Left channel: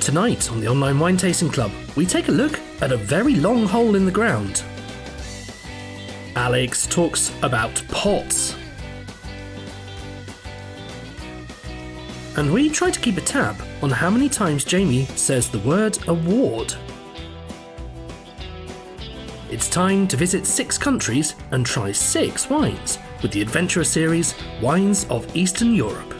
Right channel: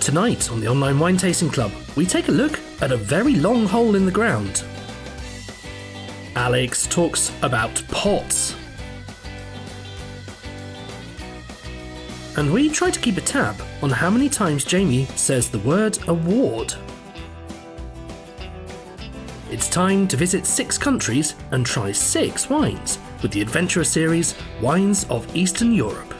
Tonight on the Online Wine Tasting Club, we take a look at a very long hole in the ground. Alex talks about pots. And we try to keep a tab on how many times Jamie says the word award. It's time to visit 6 countries and try 6 wines with the adventurer series Wines of Eastern Europe.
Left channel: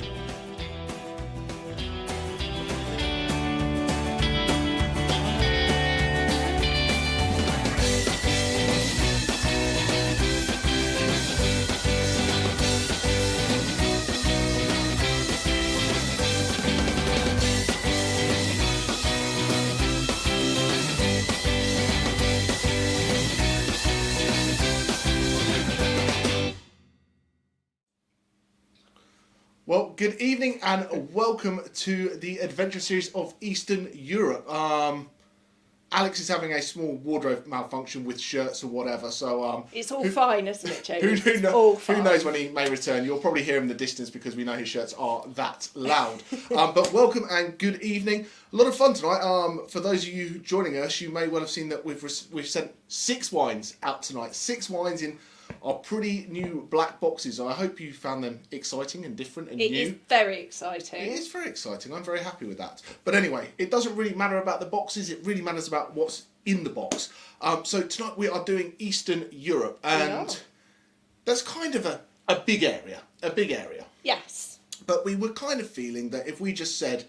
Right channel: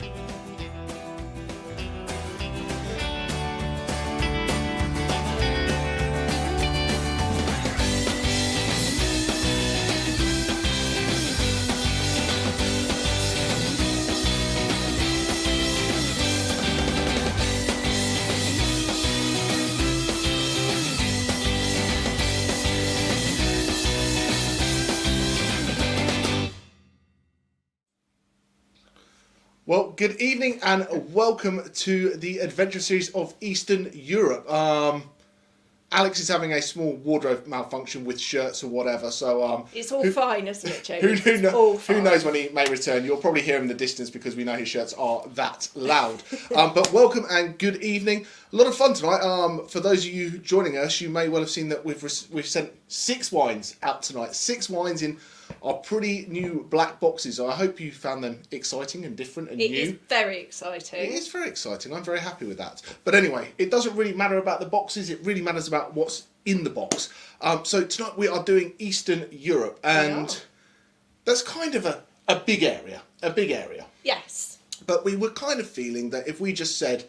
Well, good evening and welcome to the adventure series of Eastern Europe. Alex is having a small wardrobe malfunction with shirts or whatever, so it's all fine, isn't it, Jamie? Who knows when he may return? You'll probably hear him in the distance because we know his shirts are that loud. But welcome and good evening. A lot of fun tonight. For those of you joining us, you may well have seen that we've sent 6 wines out tonight. 6 wines in are pretty new black boxes. I hope you found them exciting and different and new. It is very exciting. It is very exciting. I'm very happy with that. But anyway, it doesn't really matter about the boxes. It really matters about what's in the box. So tonight we are doing Eastern Europe, and that's kind of a big area. A big area. Yes. But we were kind of feeling that if we just said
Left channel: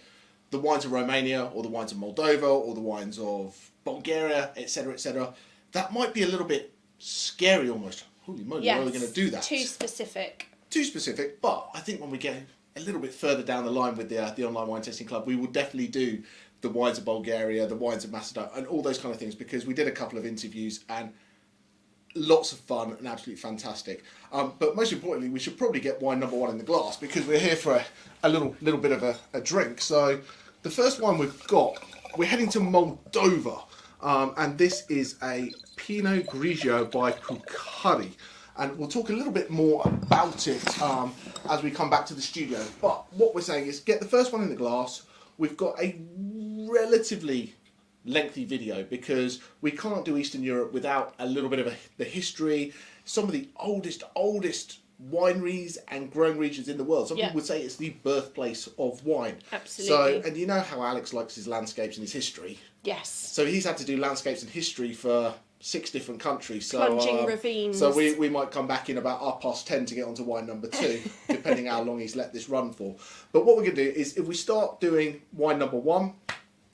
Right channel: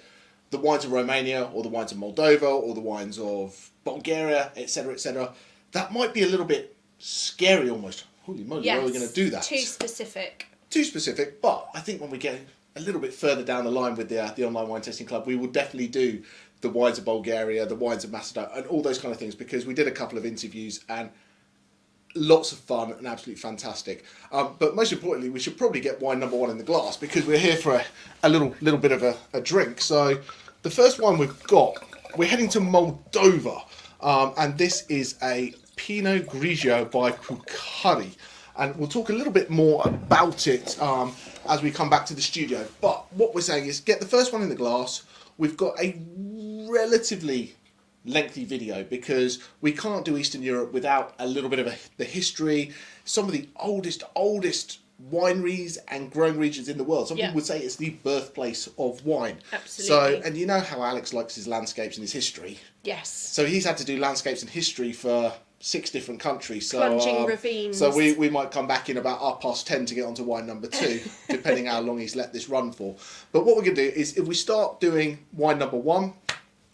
the wines of Romania or the wines of Moldova or the wines of Bulgaria, etc., that might be a little bit scary almost. Holy moly, yes. How are we going to do that? Too specific. Too specific, but I think when we get a little bit further down the line with the Online Wine Tasting Club, we will definitely do the wines of Bulgaria, the wines of Macedonia, and all those kind of things, because we did a couple of interviews and lots of fun and absolutely fantastic. But most importantly, we should probably get wine number 1 in the glass, because we're here for a little bit of a drink. So the first wine we've got, we're heading to Moldova, and this is a Pinot Grigio by Pukari, and we'll talk a little bit more about it as we come back to the studio. But what we're saying is get the first one in the glass. We've got a relatively lengthy video because we can't do Eastern Europe without a little bit of the history, some of the oldest wineries and growing regions in the world. Some people would say it's the birthplace of wine. Absolutely. So, and you know how Alex likes his landscapes and his history. Yes. So he's had to do landscapes and history for 6 different countries. So, plunging ravines. So we might come back in about 10:30 to get onto wine number 2, depending how long he's let this run for. But what we're going to do is, if we start doing wine number 1,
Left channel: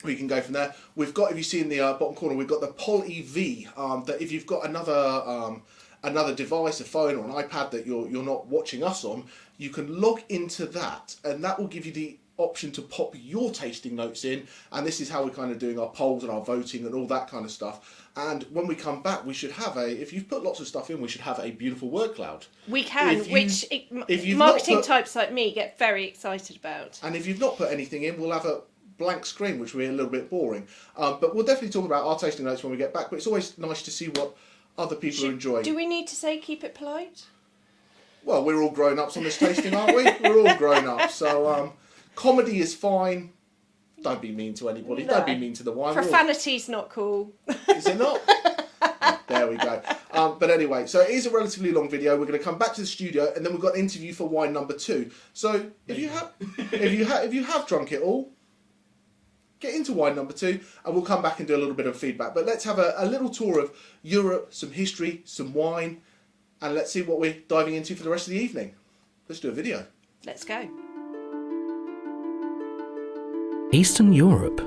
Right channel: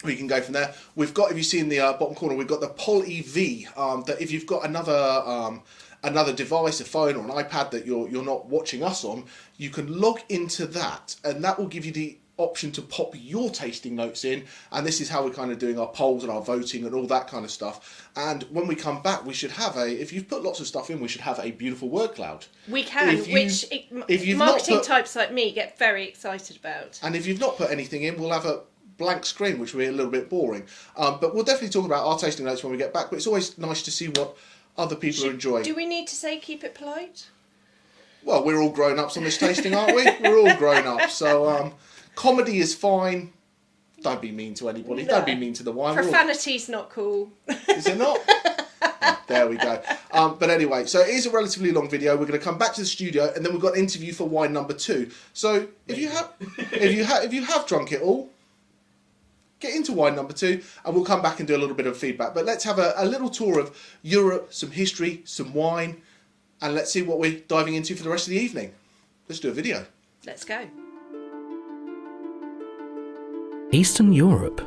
we can go from there. We've got, if you see in the bottom corner, we've got the qvevri. That if you've got another device, a phone or an iPad that you're not watching us on, you can log into that, and that will give you the option to pop your tasting notes in, and this is how we're kind of doing our polls and our voting and all that kind of stuff. And when we come back, we should have if you've put lots of stuff in, we should have a beautiful word cloud. We can, which marketing types like me get very excited about. And if you've not put anything in, we'll have a blank screen, which will be a little bit boring. But we'll definitely talk about our tasting notes when we get back, but it's always nice to see what other people are enjoying. Do we need to say keep it polite? Well, we're all grown-ups on this tasting, aren't we? We're all grown-ups, so comedy is fine. Don't be mean to anybody. No. Don't be mean to the wine. Profanity's not cool. Is it not? There we go. But anyway, so it is a relatively long video. We're going to come back to the studio, and then we've got an interview for wine number 2. So if you have drunk it all, get into wine number 2, and we'll come back and do a little bit of feedback. But let's have a little tour of Europe, some history, some wine, and let's see what we're diving into for the rest of the evening. Let's do a video. Let's go. Eastern Europe.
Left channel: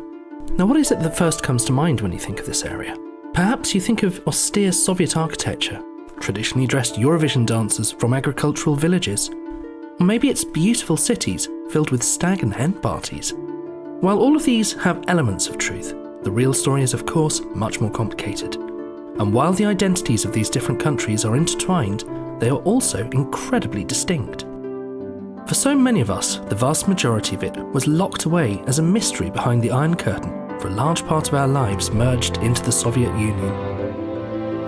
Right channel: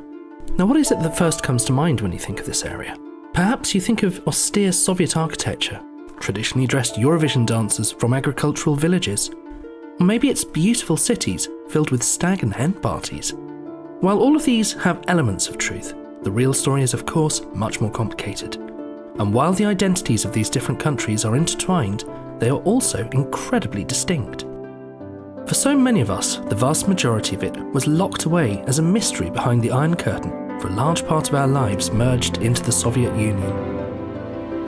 Now, what is it that first comes to mind when you think of this area? Perhaps you think of austere Soviet architecture, traditionally dressed Eurovision dancers from agricultural villages, or maybe it's beautiful cities filled with stag and hen parties. While all of these have elements of truth, the real story is of course much more complicated. And while the identities of these different countries are intertwined, they are also incredibly distinct. For so many of us, the vast majority of it was locked away as a mystery behind the Iron Curtain for a large part of our lives merged into the Soviet Union.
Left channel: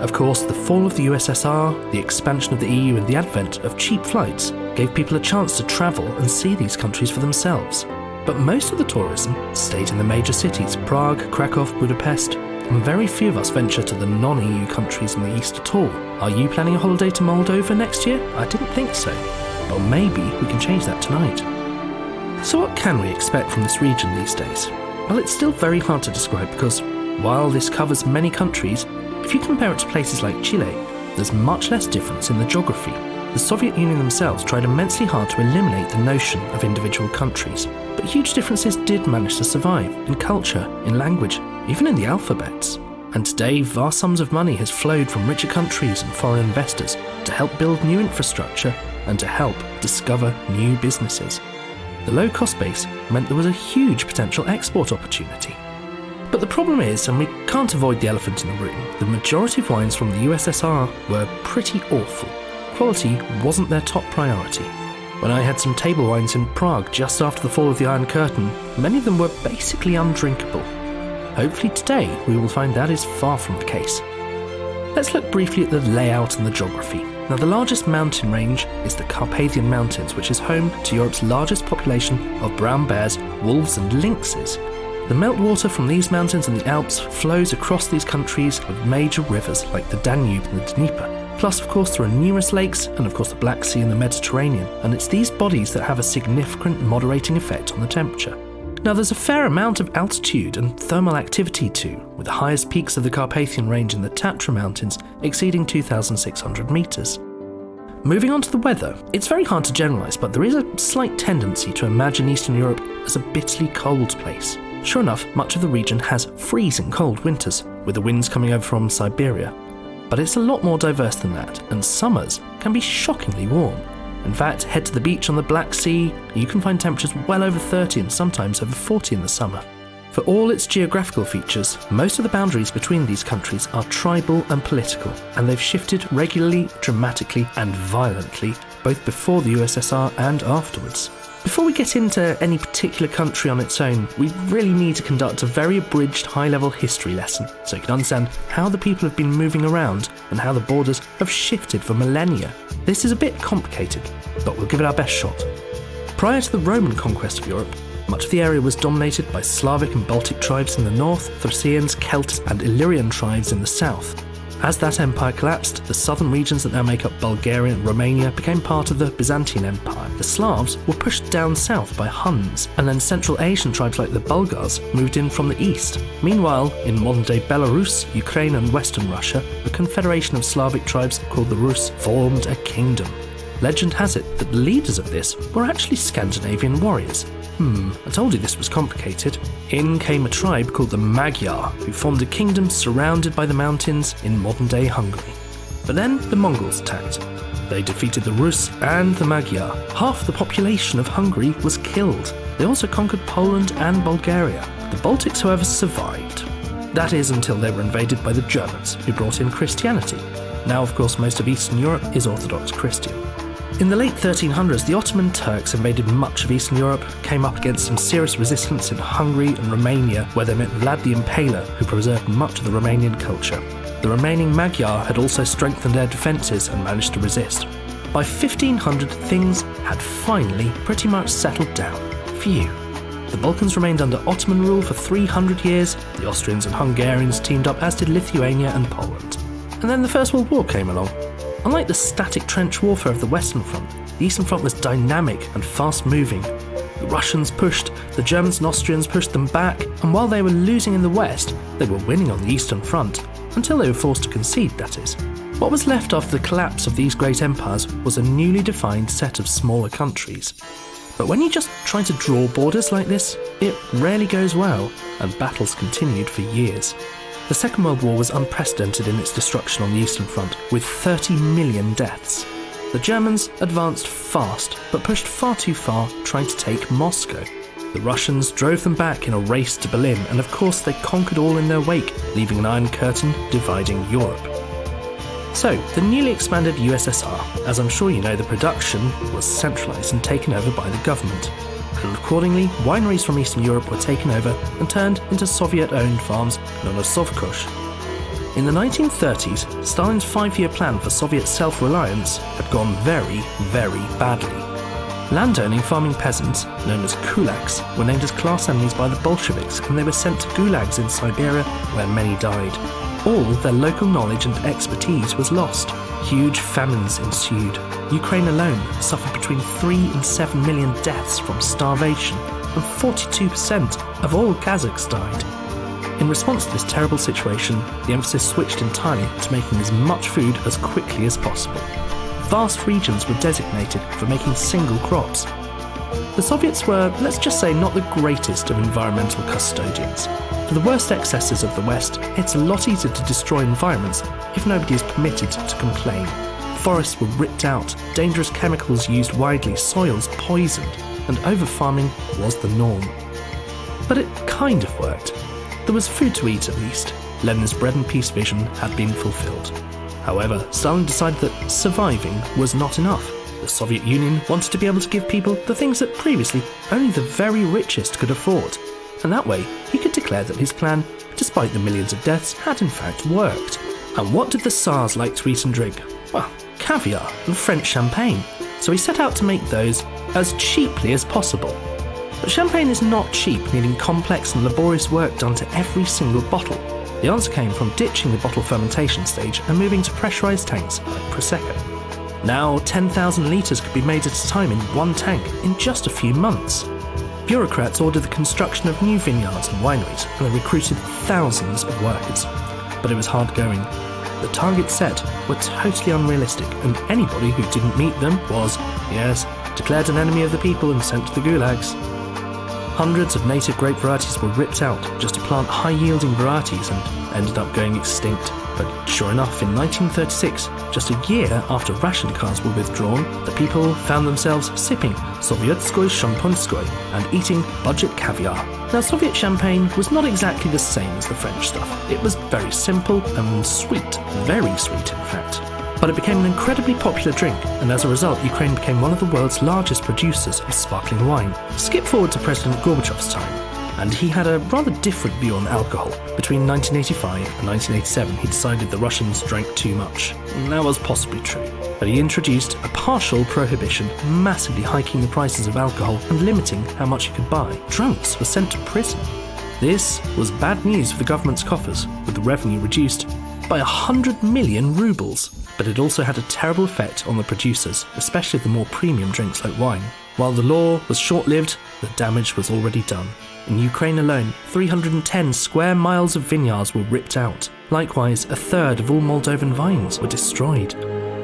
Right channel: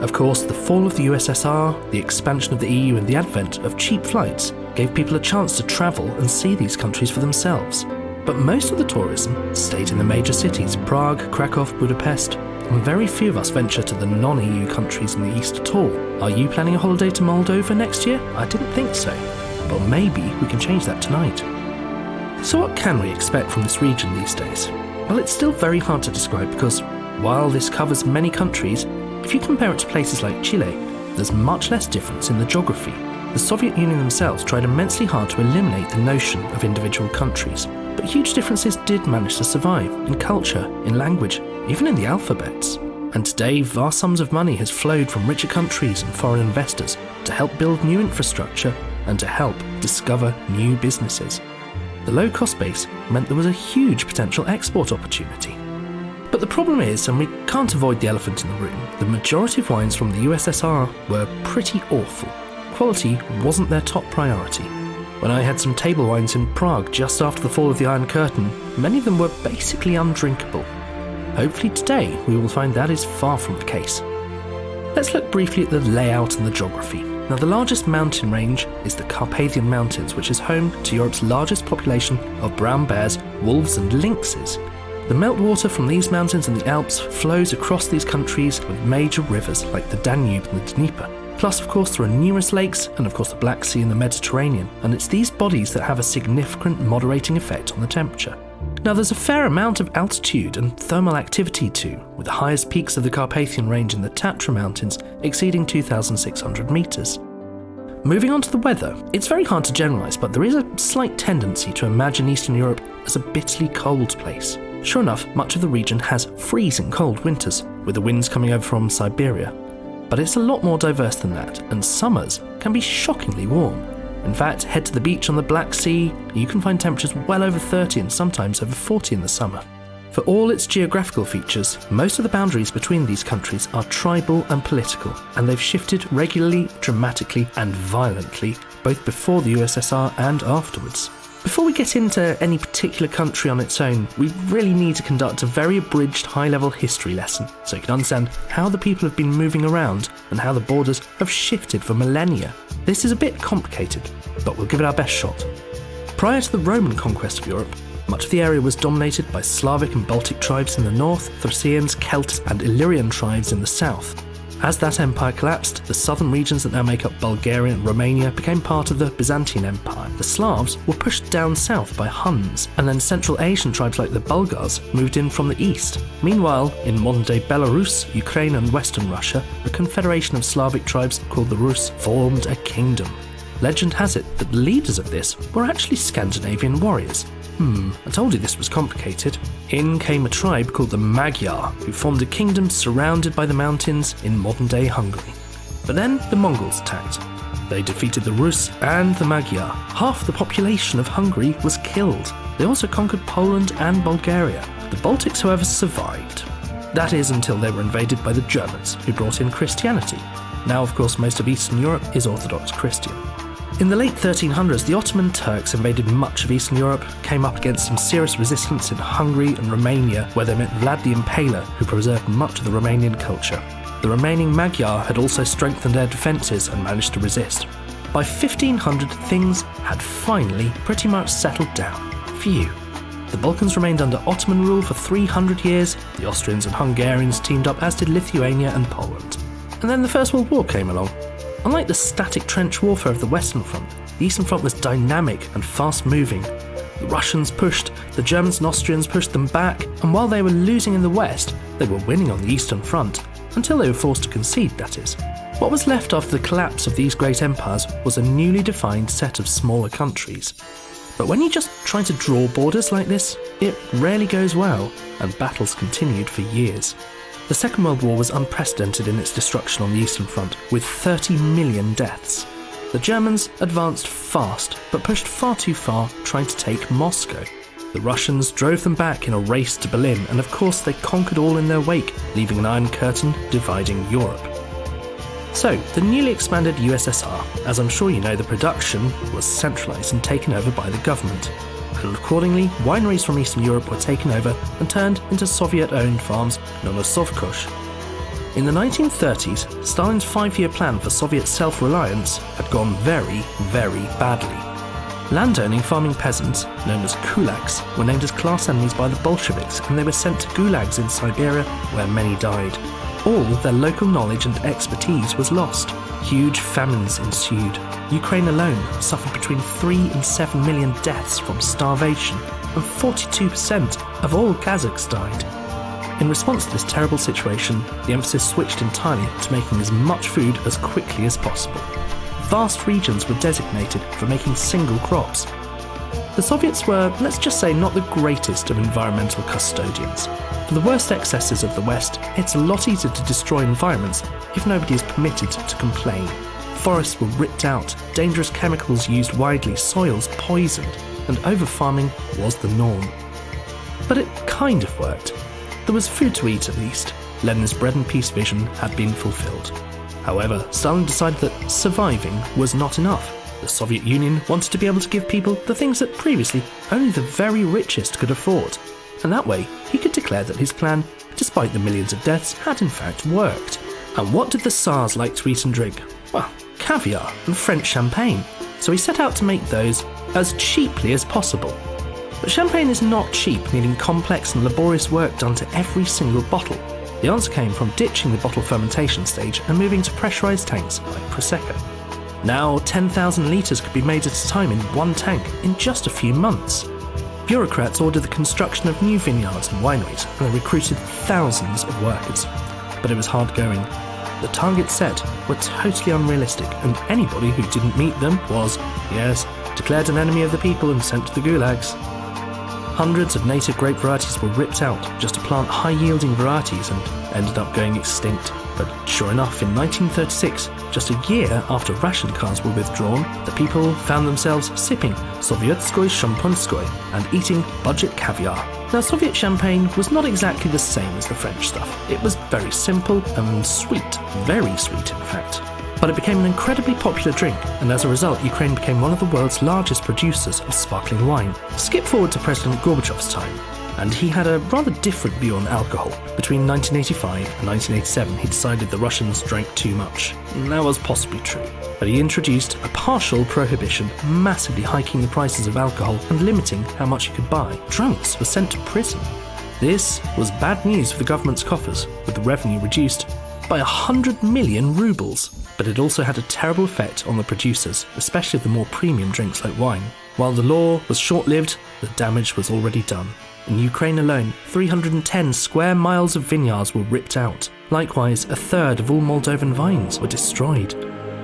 Of course, the fall of the USSR, the expansion of the EU and the advent of cheap flights gave people a chance to travel and see these countries for themselves. But most of the tourism stayed in the major cities, Prague, Krakow, Budapest, and very few of us venture to the non-EU countries in the east at all. Are you planning a holiday to Moldova next year? I didn't think so. But maybe we can change that tonight. So what can we expect from this region these days? Well, it's still very hard to describe because while this covers many countries, if you compare it to places like Chile, there's much less difference in the geography. The Soviet Union themselves tried immensely hard to eliminate the notion of individual countries, but huge differences did manage to survive in culture, in language, even in the alphabets. And today, vast sums of money has flowed from richer countries and foreign investors to help build new infrastructure and to help discover new businesses. The low cost base meant there was a huge potential export opportunity. But the problem is, and we can't avoid the elephant in the room, the majority of wines from the USSR were pretty awful. Quality wasn't their top priority. When I had some table wines in Prague just after the fall of the Iron Curtain, many of them were basically undrinkable. Hopefully today we will find that is far from the case. Let's look briefly at the layout and the geography. Now, the largest mountain range is the Carpathian Mountains, which is home to Europe's largest population of brown bears, wolves and lynxes. The meltwater from these mountains and the Alps flows across these countries with major rivers like the Danube and the Dnieper. Plus, of course, there are numerous lakes and, of course, the Black Sea and the Mediterranean, and it's these bodies that have a significant moderating effect on the temperature. Now, there's a fair amount of altitude and thermal activity too, with the highest peaks of the Carpathian Range in the Tatra Mountains exceeding 2,600 metres. Moving on to the weather, it's very hard to generalise, but there is a slight tendency to imagine Eastern Europe as a bitterly cold place. Sure enough, much of the region has freezing cold winters, with the winds coming over from Siberia. But it's a lot more diverse than that, and summers can be shockingly warm. In fact, head to the beach on the Black Sea, you can find temperatures well over 30 and sometimes over 40 in the summer. For all its geographical features, most of the boundaries between these countries are tribal and political, and they've shifted regularly, dramatically and violently, both before the USSR and afterwards. Before we get into any particular country on its own, we really need to conduct a very abridged high-level history lesson so you can understand how the people have been moving around and how the borders have shifted for millennia. This is a bit complicated, but we'll give it our best shot. Prior to the Roman conquest of Europe, much of the area was dominated by Slavic and Baltic tribes in the north, Thracians, Celts and Illyrian tribes in the south. As that empire collapsed, the southern regions that now make up Bulgaria and Romania became part of the Byzantine Empire. The Slavs were pushed down south by Huns, and then Central Asian tribes like the Bulgars moved in from the east. Meanwhile, in modern-day Belarus, Ukraine and Western Russia, a confederation of Slavic tribes called the Rus formed a kingdom. Legend has it that the leaders of this were actually Scandinavian warriors. I told you this was complicated. In came a tribe called the Magyar, who formed a kingdom surrounded by the mountains in modern-day Hungary. But then the Mongols attacked. They defeated the Rus and the Magyar. Half the population of Hungary was killed. They also conquered Poland and Bulgaria. The Baltics, however, survived. That is until they were invaded by the Germans, who brought in Christianity. Now, of course, most of Eastern Europe is Orthodox Christian. In the late 1300s, the Ottoman Turks invaded much of Eastern Europe, came up against some serious resistance in Hungary and Romania, where they met Vlad the Impaler, who preserved much of the Romanian culture. The remaining Magyar had also strengthened their defences and managed to resist. By 1500, things had finally pretty much settled down. Phew. The Balkans remained under Ottoman rule for 300 years, the Austrians and Hungarians teamed up, as did Lithuania and Poland. And then the First World War came along. Unlike the static trench warfare of the Western Front, the Eastern Front was dynamic and fast-moving. The Russians pushed, the Germans and Austrians pushed them back, and while they were losing in the West, they were winning on the Eastern Front, until they were forced to concede, that is. What was left after the collapse of these great empires was a newly defined set of smaller countries. But when you just try to draw borders like this, it rarely goes well, and battles continued for years. The Second World War was unprecedented in its destruction on the Eastern Front, with 30 million deaths. The Germans advanced fast, but pushed far too far, trying to take Moscow. The Russians drove them back in a race to Berlin, and of course they conquered all in their wake, leaving an Iron Curtain dividing Europe. So, the newly expanded USSR, as I'm sure you know, the production was centralised and taken over by the government. And accordingly, wineries from Eastern Europe were taken over and turned into Soviet-owned farms known as Sovkhoz. In the 1930s, Stalin's 5-year plan for Soviet self-reliance had gone very, very badly. Landowning farming peasants, known as kulaks, were named as class enemies by the Bolsheviks, and they were sent to gulags in Siberia, where many died. All their local knowledge and expertise was lost. Huge famines ensued. Ukraine alone suffered between 3 and 7 million deaths from starvation, and 42% of all Kazakhs died. In response to this terrible situation, the emphasis switched entirely to making as much food as quickly as possible. Vast regions were designated for making single crops. The Soviets were, let's just say, not the greatest of environmental custodians. For the worst excesses of the West, it's a lot easier to destroy environments if nobody is permitted to complain. Forests were ripped out, dangerous chemicals used widely, soils poisoned, and over-farming was the norm. But it kind of worked. There was food to eat at least. Lenin's bread and peace vision had been fulfilled. However, Stalin decided that surviving was not enough. The Soviet Union wanted to be able to give people the things that previously only the very richest could afford. And that way, he could declare that his plan, despite the millions of deaths, had in fact worked. And what did the Tsars like to eat and drink? Well, caviar and French champagne. So he set out to make those as cheaply as possible. But champagne is not cheap, needing complex and laborious work done to every single bottle. The answer came from ditching the bottle fermentation stage and moving to pressurised tanks like Prosecco. Now 10,000 litres could be made at a time in one tank in just a few months. Bureaucrats ordered the construction of new vineyards and wineries, and they recruited thousands of workers. But it was hard going. The targets set were totally unrealistic, and anybody who didn't meet them was, yes, declared an enemy of the people and sent to the gulags. Hundreds of native grape varieties were ripped out just to plant high-yielding varieties and ended up going extinct. But sure enough, in 1936, just a year after ration cards were withdrawn, the people found themselves sipping Sovietskoy Shampanskoy and eating budget caviar. Now, Soviet champagne was not exactly the same as the French stuff. It was very simple and sweet, very sweet in fact. But it became an incredibly popular drink, and as a result, Ukraine became one of the world's largest producers of sparkling wine. Skip forward to President Gorbachev's time, and he had a rather different view on alcohol. Between 1985 and 1987, he decided the Russians drank too much. And that was possibly true. But he introduced a partial prohibition, massively hiking the prices of alcohol and limiting how much you could buy. Drunks were sent to prison. This was bad news for the government's coffers, with the revenue reduced by 100 million rubles. But it also had a terrible effect on the producers, especially the more premium drinks like wine. While the law was short-lived, the damage was already done. In Ukraine alone, 310 square miles of vineyards were ripped out. Likewise, a third of all Moldovan vines were destroyed.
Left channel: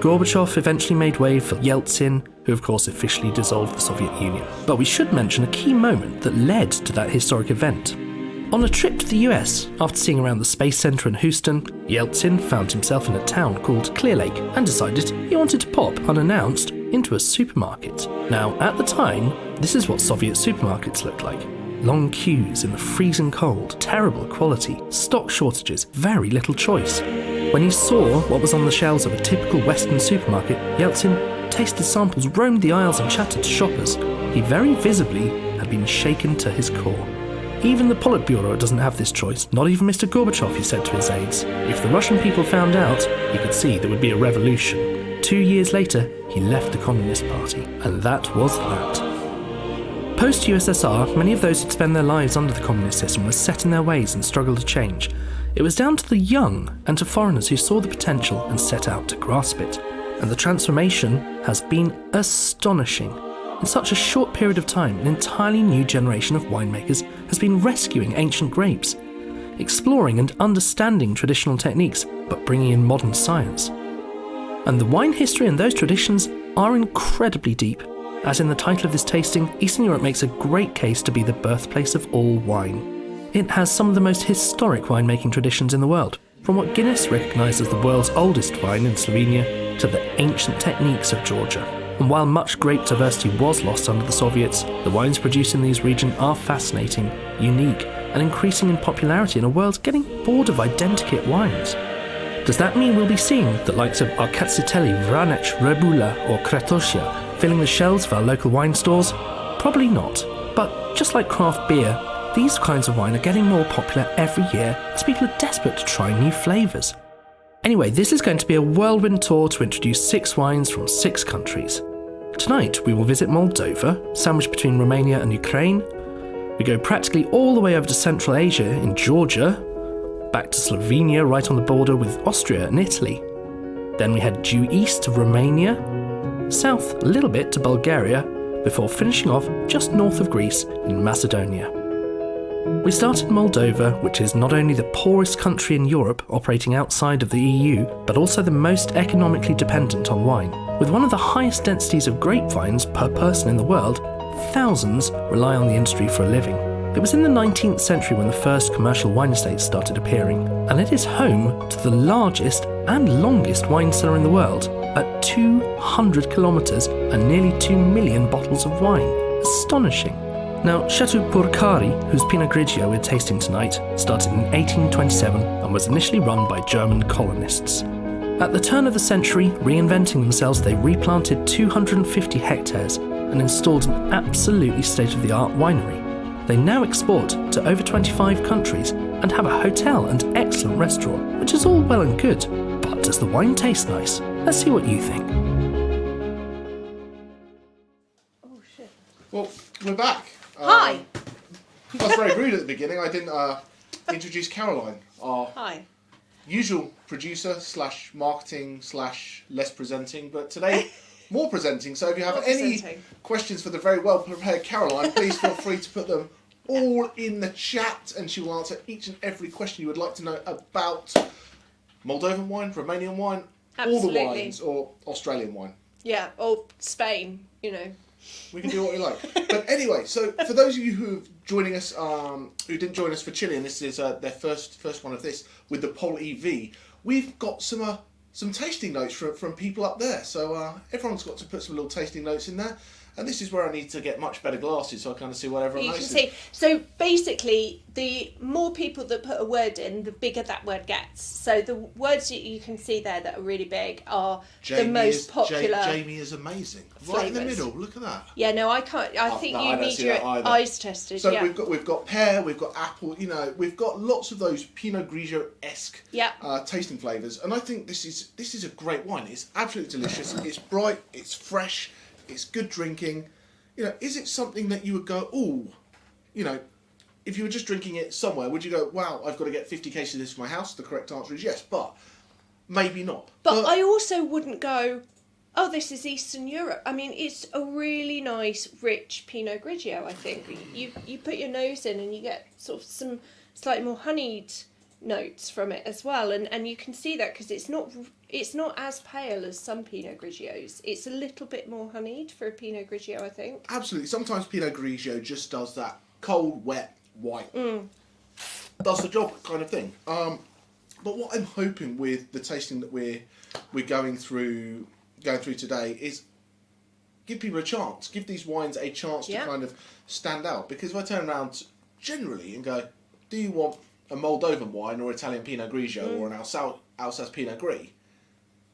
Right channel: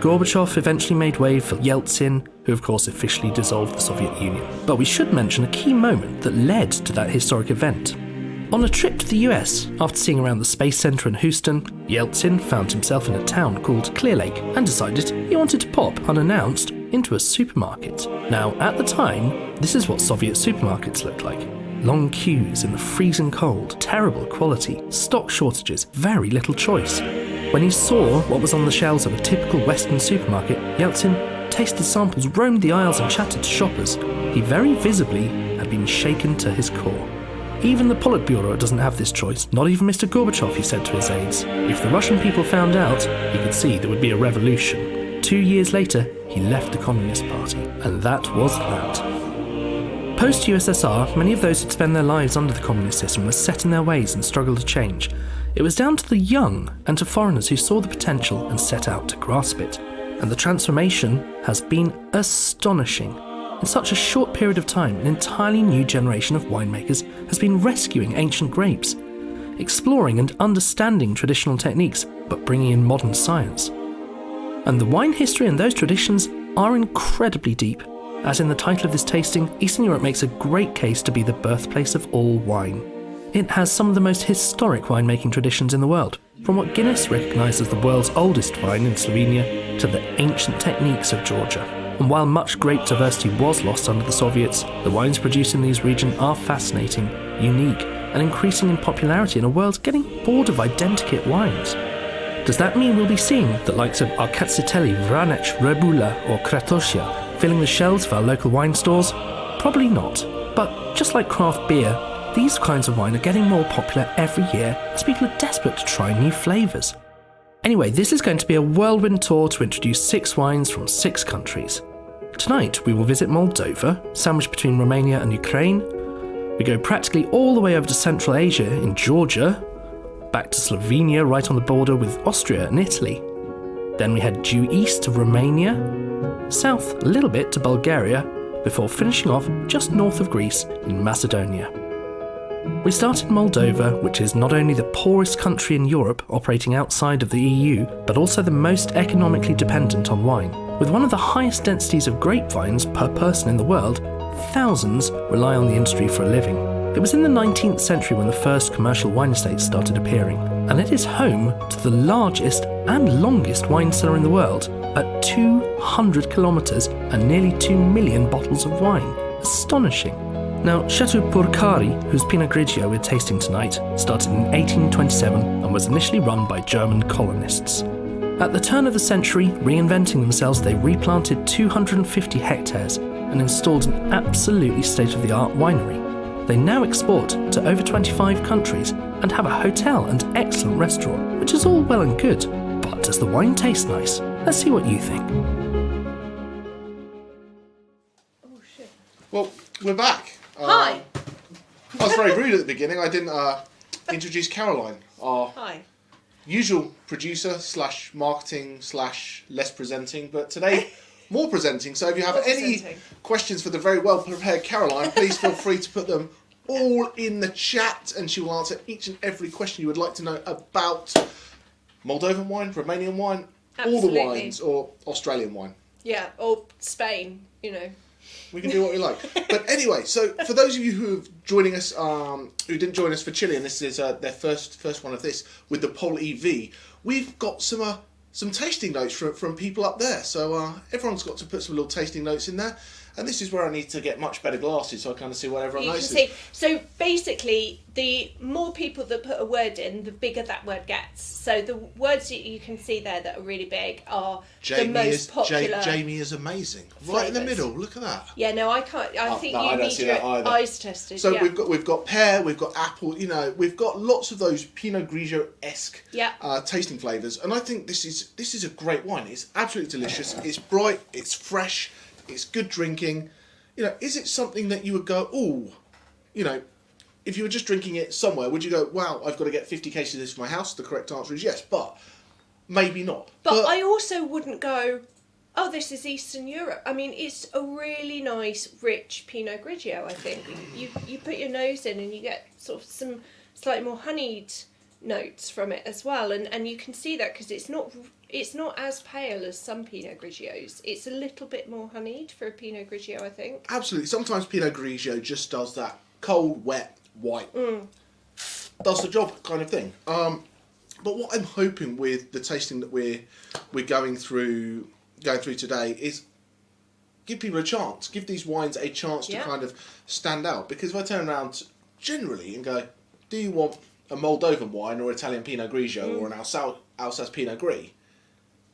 Gorbachev eventually made way for Yeltsin, who of course officially dissolved the Soviet Union. But we should mention a key moment that led to that historic event. On a trip to the US, after seeing around the Space Center in Houston, Yeltsin found himself in a town called Clear Lake and decided he wanted to pop, unannounced, into a supermarket. Now, at the time, this is what Soviet supermarkets looked like. Long queues in the freezing cold, terrible quality, stock shortages, very little choice. When he saw what was on the shelves of a typical Western supermarket, Yeltsin tasted samples, roamed the aisles and chatted to shoppers. He very visibly had been shaken to his core. Even the Politburo doesn't have this choice, not even Mr. Gorbachev, he said to his aides. If the Russian people found out, he could see there would be a revolution. 2 years later, he left the Communist Party, and that was that. Post-USSR, many of those who'd spent their lives under the communist system were set in their ways and struggled to change. It was down to the young and to foreigners who saw the potential and set out to grasp it. And the transformation has been astonishing. In such a short period of time, an entirely new generation of winemakers has been rescuing ancient grapes, exploring and understanding traditional techniques, but bringing in modern science. And the wine history and those traditions are incredibly deep. As in the title of this tasting, Eastern Europe makes a great case to be the birthplace of all wine. It has some of the most historic winemaking traditions in the world, from what Guinness recognised as the world's oldest vine in Slovenia to the ancient techniques of Georgia. And while much grape diversity was lost under the Soviets, the wines produced in these regions are fascinating, unique, and increasing in popularity in a world getting bored of identikit wines. Does that mean we'll be seeing the likes of Rkatsiteli, Vranec, Rebula, or Kratosia filling the shelves of our local wine stores? Probably not. But just like craft beer, these kinds of wine are getting more popular every year as people are desperate to try new flavours. Anyway, this is going to be a whirlwind tour to introduce 6 wines from 6 countries. Tonight we will visit Moldova, sandwiched between Romania and Ukraine. We go practically all the way over to Central Asia in Georgia, back to Slovenia right on the border with Austria and Italy. Then we head due east to Romania, south a little bit to Bulgaria, before finishing off just north of Greece in Macedonia. We start in Moldova, which is not only the poorest country in Europe operating outside of the EU, but also the most economically dependent on wine. With one of the highest densities of grapevines per person in the world, thousands rely on the industry for a living. It was in the 19th century when the first commercial wine estates started appearing, and it is home to the largest and longest wine cellar in the world, at 200 kilometres and nearly 2 million bottles of wine. Astonishing. Now, Chateau Purcari, whose Pinot Grigio we're tasting tonight, started in 1827 and was initially run by German colonists. At the turn of the century, reinventing themselves, they replanted 250 hectares and installed an absolutely state-of-the-art winery. They now export to over 25 countries and have a hotel and excellent restaurant, which is all well and good. But does the wine taste nice? Let's see what you think. Oh, shit. Well, we're back. Hi. I was very rude at the beginning. I didn't introduce Caroline, our Hi. usual producer / marketing / less presenting, but today more presenting. So if you have any questions for the very well prepared Caroline, please feel free to put them all in the chat, and she will answer each and every question you would like to know about Moldovan wine, Romanian wine, all the wines, or Australian wine. Yeah, or Spain, you know. We can do what we like. But anyway, so for those of you who are joining us, who didn't join us for Chile, and this is their first one of this with the Pol EV, we've got some tasting notes from people up there. So everyone's got to put some little tasting notes in there. And this is where I need to get much better glasses so I kind of see what everyone knows. So basically, the more people that put a word in, the bigger that word gets. So the words that you can see there that are really big are the most popular. Jamie is amazing. Right in the middle. Look at that. Yeah, no, I can't. I think you need your eyes tested. So we've got pear, we've got apple. You know, we've got lots of those Pinot Grigio-esque tasting flavours, and I think this is a great wine. It's absolutely delicious. It's bright. It's fresh. It's good drinking. You know, is it something that you would go, oh, you know, if you were just drinking it somewhere, would you go, wow, I've got to get 50 cases of this for my house? The correct answer is yes, but maybe not. But I also wouldn't go, oh, this is Eastern Europe. I mean, it's a really nice, rich Pinot Grigio, I think. You put your nose in and you get sort of some slightly more honeyed notes from it as well, and you can see that because it's not as pale as some Pinot Grigios. It's a little bit more honeyed for a Pinot Grigio, I think. Absolutely. Sometimes Pinot Grigio just does that cold, wet, white. Does the job kind of thing. But what I'm hoping with the tasting that we're going through today is give people a chance. Give these wines a chance to kind of stand out. Because if I turn around generally and go, do you want a Moldovan wine or Italian Pinot Grigio or an Alsace Pinot Gris,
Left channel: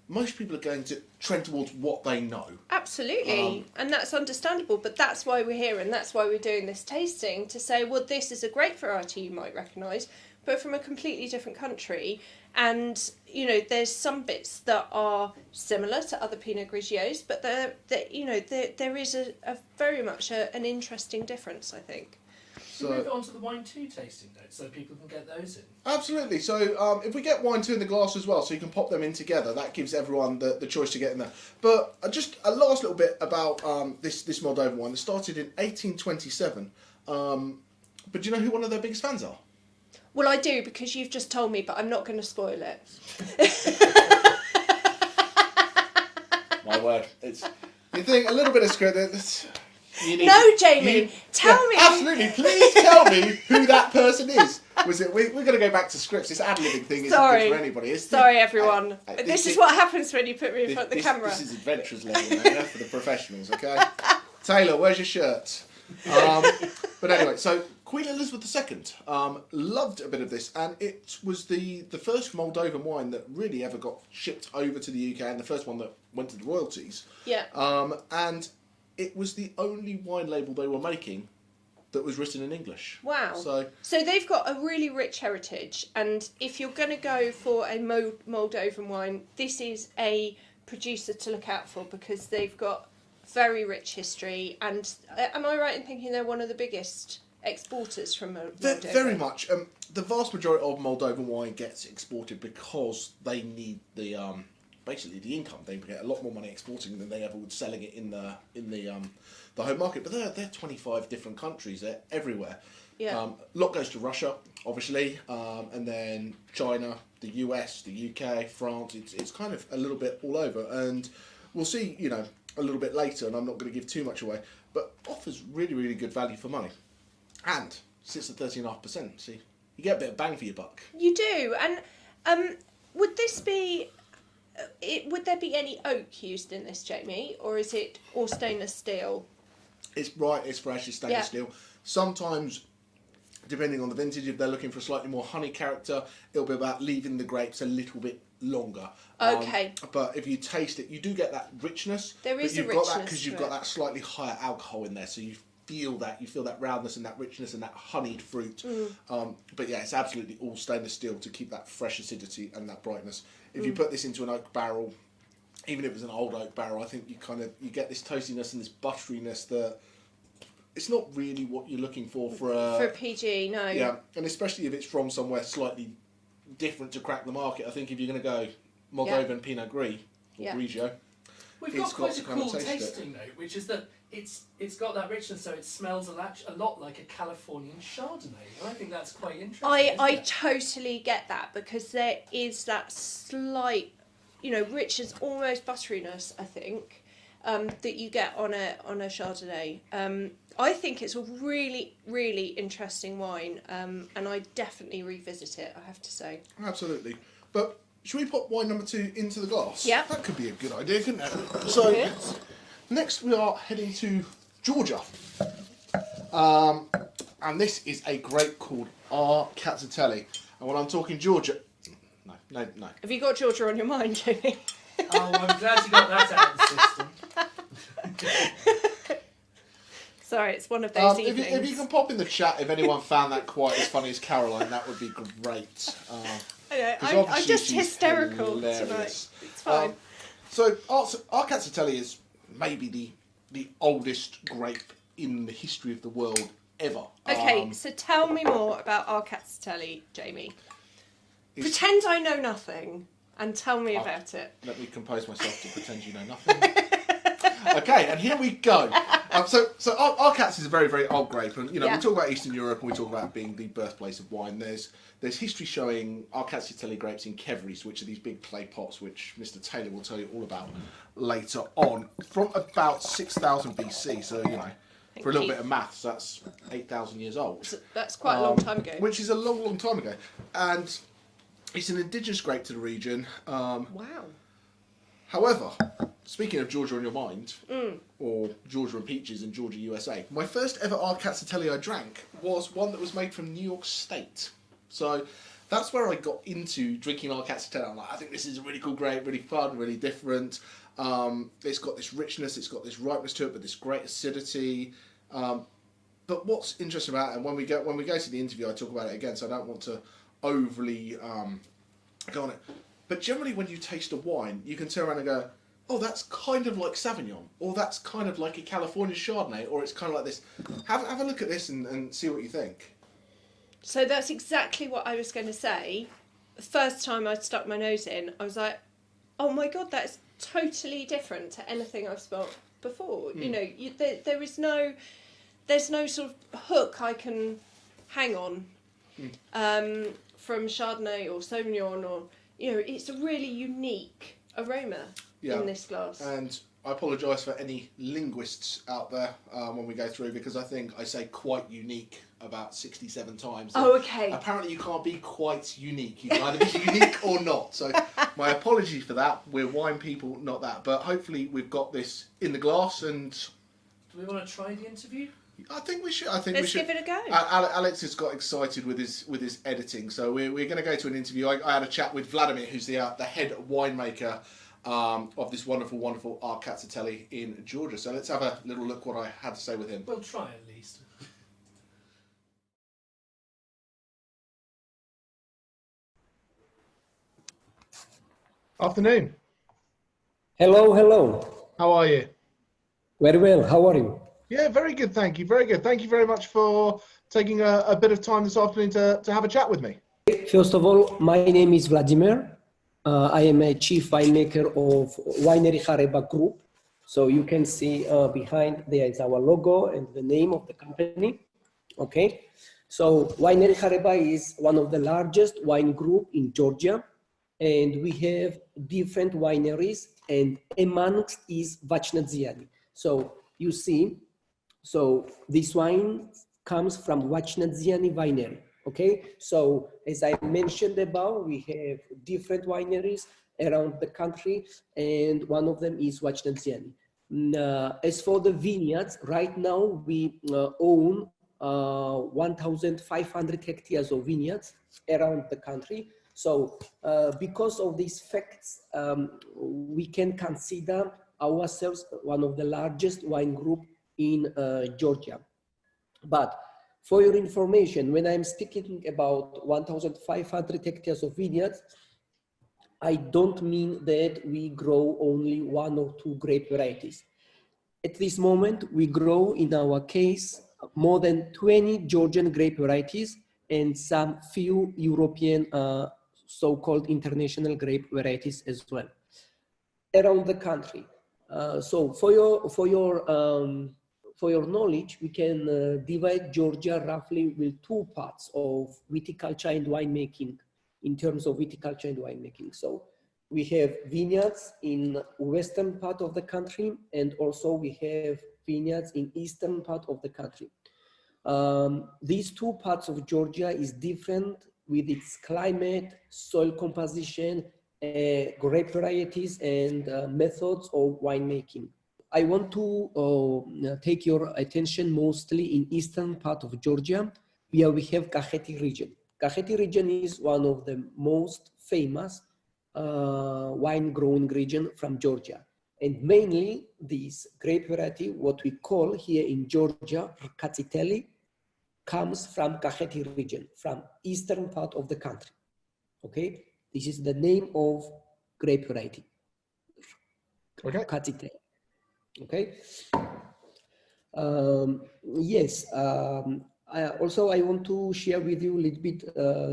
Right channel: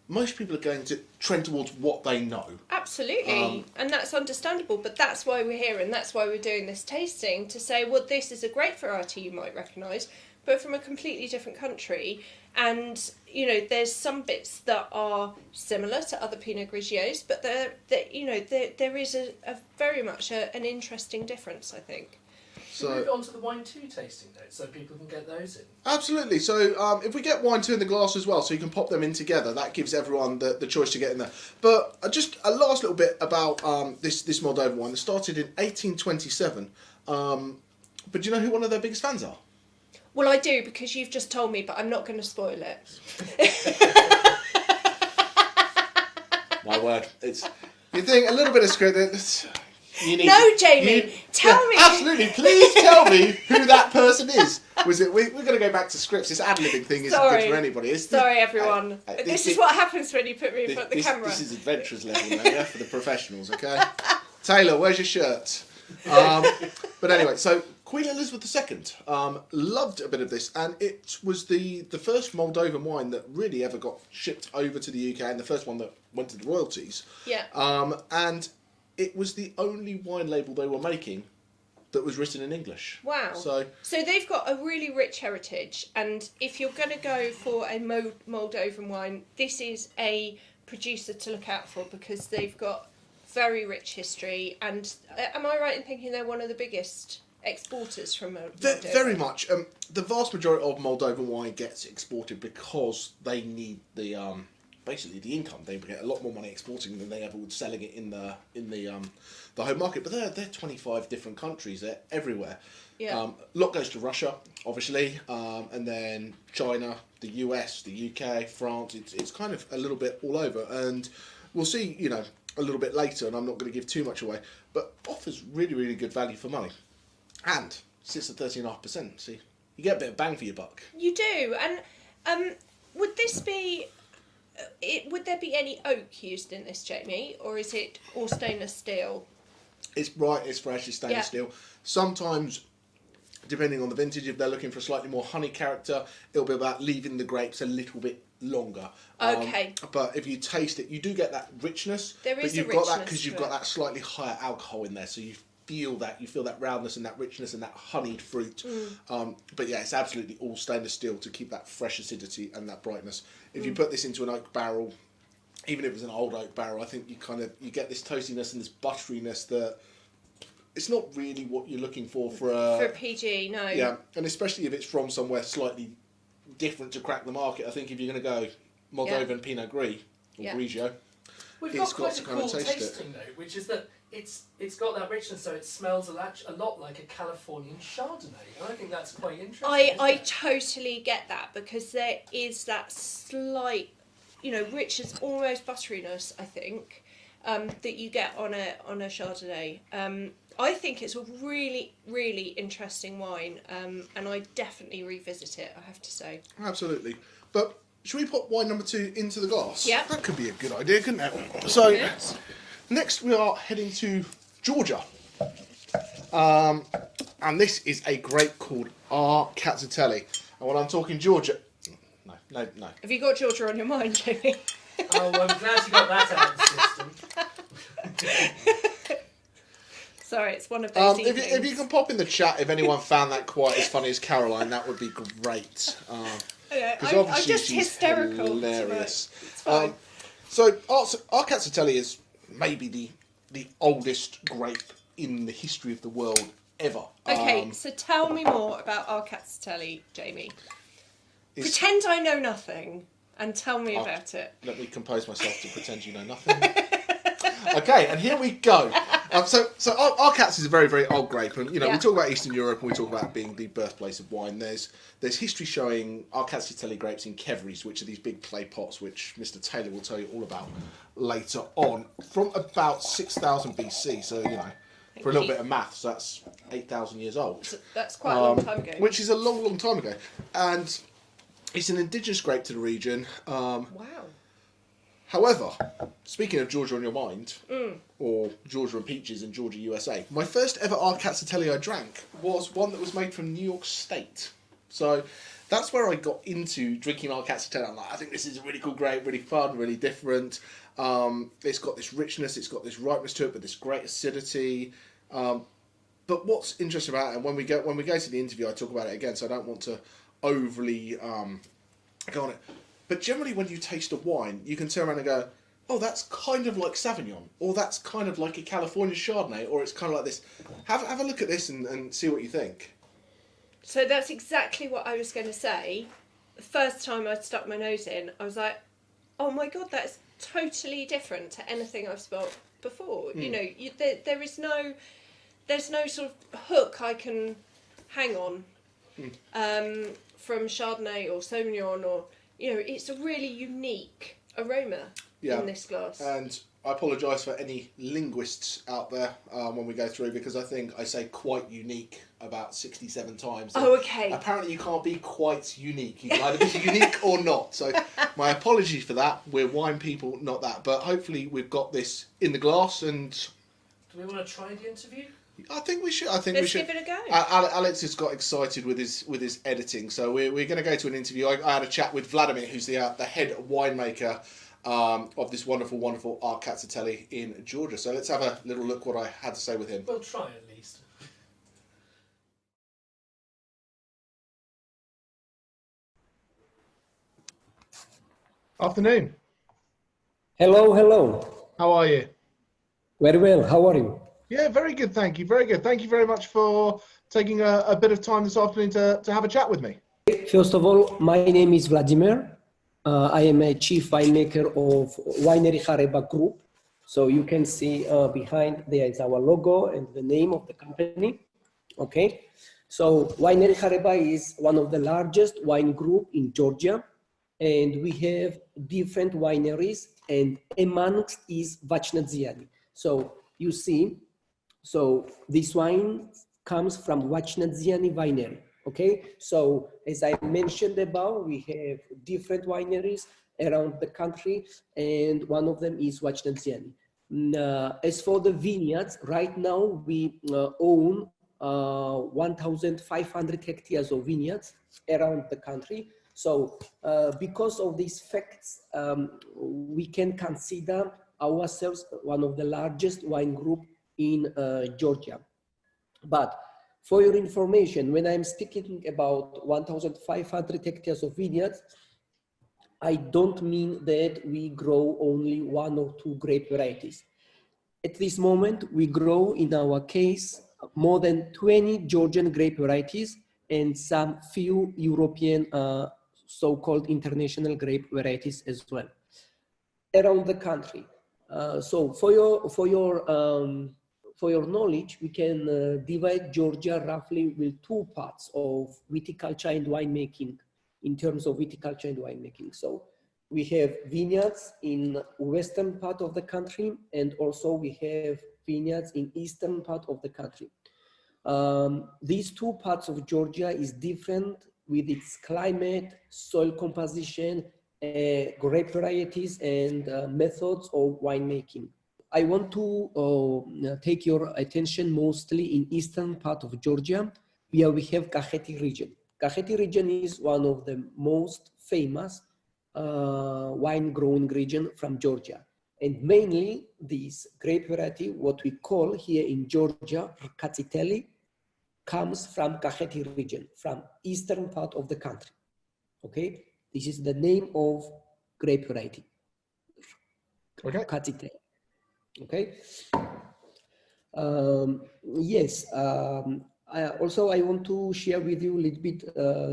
most people are going to trend towards what they know. Absolutely, and that's understandable, but that's why we're here and that's why we're doing this tasting, to say, well, this is a great variety you might recognise, but from a completely different country, and, you know, there's some bits that are similar to other Pinot Grigios, but there is a very much an interesting difference, I think. So move on to the wine 2 tasting notes so people can get those in. Absolutely. So if we get wine 2 in the glass as well, so you can pop them in together, that gives everyone the choice to get in there. But just a last little bit about this Moldovan wine. It started in 1827. But do you know who one of their biggest fans are? Well, I do, because you've just told me, but I'm not going to spoil it. My word. You think a little bit of script. Jamie, tell me. Absolutely, please tell me who that person is. Was it? We're going to go back to scripts. This ad-libbing thing isn't good for anybody. Sorry, everyone. This is what happens when you put me in front of the camera. This is adventurers level now for the professionals, okay? Taylor, where's your shirt? But anyway, so Queen Elizabeth II loved a bit of this, and it was the first Moldovan wine that really ever got shipped over to the UK, and the first one that went to the royalties. Yeah. And it was the only wine label they were making that was written in English. Wow. So they've got a really rich heritage, and if you're going to go for a Moldovan wine, this is a producer to look out for, because they've got very rich history, and am I right in thinking they're one of the biggest exporters from Moldova? Very much. The vast majority of Moldovan wine gets exported because they need the basically the income. They get a lot more money exporting than they ever would selling it in the home market. But they're 25 different countries. They're everywhere. Yeah. A lot goes to Russia, obviously, and then China, the US, the UK, France. It's kind of a little bit all over, and we'll see, a little bit later, and I'm not going to give too much away, but offers really, really good value for money, and sits at 13.5%. So you get a bit of bang for your buck. You do, and would this be? Would there be any oak used in this, Jamie, or is it all stainless steel? It's fresh, it's stainless steel. Sometimes, depending on the vintage, if they're looking for a slightly more honey character, it'll be about leaving the grapes a little bit longer. Okay. But if you taste it, you do get that richness. There is but you've a got richness that because you've got that slightly higher alcohol in there, so you feel that roundness and that richness and that honeyed fruit. But yeah, it's absolutely all stainless steel to keep that fresh acidity and that brightness. If you put this into an oak barrel, even if it was an old oak barrel, I think you get this toastiness and this butteriness that it's not really what you're looking for for PG. No. Yeah, and especially if it's from somewhere slightly different to crack the market. I think if you're going to go Moldovan Pinot Gris or Grigio, we've got quite a cool tasting note, which is that it's got that richness, so it smells a lot like a Californian Chardonnay, and I think that's quite interesting. I totally get that, because there is that slight, richness, almost butteriness, I think, that you get on a Chardonnay. I think it's a really, really interesting wine, and I definitely revisit it, I have to say. Absolutely. But should we put wine number 2 into the glass? Yeah. That could be a good idea, couldn't it? So, next we are heading to Georgia. And this is a grape called Rkatsiteli. And when I'm talking Georgia... No. Have you got Georgia on your mind, Jamie? Oh, I'm glad you got that out of the system. Sorry, it's one of those evenings. If you can pop in the chat if anyone found that quite as funny as Caroline, that would be great. I'm just hysterical hilarious. It's fine. So Rkatsiteli is maybe the oldest grape in the history of the world ever. Okay, so tell me more about Rkatsiteli, Jamie. Pretend I know nothing and tell me about it. Let me compose myself to pretend you know nothing. Okay, and here we go. So Rkats is a very, very old grape, and we talk about Eastern Europe, and we talk about being the birthplace of wine. There's history showing Rkatsiteli grapes in qvevris, which are these big clay pots, which Mr. Taylor will tell you all about later on, from about 6,000 BC. So for a little bit of maths, that's 8,000 years old. That's quite a long time ago. Which is a long, long time ago, and it's an indigenous grape to the region. Wow. However, speaking of Georgia on your mind, or Georgia and peaches in Georgia, USA, my first ever Rkatsiteli I drank was one that was made from New York State. So that's where I got into drinking Rkatsiteli. I'm like, I think this is a really cool grape, really fun, really different. It's got this richness, it's got this ripeness to it, but this great acidity. But what's interesting about it, and when we go to the interview, I talk about it again, so I don't want to overly go on it. But generally, when you taste a wine, you can turn around and go, oh, that's kind of like Sauvignon, or that's kind of like a California Chardonnay, or it's kind of like this. Have a look at this and see what you think. So that's exactly what I was going to say. The first time I stuck my nose in, I was like, oh my God, that's totally different to anything I've smelled before. There's no sort of hook I can hang on from Chardonnay or Sauvignon, or it's a really unique aroma in this glass. And I apologise for any linguists out there when we go through, because I think I say quite unique about 67 times. Oh, okay. Apparently you can't be quite unique. You can either be unique or not. So my apologies for that. We're wine people, not that. But hopefully we've got this in the glass. And do we want to try the interview? I think we should. Let's give it a go. Alex has got excited with his editing, so we're going to go to an interview. I had a chat with Vladimir, who's the head winemaker of this wonderful, wonderful Rkatsiteli in Georgia. So let's have a little look what I had to say with him. We'll try at least. Afternoon. Hello. How are you? Very well. How are you? Yeah, very good. Thank you. Very good. Thank you very much for taking a bit of time this afternoon to have a chat with me. First of all, my name is Vladimir. I am a chief winemaker of Winery Hareba Group. So you can see behind there is our logo and the name of the company. Okay. So Winery Hareba is one of the largest wine group in Georgia. And we have different wineries, and amongst is Vranec. So you see, so this wine comes from Vranec winery. Okay, so as I mentioned above, we have different wineries around the country, and one of them is Vranec. As for the vineyards, right now we own 1,500 hectares of vineyards around the country. So because of these facts, we can consider ourselves one of the largest wine group in Georgia. But for your information, when I'm speaking about 1,500 hectares of vineyards, I don't mean that we grow only 1 or 2 grape varieties. At this moment, we grow, in our case, more than 20 Georgian grape varieties and some few European so-called international grape varieties as well around the country. So for your knowledge, we can divide Georgia roughly with 2 parts of viticulture and winemaking in terms of viticulture and winemaking. So we have vineyards in western part of the country, and also we have vineyards in eastern part of the country. These 2 parts of Georgia is different with its climate, soil composition, grape varieties, and methods of winemaking. I want to take your attention mostly in eastern part of Georgia, where we have Kakheti region. Kakheti region is one of the most famous wine growing region from Georgia. And mainly this grape variety, what we call here in Georgia, Rkatsiteli, comes from Kakheti region, from eastern part of the country. Okay, this is the name of grape variety. Okay. Rkatsiteli. Okay. Yes. I want to share with you a little bit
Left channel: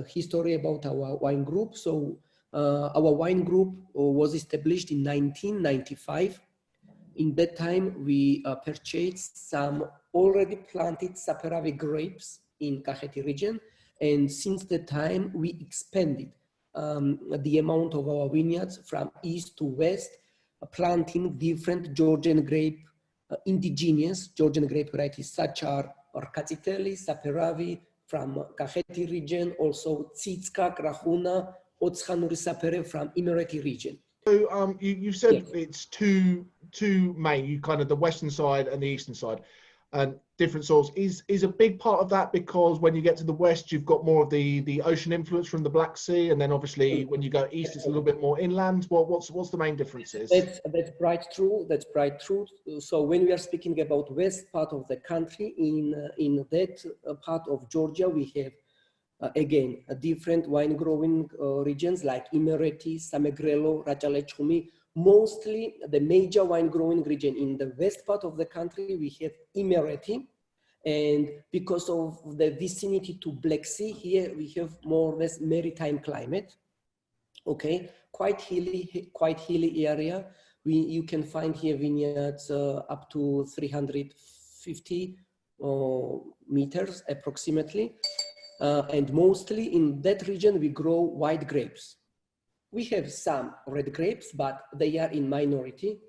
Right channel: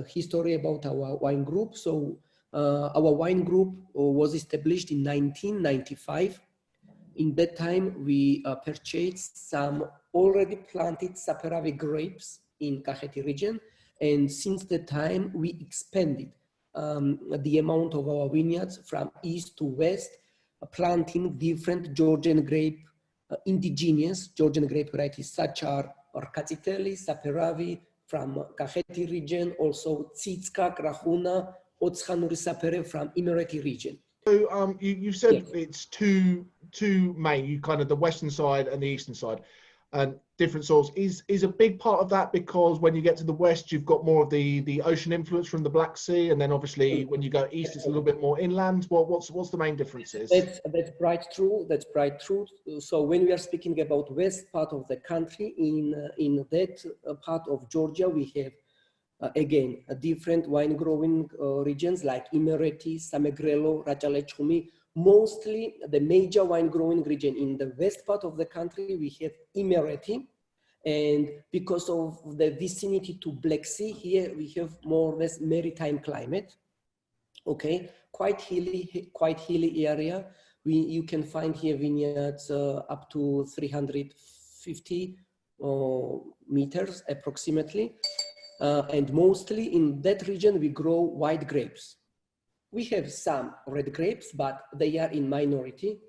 history about our wine group. So our wine group was established in 1995. In that time, we purchased some already planted Saperavi grapes in Kakheti region. And since the time, we expanded the amount of our vineyards from east to west, planting different Georgian grape, indigenous Georgian grape varieties, such as Rkatsiteli, Saperavi from Kakheti region, also Tsitska, Krahuna, Otshanuri Sapere from Imereti region. So you said Yes. it's two main, you kind of the western side and the eastern side, and different soils. Is a big part of that because when you get to the west, you've got more of the ocean influence from the Black Sea, and then obviously when you go east, it's a little bit more inland. What's the main differences? That's quite true. That's quite true. So when we are speaking about west part of the country, in that part of Georgia, we have again different wine growing regions like Imereti, Samegrelo, Rajale-Chumi. Mostly the major wine growing region in the west part of the country, we have Imereti. And because of the vicinity to Black Sea, here we have more or less maritime climate. Okay, quite hilly area. You can find here vineyards up to 350 meters approximately. And mostly in that region, we grow white grapes. We have some red grapes, but they are in minority.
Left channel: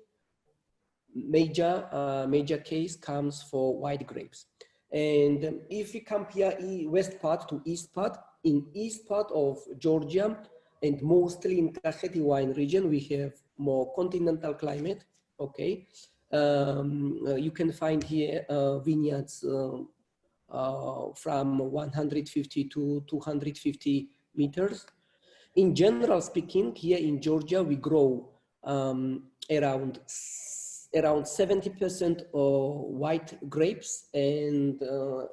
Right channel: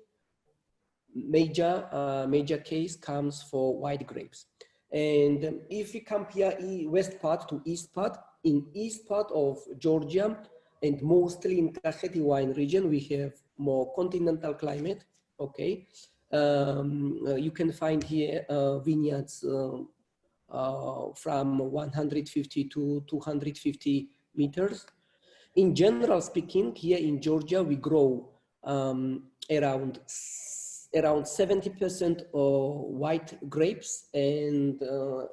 Major case comes for white grapes. And if we compare west part to east part, in east part of Georgia, and mostly in Kakheti wine region, we have more continental climate, okay? You can find here vineyards from 150 to 250 meters. In general speaking, here in Georgia, we grow around 70% white grapes and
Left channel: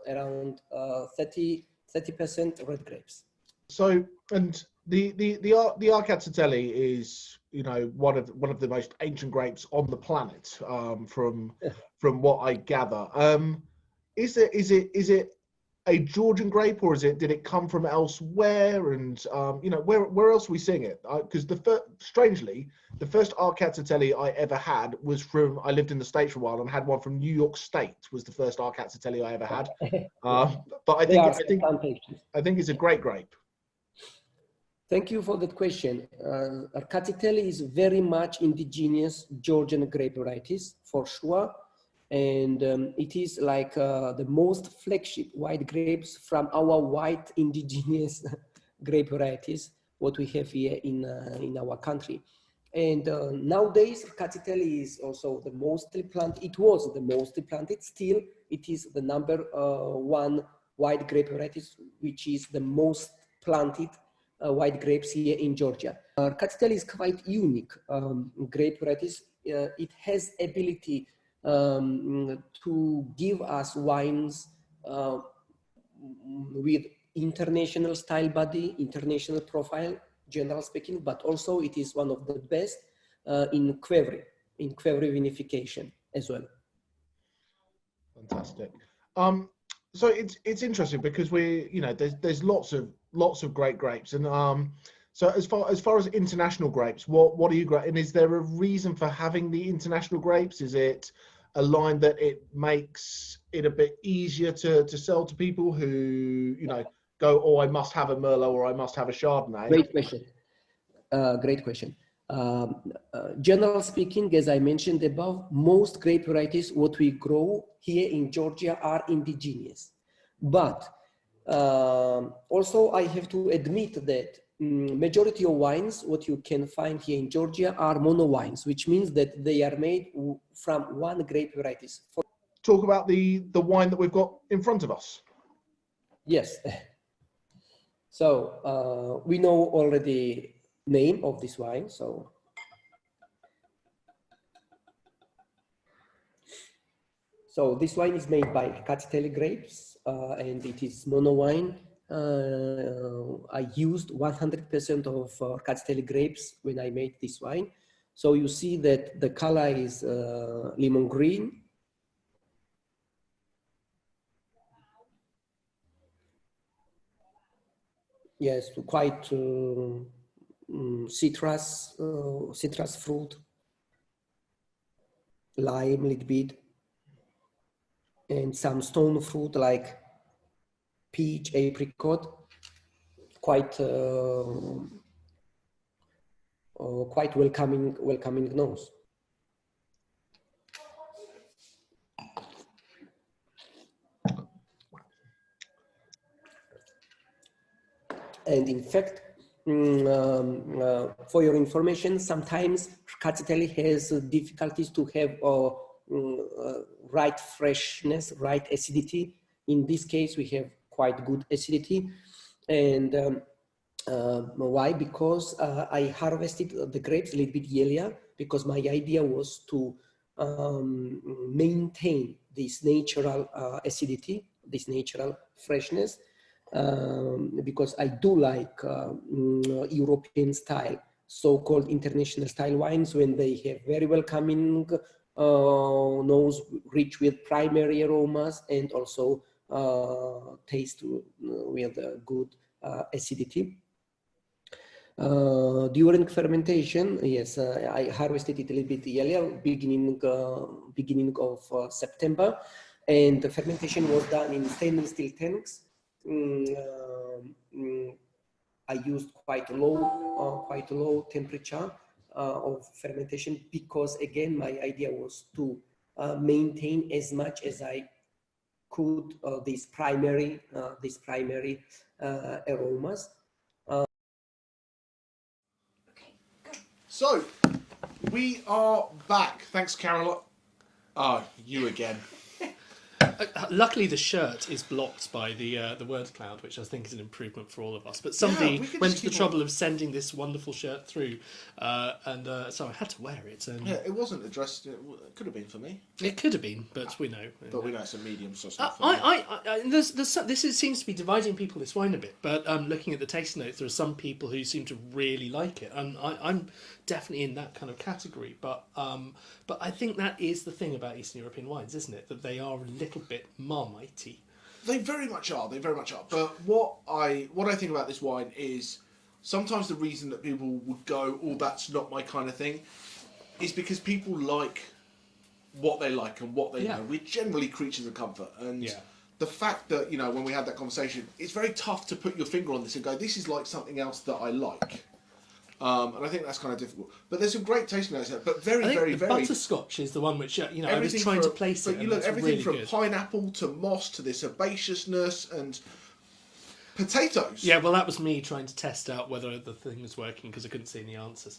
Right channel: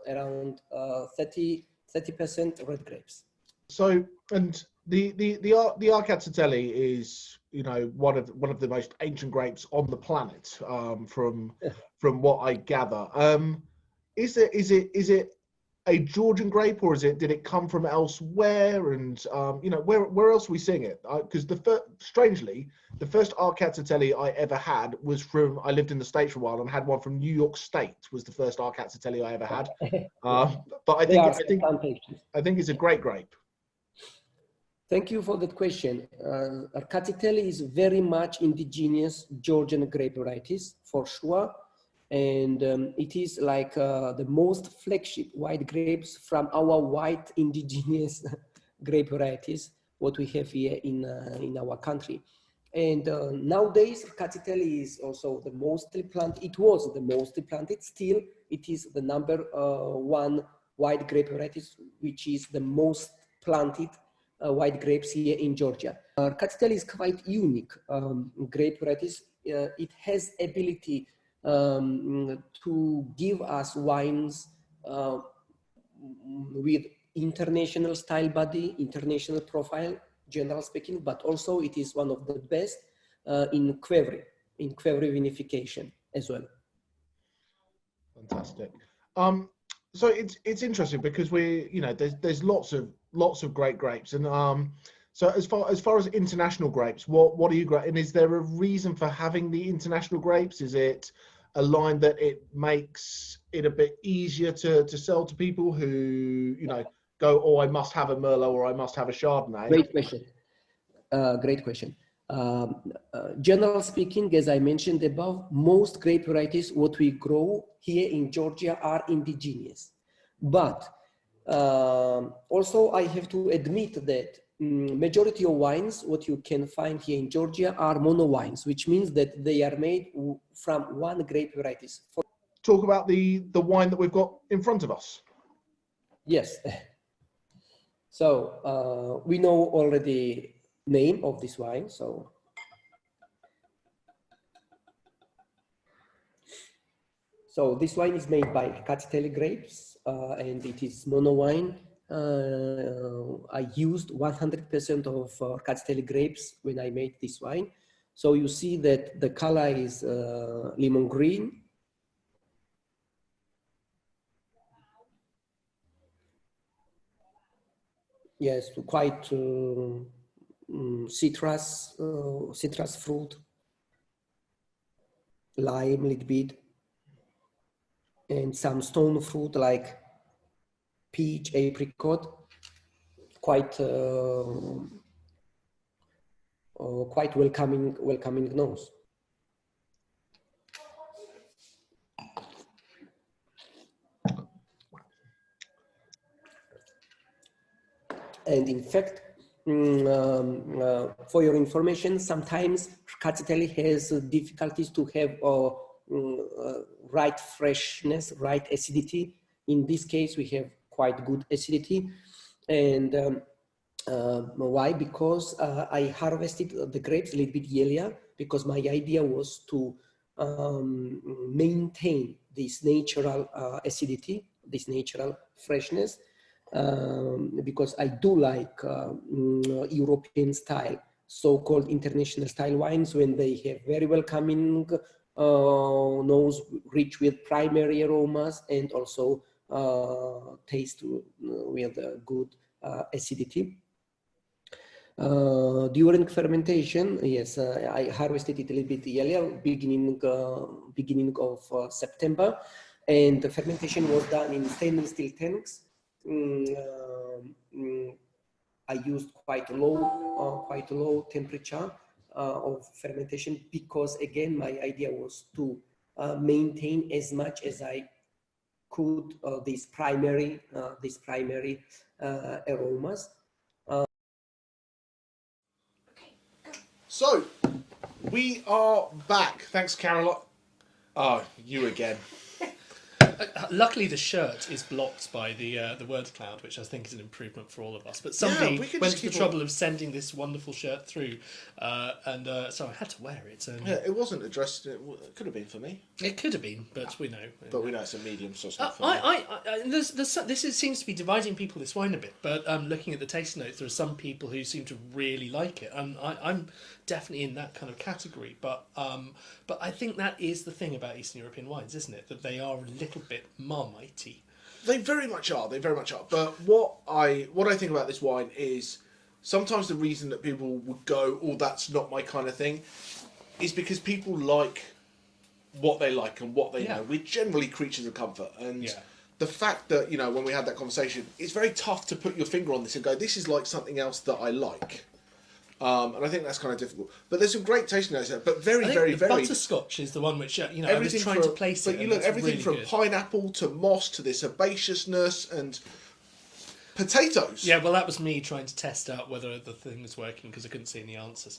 around 30% red grapes. So, and the Rkatsiteli is you know, one of the most ancient grapes on the planet, from what I gather. Is it a Georgian grape, or did it come from elsewhere? And you know, where else are we seeing it? Because strangely, the first Rkatsiteli I ever had was I lived in the States for a while and had one from New York State. Was the first Rkatsiteli I ever had. But I think it's a great grape. Thank you for that question. Rkatsiteli is very much indigenous Georgian grape varieties for sure. And it is like the most flagship white grapes from our white indigenous grape varieties, what we have here in our country. And nowadays, Rkatsiteli is also the mostly planted. It was the mostly planted. Still, it is the number one white grape varieties, which is the most planted white grapes here in Georgia. Rkatsiteli is quite unique grape varieties. It has ability to give us wines with international style body, international profile, general speaking, but also it is one of the best in qvevri vinification as well. Fantastic. So it's interesting because there's lots of great grapes, and so as far as international grapes, what are you and is there a reason for having the international grapes? Is it a line that it makes it a bit easier to sell to people who go, oh, I must have a Merlot or I must have a Chardonnay? Great question. Great question. General speaking, as I mentioned above, most grape varieties what we grow here in Georgia are indigenous. But also I have to admit that majority of wines what you can find here in Georgia are mono wines, which means that they are made from one grape varieties. Talk about the wine that we've got in front of us. Yes. So we know already name of this wine. So this wine is made by Rkatsiteli grapes, and it is mono wine. I used 100% of Rkatsiteli grapes when I made this wine. So you see that the color is lemon green. Yes, quite citrus fruit, lime a little bit, and some stone fruit like peach, apricot, quite welcoming nose. And in fact, for your information, sometimes Rkatsiteli has difficulties to have right freshness, right acidity. In this case, we have quite good acidity. And why? Because I harvested the grapes a little bit earlier, because my idea was to maintain this natural acidity, this natural freshness, because I do like European style, so-called international style wines, when they have very welcoming nose, rich with primary aromas, and also taste with good acidity. During fermentation, yes, I harvested it a little bit earlier, beginning of September, and the fermentation was done in stainless steel tanks. I used quite low temperature of fermentation, because again my idea was to maintain as much as I could these primary aromas. So we are back. Thanks, Carol. Oh, you again. Luckily, the shirt is blocked by the word cloud, which I think is an improvement for all of us. But we somebody could went just to the keep trouble of sending this wonderful shirt through, so I had to wear it. And Yeah, it wasn't addressed. It could have been for me, it could have been, but we know. but we know it's a medium, so it's not for me. Seems to be dividing people this wine a bit. But looking at the tasting notes, there are some people who seem to really like it, and I'm definitely in that kind of category. But I think that is the thing about Eastern European wines, isn't it? That they are a little bit marmitey. They very much are. They very much are. But what I think about this wine is sometimes the reason that people would go, "Oh, that's not my kind of thing," is because people like what they like and what they know. We're generally creatures of comfort, and the fact that when we had that conversation, it's very tough to put your finger on this and go, "This is like something else that I like." And I think that's kind of difficult. But there's some great tasting notes there. But very, very, very... Butterscotch is the one which, I was trying to place it. But you look, everything really from good. pineapple to moss to this herbaceousness and potatoes. Yeah, well, that was me trying to test out whether the thing was working because I couldn't see any answers.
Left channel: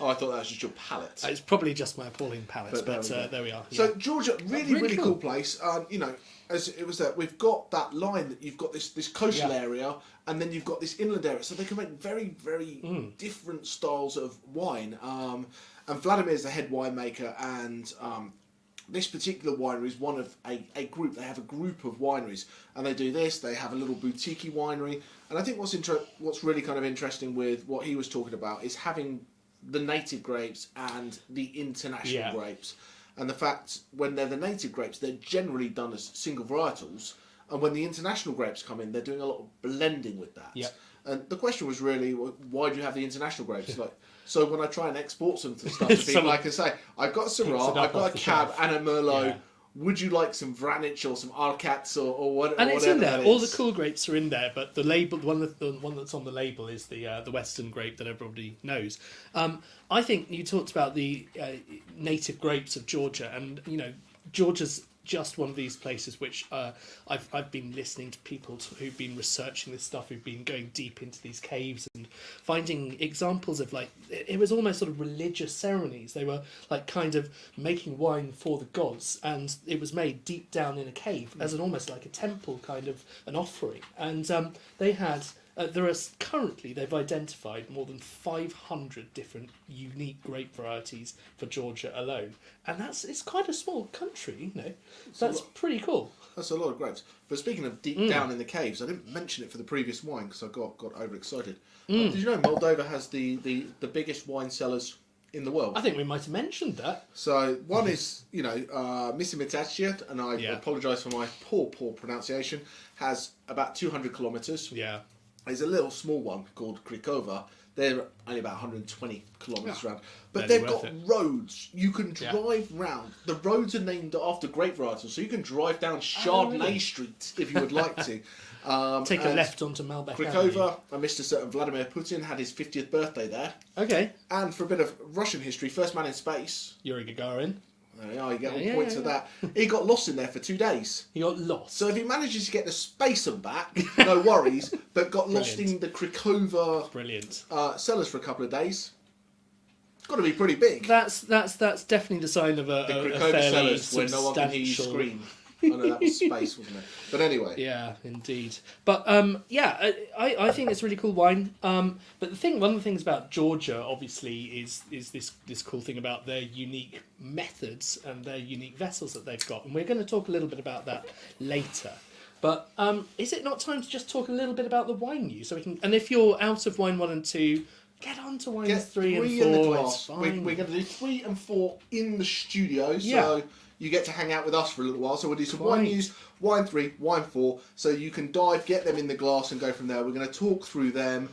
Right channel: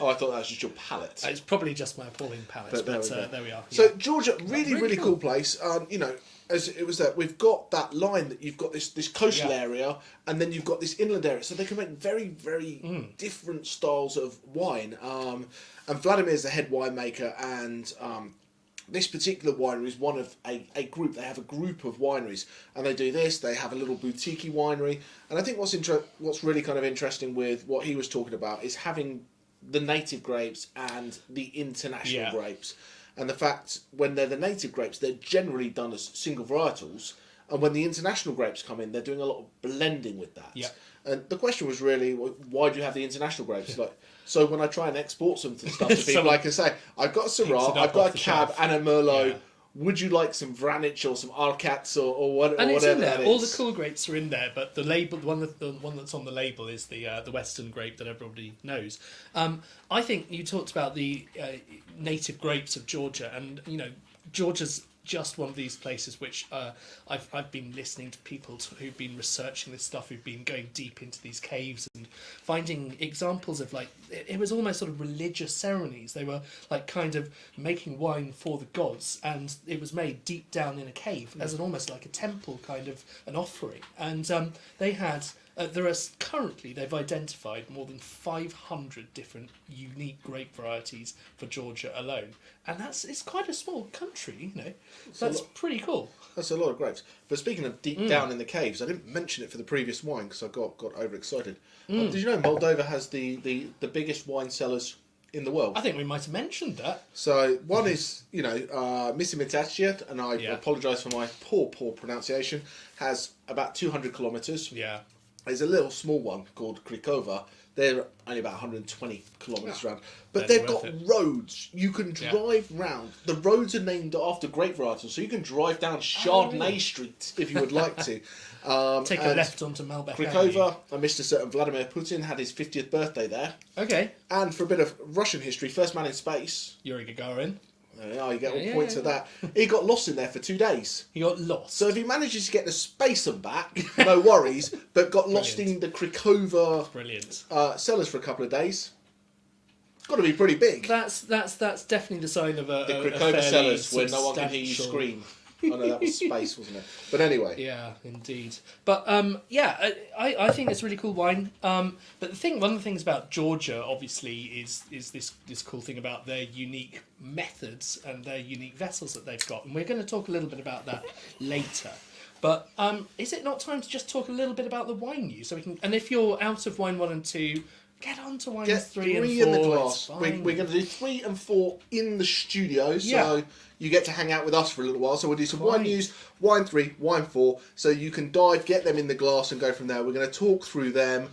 Oh, I thought that was just your palate. It's probably just my appalling palate, but there we are. So Georgia, really cool place. As it was that we've got that line that you've got this coastal area, and then you've got this inland area, so they can make very, very different styles of wine. And Vladimir is the head winemaker, and this particular winery is one of a group. They have a group of wineries, and they do this. They have a little boutique winery, and I think what's really kind of interesting with what he was talking about is having the native grapes and the international grapes. And the fact when they're the native grapes, they're generally done as single varietals. And when the international grapes come in, they're doing a lot of blending with that. Yeah. And the question was really, why do you have the international grapes? So when I try and export some stuff to people, I can say, I've got a Syrah, I've got a Cab and a Merlot. Yeah. Would you like some Vranec or some Rkats or whatever? And it's in there. All the cool grapes are in there, but the label, the one that's on the label is the Western grape that everybody knows. I think you talked about the native grapes of Georgia, and Georgia's just one of these places which I've been listening to people who've been researching this stuff, who've been going deep into these caves and finding examples of it was almost sort of religious ceremonies. They were kind of making wine for the gods, and it was made deep down in a cave as almost like a temple kind of an offering. And they had currently they've identified more than 500 different unique grape varieties for Georgia alone, and it's quite a small country, That's pretty cool. That's a lot of grapes. But speaking of deep down in the caves, I didn't mention it for the previous wine because I got overexcited. Did you know Moldova has the biggest wine cellars in the world? I think we might have mentioned that. So one is, Misimitatsia, and I apologise for my poor pronunciation, has about 200 kilometres. Yeah. There's a little small one called Grigio. They're only about 120 kilometres around. But they've got roads. You can drive round. The roads are named after grape varietals, so you can drive down Chardonnay Street if you would like to. Take a left onto Malbec. Grigio, and Mr. Certain Vladimir Putin had his 50th birthday there. Okay. And for a bit of Russian history, first man in space. Yuri Gagarin. There you are, you get all points of that. He got lost in there for 2 days. He got lost. So if he manages to get the space and back, no worries. But got lost in the Grigio cellars for a couple of days. It's got to be pretty big. That's definitely the sign of a Grigio cellars where no one can hear you scream. Oh no, that was space, wasn't it? But anyway. Yeah, indeed. But I think it's really cool wine. But one of the things about Georgia, obviously, is this cool thing about their unique methods and their unique vessels that they've got, and we're going to talk a little bit about that later. But is it not time to just talk a little bit about the wine news, so we can? And if you're out of wine 1 and 2. Get on to wines 3 and 4. In the glass. We're going to do 3 and 4 in the studio, so you get to hang out with us for a little while. So we'll do some wine news, wine 3, wine 4, so you can get them in the glass and go from there. We're going to talk through them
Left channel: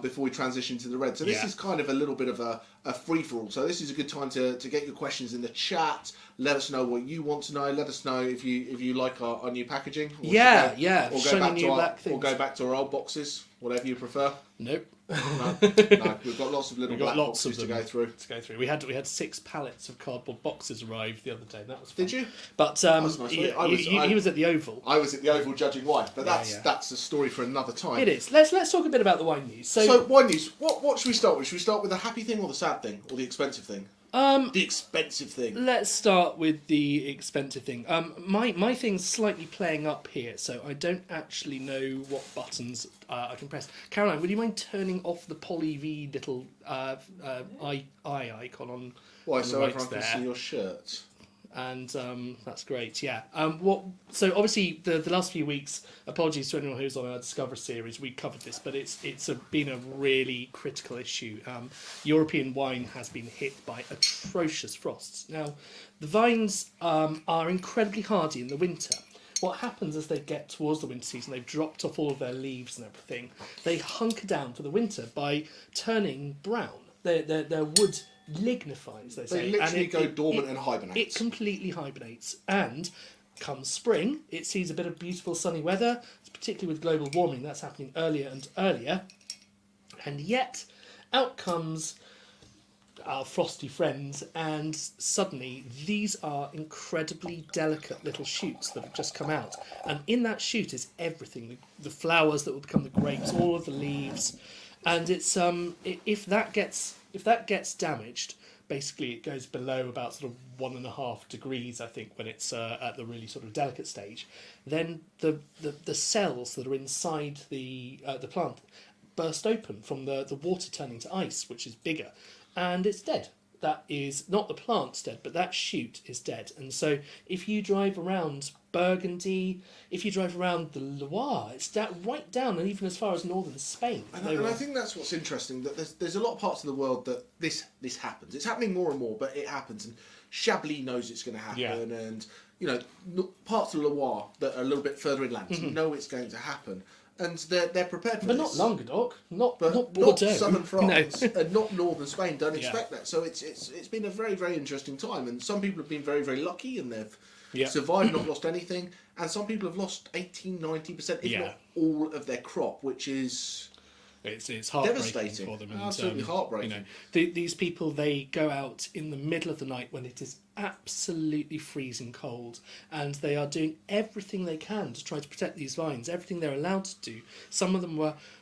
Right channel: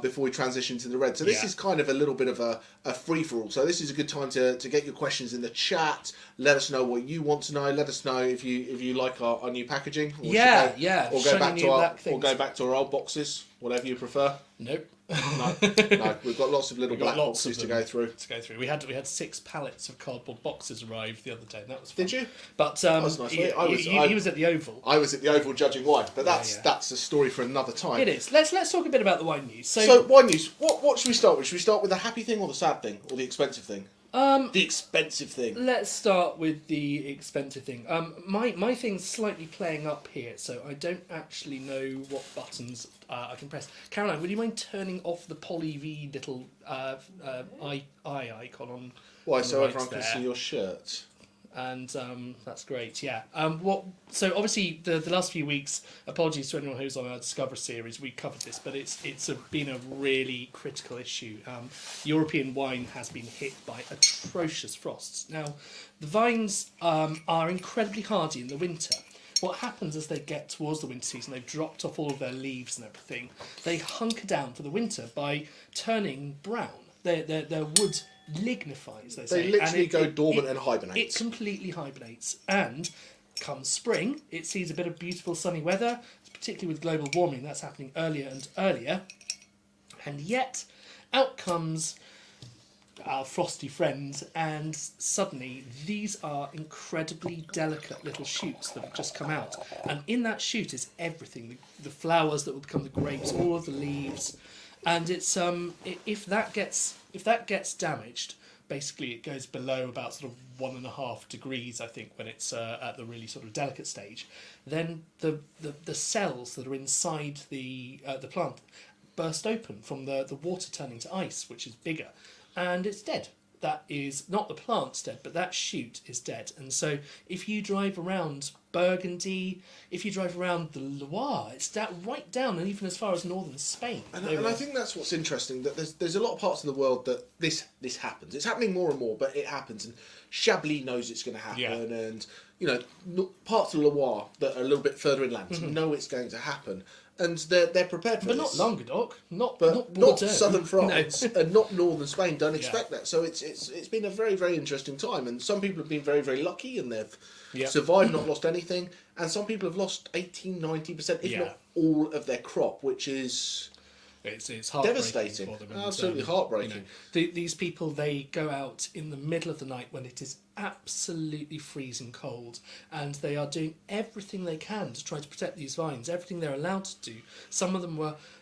before we transition to the red. So this is kind of a little bit of a free-for-all. So this is a good time to get your questions in the chat. Let us know what you want to know. Let us know if you like our new packaging. Or go back to our old boxes, whatever you prefer. Nope. No, we've got lots of little black boxes to go through. We had 6 pallets of cardboard boxes arrive the other day. That was fun. fun. Did you? But that was nice. he was at the Oval. I was at the Oval judging wine, but that's a story for another time. It is. Let's talk a bit about the wine news. So wine news. What should we start with? Should we start with the happy thing or the sad thing or the expensive thing? The expensive thing. Let's start with the expensive thing. My thing's slightly playing up here, so I don't actually know what buttons I can press. Caroline, would you mind turning off the poly V little eye icon on? Why? on So the right everyone can there? see your shirt. And that's great, yeah. So obviously the last few weeks, apologies to anyone who's on our Discover series, we covered this, but been a really critical issue. European wine has been hit by atrocious frosts. Now, the vines are incredibly hardy in the winter. What happens as they get towards the winter season, they've dropped off all of their leaves and everything, they hunker down for the winter by turning brown. Their wood lignifies, they say. They literally and go dormant and hibernate. It completely hibernates. And come spring, it sees a bit of beautiful sunny weather, particularly with global warming. That's happening earlier and earlier. And yet, out comes our frosty friends, and suddenly these are incredibly delicate little shoots that have just come out. And in that shoot is everything, the flowers that will become the grapes, all of the leaves. And it's if that gets damaged, basically it goes below about sort of 1.5 degrees, I think, when it's at the really sort of delicate stage. Then the cells that are inside the plant burst open from the water turning to ice, which is bigger, and it's dead. That is not the plant's dead, but that shoot is dead. And so if you drive around Burgundy, if you drive around the Loire, it's right down, and even as far as northern Spain. And I think that's what's interesting, that there's a lot of parts of the world that this happens. It's happening more and more, but it happens. And Chablis knows it's going to happen, and parts of Loire that are a little bit further inland know it's going to happen. And they're prepared for but this. not Languedoc, not southern France, no. and not northern Spain. Don't expect that. So it's been a very, very interesting time, and some people have been very, very lucky, and they've survived, not lost anything, and some people have lost 80-90%, if not all of their crop, which is it's heartbreaking devastating. for them. And, absolutely heartbreaking. These people, they go out in the middle of the night when it is absolutely freezing cold, and they are doing everything they can to try to protect these vines, everything they're allowed to do. Some of them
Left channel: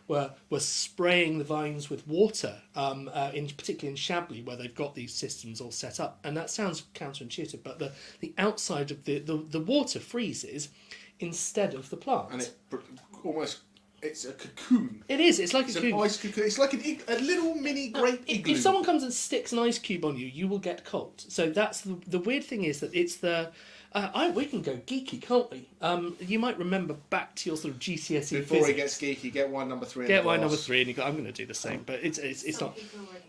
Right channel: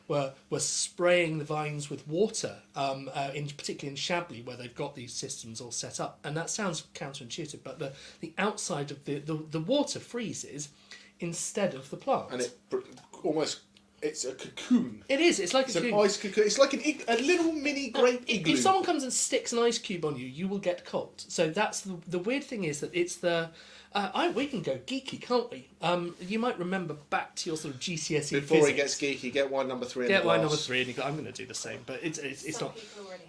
were spraying the vines with water, particularly in Chablis, where they've got these systems all set up. And that sounds counterintuitive, but the outside of the water freezes instead of the plant. And it's a cocoon. It is. It's like an ice cocoon. It's like a little mini grape igloo. If someone comes and sticks an ice cube on you, you will get cold. So that's the weird thing is that it's the. We can go geeky, can't we? You might remember back to your sort of GCSE Before physics. he gets geeky, get wine number 3. Get wine number 3, and you go. I'm going to do the same, but it's Some not. people already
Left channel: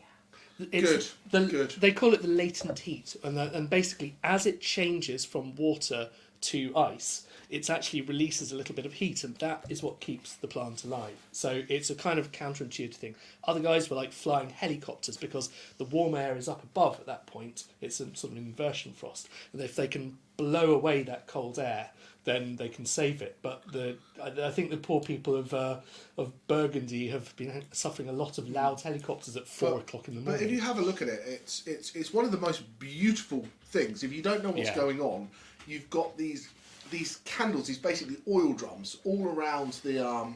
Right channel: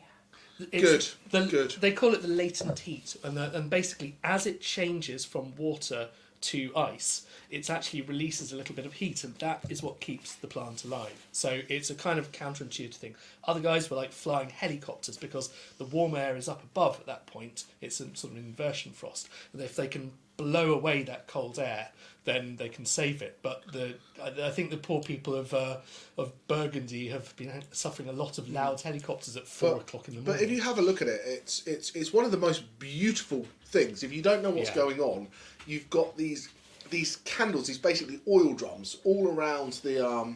have. Good. They call it the latent heat, and basically as it changes from water to ice, it actually releases a little bit of heat, and that is what keeps the plant alive. So it's a kind of counterintuitive thing. Other guys were like flying helicopters because the warm air is up above at that point. It's a sort of inversion frost, and if they can blow away that cold air, then they can save it. But I think the poor people of Burgundy have been suffering a lot of loud helicopters at 4 o'clock in the morning. But if you have a look at it, it's one of the most beautiful things. If you don't know what's going on, you've got these candles, these basically oil drums all around the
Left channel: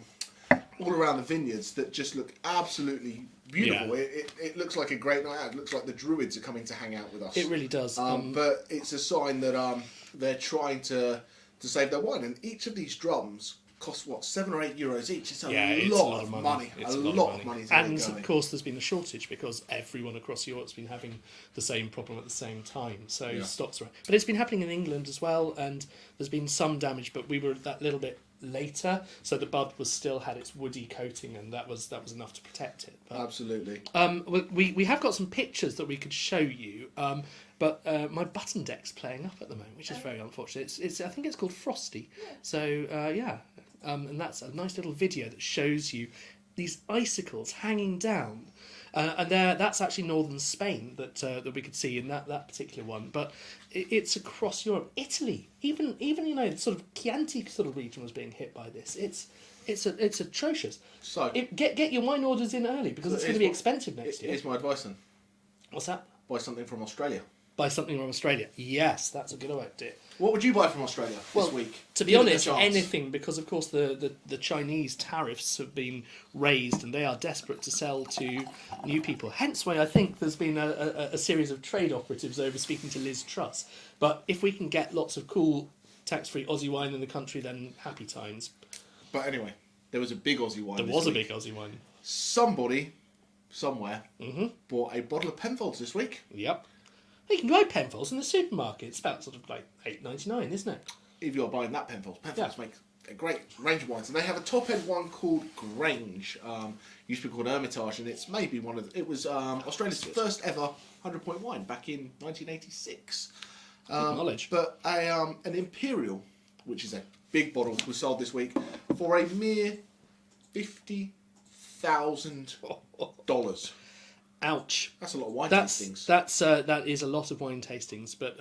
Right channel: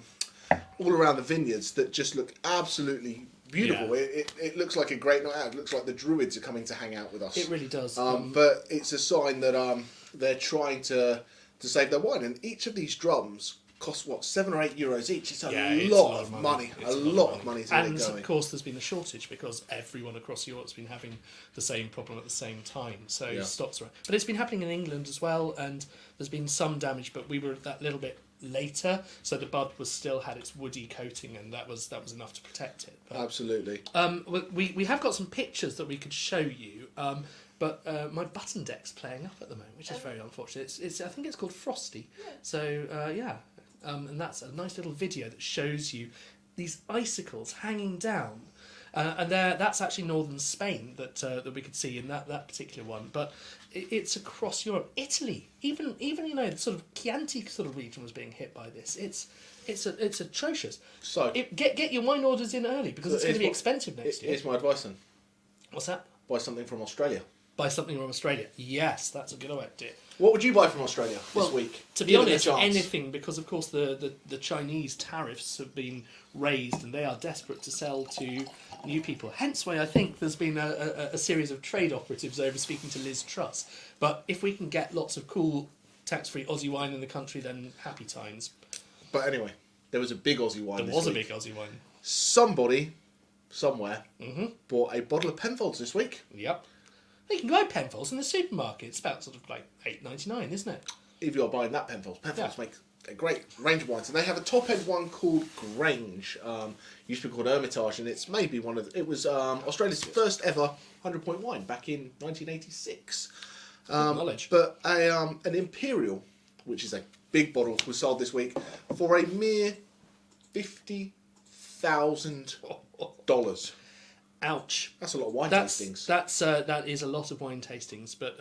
vineyards that just look absolutely beautiful. Yeah. It looks like a great night out. It looks like the Druids are coming to hang out with us. It really does. But it's a sign that they're trying to save their wine, and each of these drums cost what, €7 or €8 each. It's a lot of money. It's a lot of money to and get going. of course there's been a shortage because everyone across Europe's been having the same problem at the same time, so stocks are, but it's been happening in England as well, and there's been some damage, but we were that little bit later, so the bud still had its woody coating, and that was enough to protect it. But, absolutely. we have got some pictures that we could show you, but my button deck's playing up at the moment, which is very unfortunate. I think it's called Frosty. So and that's a nice little video that shows you these icicles hanging down, and that's actually northern Spain that we could see in that particular one. But it's across Europe, Italy, even sort of Chianti sort of region was being hit by this. It's atrocious. So get your wine orders in early because it's going to be expensive next year. Here's my advice then. What's that? Buy something from Australia. Buy something from Australia. Yes, that's a good idea. What would you buy from Australia this week? To be Give it a honest, chance. anything, because of course the Chinese tariffs have been raised and they are desperate to sell to new people. Hence why I think there's been a series of trade operatives over speaking to Liz Truss. But if we can get lots of cool tax-free Aussie wine in the country, then happy times. But anyway, there was a big Aussie wine. There was a big Aussie wine. Somebody, somewhere, bought a bottle of Penfolds this week. Yep. You can buy Penfolds in the supermarket. It's about sort of like $8.99, isn't it? If you're buying that Penfolds make a great range of wines, and they have a top-end one called Grange. Used to be called Hermitage, and it's maybe one of it was Australia's first ever 100-point wine back in 1986. Good knowledge. But an Imperial, which is a big bottle, was sold this week for a mere $50,000. Ouch. That's a lot of wine tastings. That is a lot of wine tastings, but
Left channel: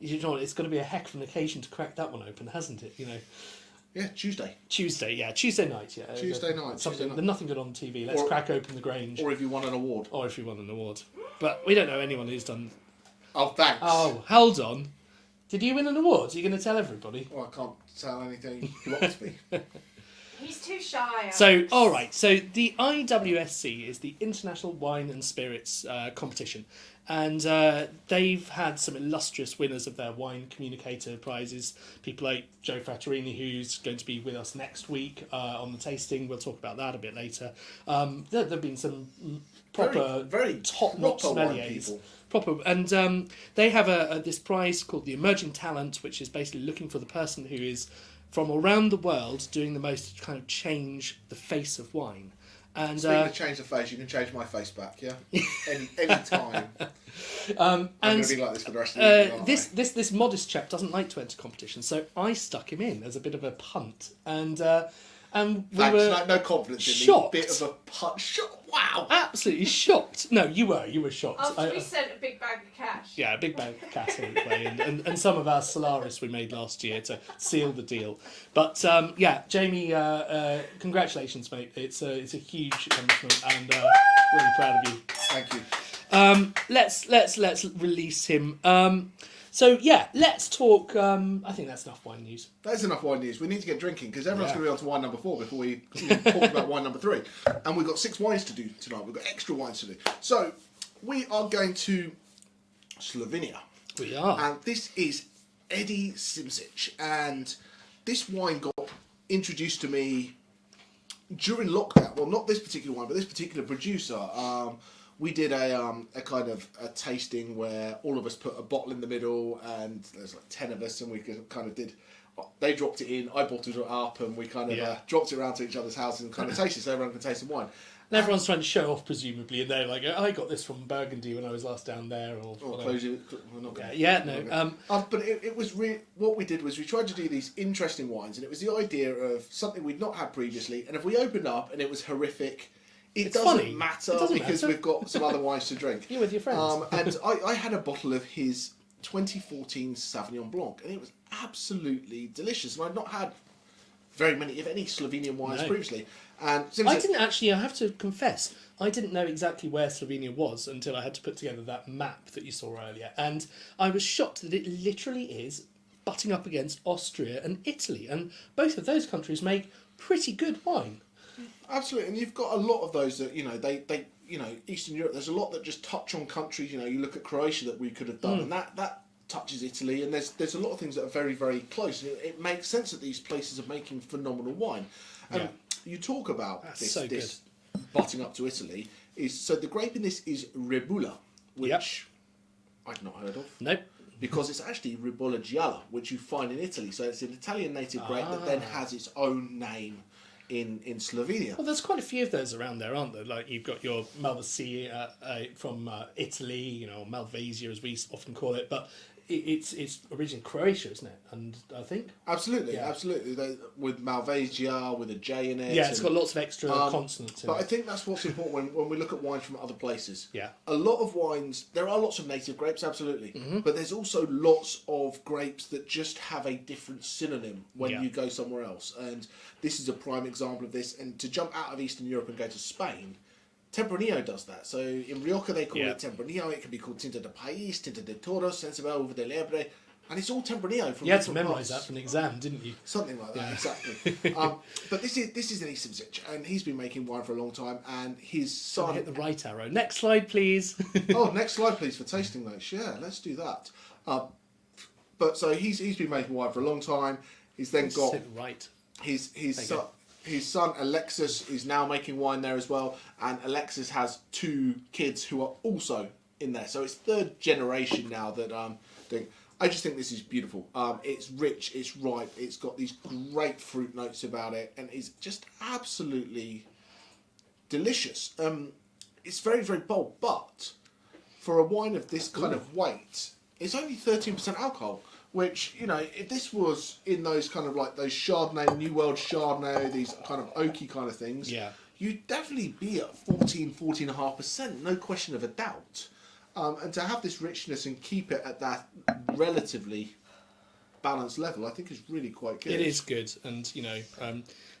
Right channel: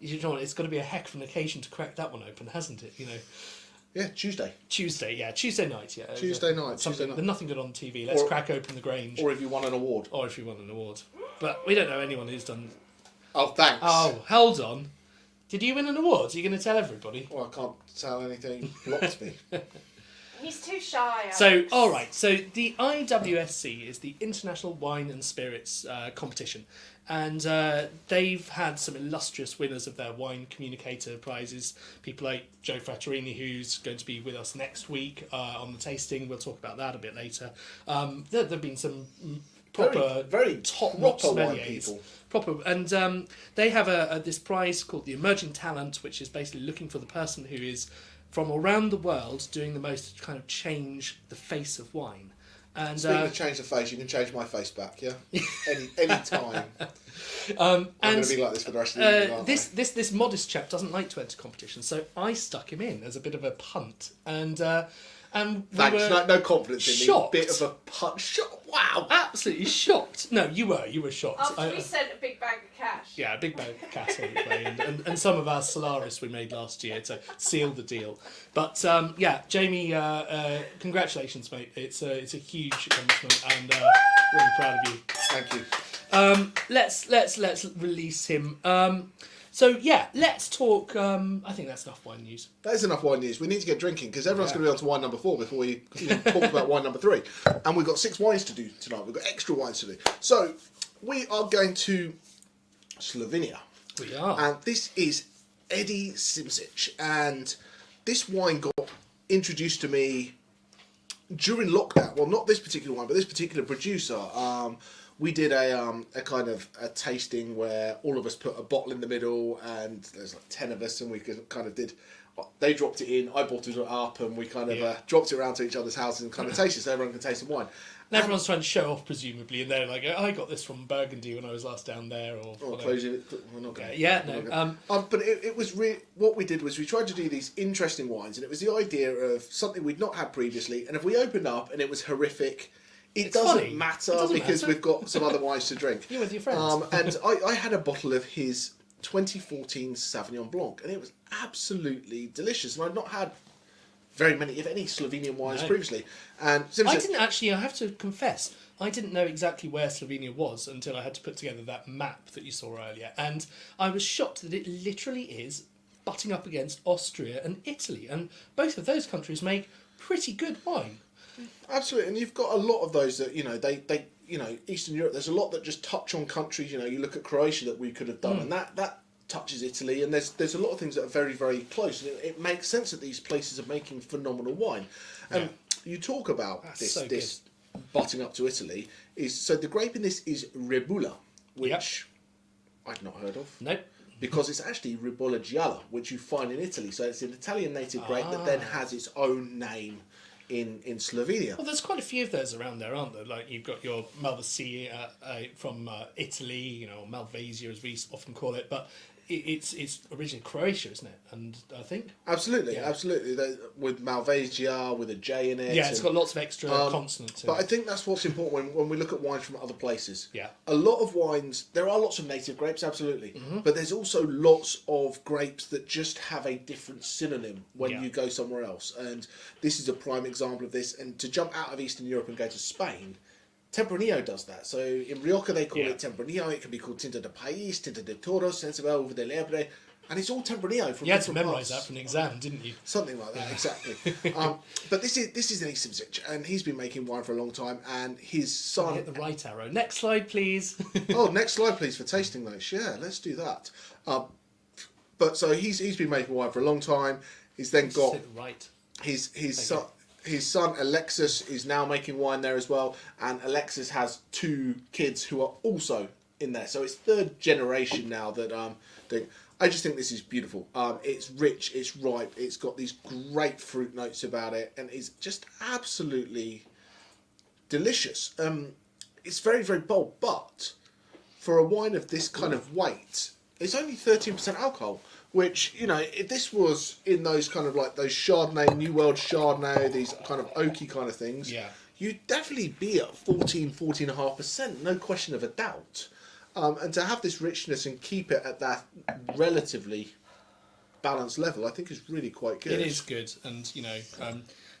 you know it's going to be a heck of an occasion to crack that one open, hasn't it? You know. Yeah, Tuesday night. Tuesday night. There's nothing good on TV. Let's crack open the Grange. Or if you won an award. But we don't know anyone who's done. Oh, thanks. Oh, hold on. Did you win an award? Are you going to tell everybody? Oh, I can't tell anything. Blocks me. He's too shy. So, all right. So the IWSC is the International Wine and Spirits competition, and they've had some illustrious winners of their wine communicator prizes. People like Joe Frattorini, who's going to be with us next week on the tasting. We'll talk about that a bit later. There've been some proper, very top-notch proper wine sommeliers. people. Proper, and they have this prize called the Emerging Talent, which is basically looking for the person who is from around the world doing the most to kind of change the face of wine. And Speaking of change the face, you can change my face back, yeah? any time. I'm going to be like this for the rest of the evening, aren't I? This modest chap doesn't like to enter competition, so I stuck him in as a bit of a punt. And we were no confidence in shocked. me. Bit of a punch. Wow. Absolutely shocked. No, you were shocked. After we sent a big bag of cash. Yeah, a big bag of cash hopefully, and some of our Solaris we made last year to seal the deal. But yeah, Jamie, congratulations, mate. It's a huge accomplishment, and really proud of you. Thank you. Let's release him. So yeah, let's talk. I think that's enough wine news. That is enough wine news. We need to get drinking because everyone's going to be on to wine number 4 before we talk about wine number 3. And we've got 6 wines to do tonight. We've got extra wines to do. So we are going to Slovenia. We are. And this is Eddie Simsic. And this wine got introduced to me during lockdown. Well, not this particular wine, but this particular producer. We did a kind of a tasting where all of us put a bottle in the middle, and there's like 10 of us, and we kind of did. They dropped it in, I bottled it up, and we kind of dropped it around to each other's houses and kind of tasted, so everyone can taste the wine. And everyone's trying to show off, presumably, and they're like, "I got this from Burgundy when I was last down there." Or close it. We're not going. Yeah, no. But it was what we did was we tried to do these interesting wines, and it was the idea of something we'd not had previously. And if we opened up and it was horrific. It doesn't matter because we've got some other wines to drink. You're with your friends. And I had a bottle of his 2014 Sauvignon Blanc, and it was absolutely delicious. And I'd not had very many, if any, Slovenian wines previously. And I didn't actually, I have to confess, I didn't know exactly where Slovenia was until I had to put together that map that you saw earlier. And I was shocked that it literally is butting up against Austria and Italy. And both of those countries make pretty good wine. Absolutely, and you've got a lot of those that they Eastern Europe. There's a lot that just touch on countries. You look at Croatia that we could have done, and that touches Italy. And there's a lot of things that are very very close. And it makes sense that these places are making phenomenal wine. And you talk about this butting up to Italy so the grape in this is Rebula, which I've not heard of. Nope. Because it's actually Rebula Gialla, which you find in Italy. So it's an Italian native grape that then has its own name in Slovenia. Well, there's quite a few of those around there, aren't there? Like you've got your Malvasia from Italy, Malvasia as we often call it, but it's originally Croatia, isn't it? And I think absolutely. With Malvasia, with a J in it. Yeah, it's got lots of extra consonants. But I think that's what's important when we look at wines from other places. Yeah, a lot of wines. There are lots of native grapes, absolutely, but there's also lots of grapes that just have a different synonym when you go somewhere else. And this is a prime example of this. And to jump out of Eastern Europe and go to Spain Tempranillo does that. So in Rioja they call it Tempranillo. It can be called Tinta de País, Tinta de Toros, Sensibel de Lebre, and it's all Tempranillo from. You had to different memorise parts. that for an exam, didn't you? Something like that, exactly. But this is an Eastern Zich, and he's been making wine for a long time. And his son. Hit the right arrow. Next slide, please. Oh, next slide, please, for tasting notes. Yeah, let's do that. But so he's been making wine for a long time. He's then got Hit the right. his son Alexis is now making wine there as well, and Alexis has 2 kids who are also in there. So it's 3rd generation now that doing. I just think this is beautiful. It's rich, it's ripe, it's got these great fruit notes about it, and it's just absolutely delicious. It's very, very bold, but for a wine of this kind of weight, it's only 13% alcohol, which, you know, if this was in those kind of like those Chardonnay, New World Chardonnay, these kind of oaky kind of things, you'd definitely be at 14.5%, no question of a doubt. And to have this richness and keep it at that relatively balanced level, I think is really quite good. It is good, and you know,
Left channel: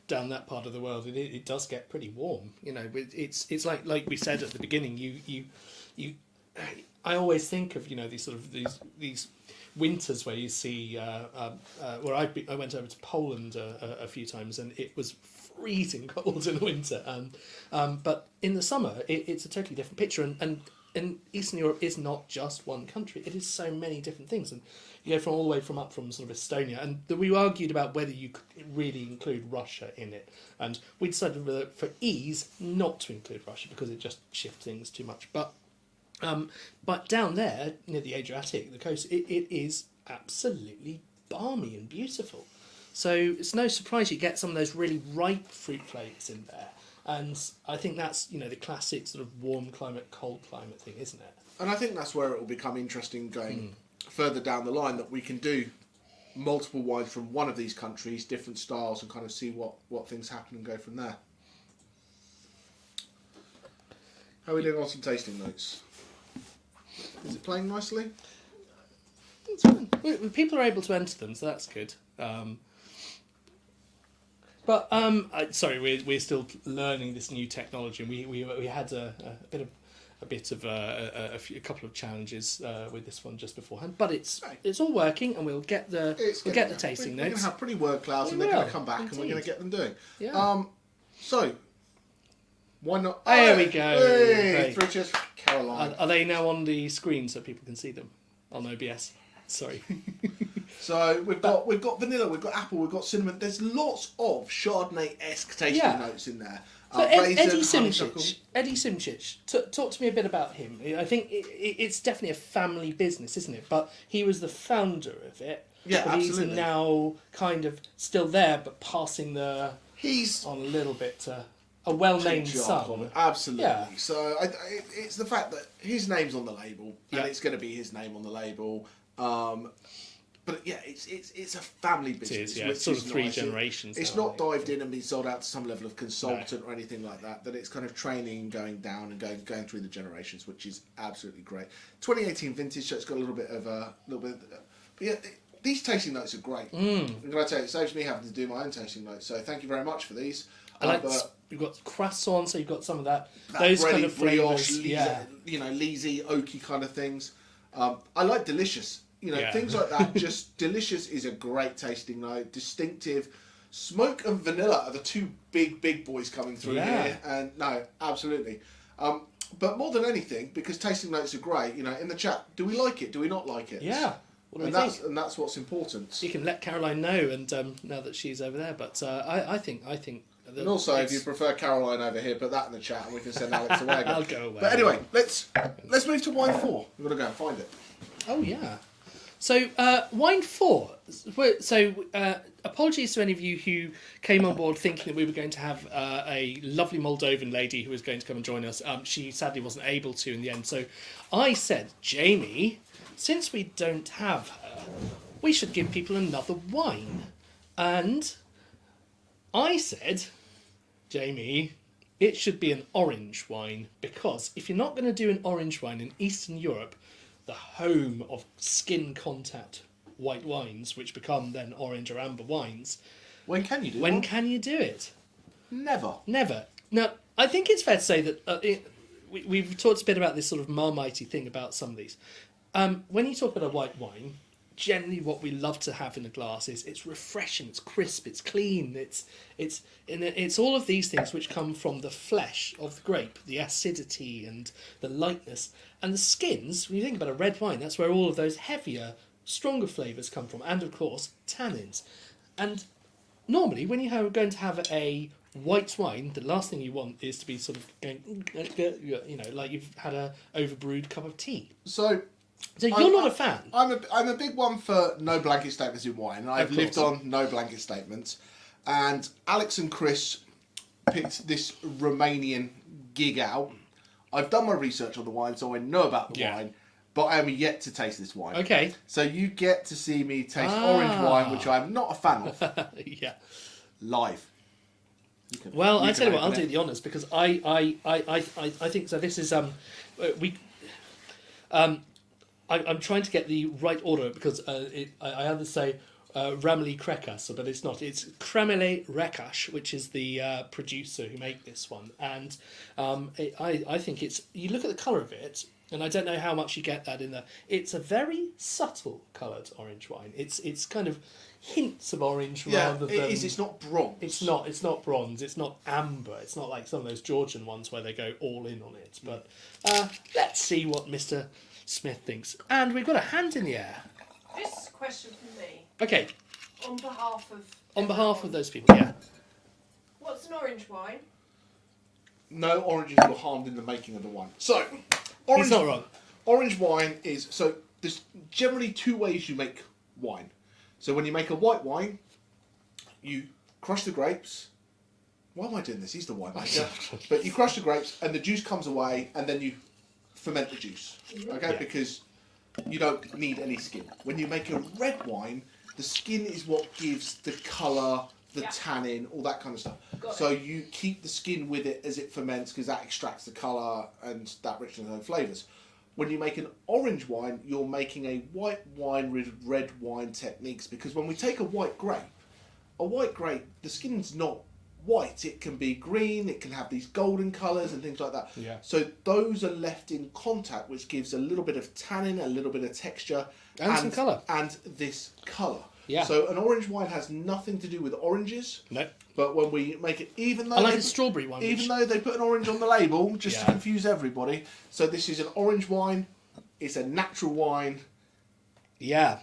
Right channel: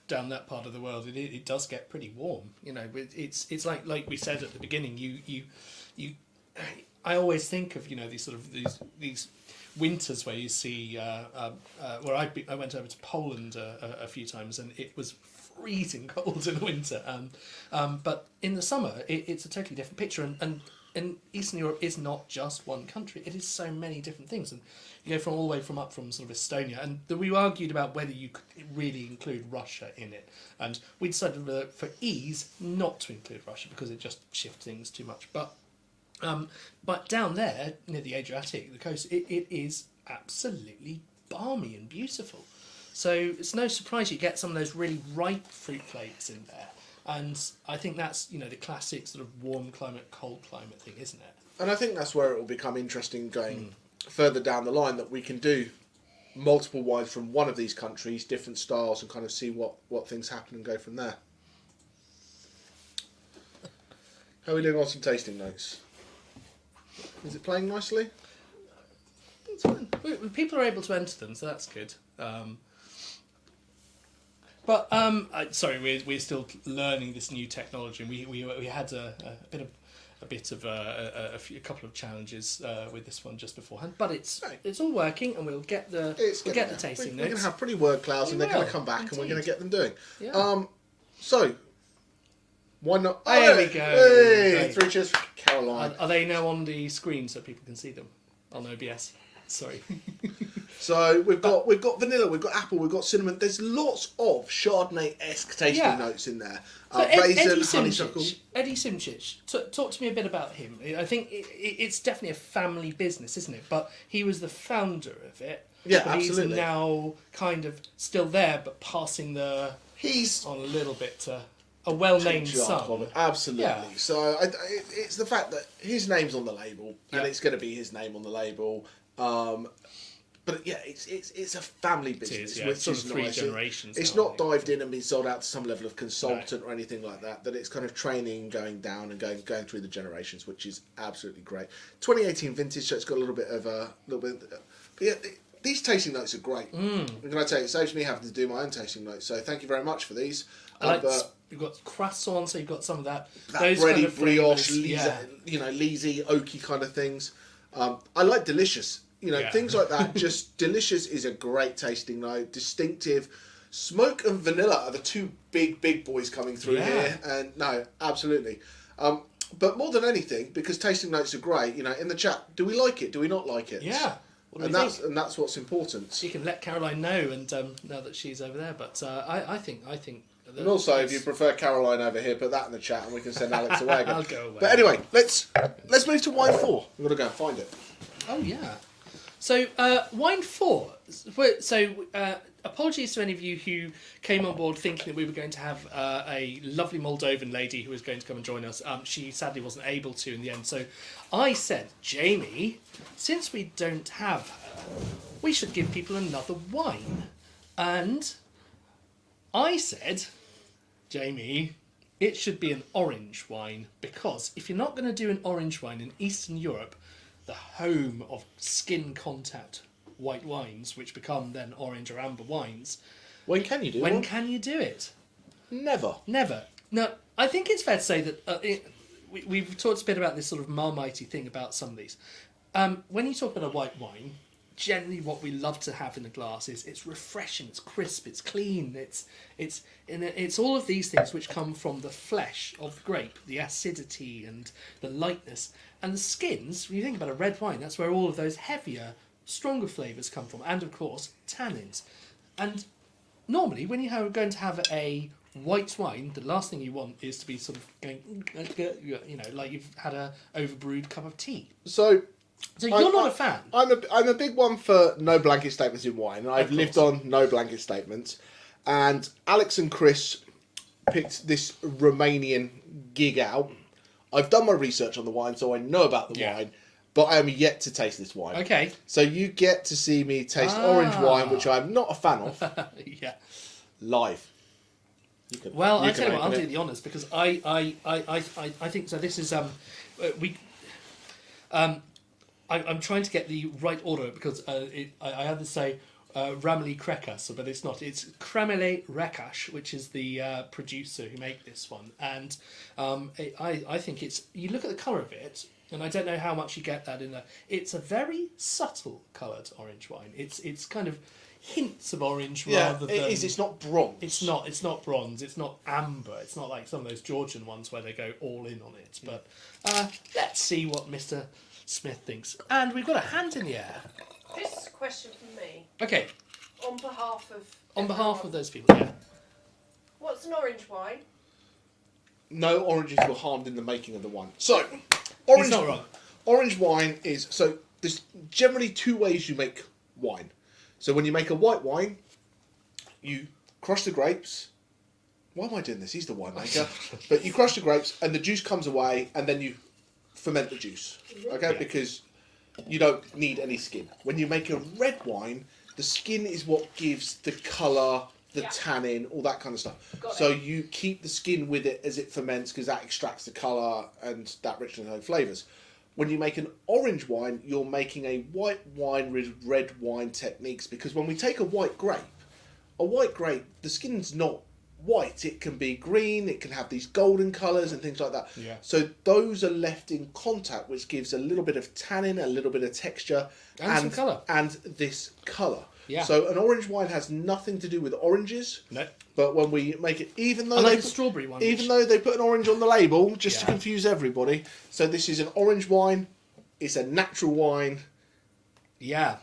down that part of the world, it does get pretty warm. You know, it's like we said at the beginning. I always think of, you know, these winters where you see where I went over to Poland a few times, and it was freezing cold in the winter. But in the summer, it's a totally different picture, and Eastern Europe is not just one country. It is so many different things, and you go from all the way from sort of Estonia, and we argued about whether you could really include Russia in it, and we decided for ease not to include Russia because it just shifts things too much. But down there near the Adriatic, the coast, it is absolutely balmy and beautiful. So it's no surprise you get some of those really ripe fruit flakes in there. And I think that's, you know, the classic sort of warm climate, cold climate thing, isn't it? And I think that's where it will become interesting going further down the line, that we can do multiple wines from one of these countries, different styles, and kind of see what things happen and go from there. How are we doing on some tasting notes? Is it playing nicely? It's fun. People are able to enter them, so that's good. But sorry, we're still learning this new technology, and we had a couple of challenges with this one just beforehand. But it's all working, and we'll get the tasting notes. We're going to have pretty word clouds, and they're going to come back, and we're going to get them doing. Yeah. So why not? There we go. Hey, Great. 3 cheers for Caroline. Are they now on the screen so people can see them on OBS? Sorry. So we've got vanilla, we've got apple, we've got cinnamon. There's lots of Chardonnay-esque tasting notes in there. So Raisin, Eddie honeysuckle. Simcic, talk to me a bit about him. I think it's definitely a family business, isn't it? But he was the founder of it. Yeah, but absolutely. He's now kind of still there, but passing on a little bit to a well-named son. Absolutely. Yeah. So it's the fact that his name's on the label, and it's going to be his name on the label. But yeah, it's a family business. It is, which sort of is 3 nice. generations. It's not dived in and been sold out to some level of consultant or anything like that. That it's kind of training, going down and going through the generations, which is absolutely great. 2018 vintage, so it's got a little bit. But yeah, these tasting notes are great. I'm going to tell you, it saves me having to do my own tasting notes. So thank you very much for these. You've got croissant, so you've got some of that. Those bready kind of brioche, flavours, leesy, oaky kind of things. I like delicious. You know, things like that. Just delicious is a great tasting note. Distinctive. Smoke and vanilla are the 2 big boys coming through here. And no, absolutely. But more than anything, because tasting notes are great, you know, in the chat, do we like it? Do we not like it? Yeah. And that's what's important. You can let Caroline know, and now that she's over there. But I think. And also, if you prefer Caroline over here, put that in the chat, and we can send Alex away. I'll go away. But anyway, let's move to wine 4. We've got to go and find it. Oh yeah. So wine 4. So apologies to any of you who came on board thinking that we were going to have a lovely Moldovan lady who was going to come and join us. She sadly wasn't able to in the end. So I said, Jamie, since we don't have her, we should give people another wine. And I said, Jamie, it should be an orange wine, because if you're not going to do an orange wine in Eastern Europe, the home of skin contact white wines, which become then orange or amber wines, When can you do when one? can you do it? Never. Never. Now, I think it's fair to say that we've talked a bit about this sort of marmitey thing about some of these. When you talk about a white wine, generally what we love to have in a glass is it's refreshing, it's crisp, it's clean, it's all of these things which come from the flesh of the grape, the acidity and the lightness. And the skins, when you think about a red wine, that's where all of those heavier, stronger flavours come from, and of course, tannins. And normally, when you are going to have a white wine, the last thing you want is to be sort of going, like you've had a overbrewed cup of tea. So you're not a fan. I'm a big one for no blanket statements in wine. I've lived on no blanket statements. And Alex and Chris picked this Romanian gig out. I've done my research on the wine, so I know about the wine, but I am yet to taste this wine. Okay. So you get to see me taste orange wine, which I'm not a fan of, Yeah. live. Well, I tell you what, I'll do the honours because I think so. This is I'm trying to get the right order because I either say Rameli Krekas, but it's not. It's Kremele Rekash, which is the producer who made this one, and I think it's. You look at the colour of it, and I don't know how much you get that in there. It's a very subtle coloured orange wine. It's kind of hints of orange rather than. It is. It's not bronze. It's not. It's not bronze. It's not amber. It's not like some of those Georgian ones where they go all in on it. But let's see what Mr. Smith thinks. And we've got a hand in the air. This question from me. Okay. On behalf of. On behalf of those people, yeah. What's an orange wine? No oranges were harmed in the making of the wine. So, He's not wrong. orange wine is so. There's generally two ways you make wine. So when you make a white wine, you crush the grapes. Why am I doing this? He's the winemaker. But you crush the grapes and the juice comes away and then you ferment the juice. Okay? Because you don't need any skin. When you make a red wine, the skin is what gives the colour, the tannin, all that kind of stuff. So you keep the skin with it as it ferments because that extracts the colour and that richness and flavours. When you make an orange wine, you're making a white wine with red wine techniques because when we take a white grape, the skin's not white. It can be green, it can have these golden colours and things like that. Yeah. So those are left in contact, which gives a little bit of tannin, a little bit of texture, And some colour. And this colour. Yeah. So an orange wine has nothing to do with oranges. No. But when we make it, even though Unlike a strawberry one. even though they put an orange on the label, just to confuse everybody. So this is an orange wine. It's a natural wine. Yeah.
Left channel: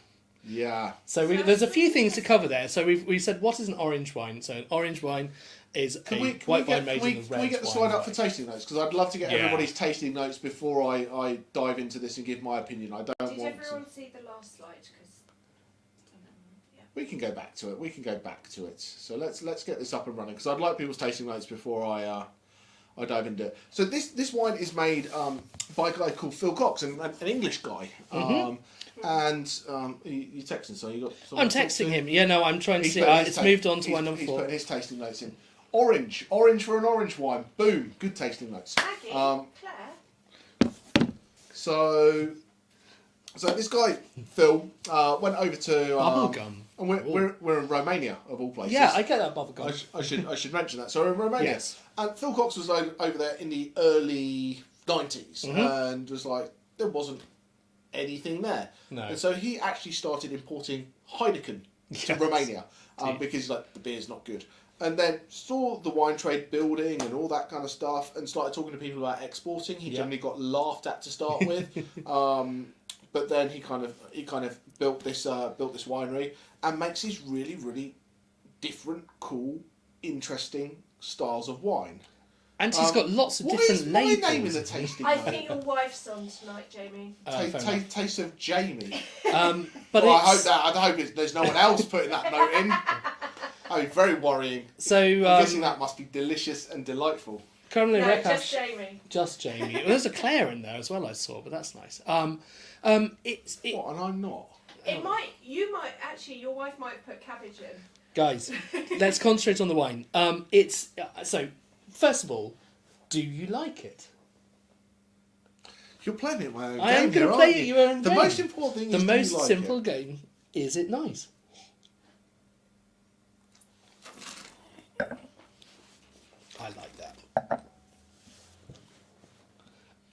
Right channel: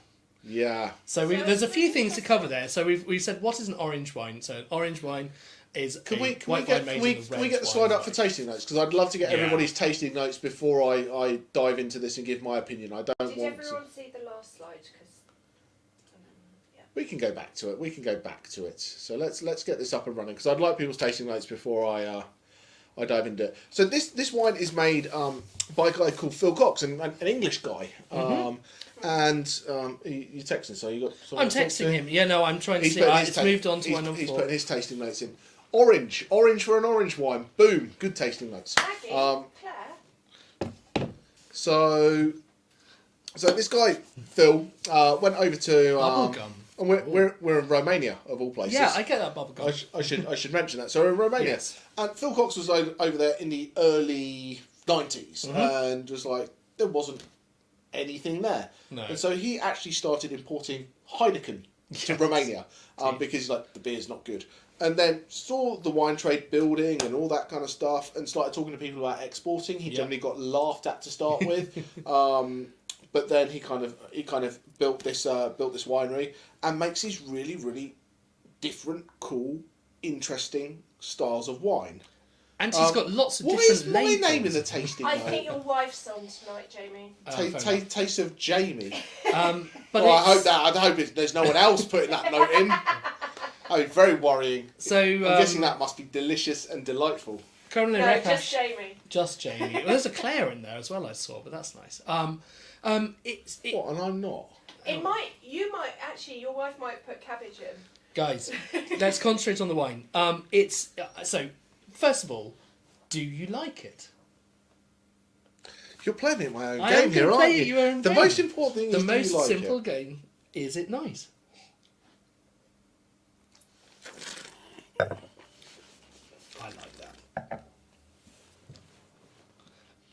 Yeah. So there's a few things to cover there. So we've said what is an orange wine? So an orange wine is Can we get the red slide wine. up for tasting notes? Because I'd love to get Yeah. everybody's tasting notes before I dive into this and give my opinion. I don't Did want to. everyone see the last slide? We can go back to it. So let's get this up and running because I'd like people's tasting notes before I dive into it. So this wine is made by a guy called Phil Cox, an English guy. And you texting, so you got. I'm texting him. Yeah, no, I'm trying to see. putting his It's ta- moved on to he's- one number He's 4. putting his tasting notes in. Orange for an orange wine. Boom, good tasting notes. Claire. So this guy Phil went over to. Bubblegum. And we're in Romania of all places. Yeah, I get that bubblegum. I should mention that. So we're in Romania, Yes. and Phil Cox was over there in the early 90s, and was like there wasn't anything there. No. And so he actually started importing Heineken to Romania because like the beer's not good. And then saw the wine trade building and all that kind of stuff, and started talking to people about exporting. He generally got laughed at to start with, but then he kind of built this winery and makes these really, really different, cool, interesting styles of wine. And he's got lots of What different is my labels. name in the tasting I note? think your wife's on tonight, Jamie. Taste of Jamie. But Well, I hope there's no one else putting that note in. Oh, very worrying. So I'm guessing that must be delicious and delightful. Currently No, Rekash- just Jamie. Just Jamie. Well, there's a Claire in there as well. I saw, but that's nice. What? And I'm not. Your wife might put cabbage in. Guys, let's concentrate on the wine. It's so. First of all, do you like it? You're playing me at my own I am game here, gonna aren't play you? your own The game. most important thing The is do most you like simple it? game is it nice? I like that.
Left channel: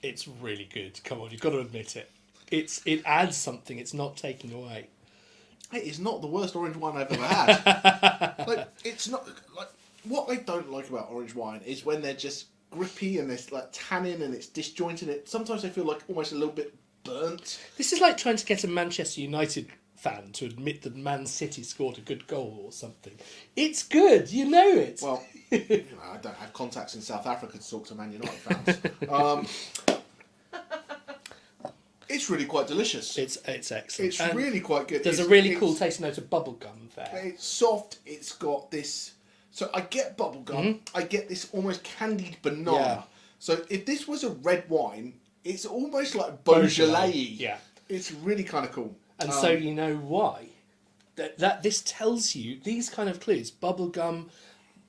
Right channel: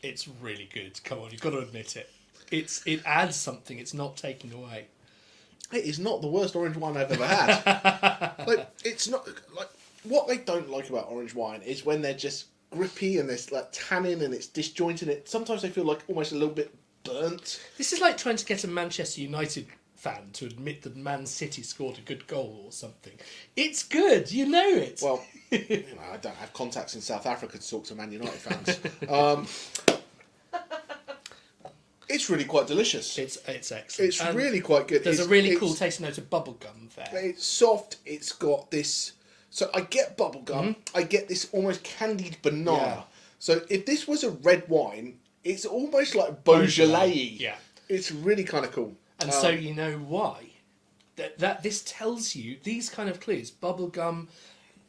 It's really good. Come on, you've got to admit it. It adds something. It's not taking away. It is not the worst orange wine I've ever had. Like, it's not like what I don't like about orange wine is when they're just grippy and there's like tannin and it's disjointed. It sometimes I feel like almost a little bit burnt. This is like trying to get a Manchester United fan to admit that Man City scored a good goal or something. It's good, you know it. Well, you know, I don't have contacts in South Africa to talk to Man United fans. It's really quite delicious. It's excellent. It's really quite good. There's a really cool tasting note of bubblegum there. It's soft. It's got this. So I get bubblegum. I get this almost candied banana. Yeah. So if this was a red wine, it's almost like Beaujolais. Yeah. It's really kind of cool. And so you know why. That this tells you these kind of clues, bubblegum,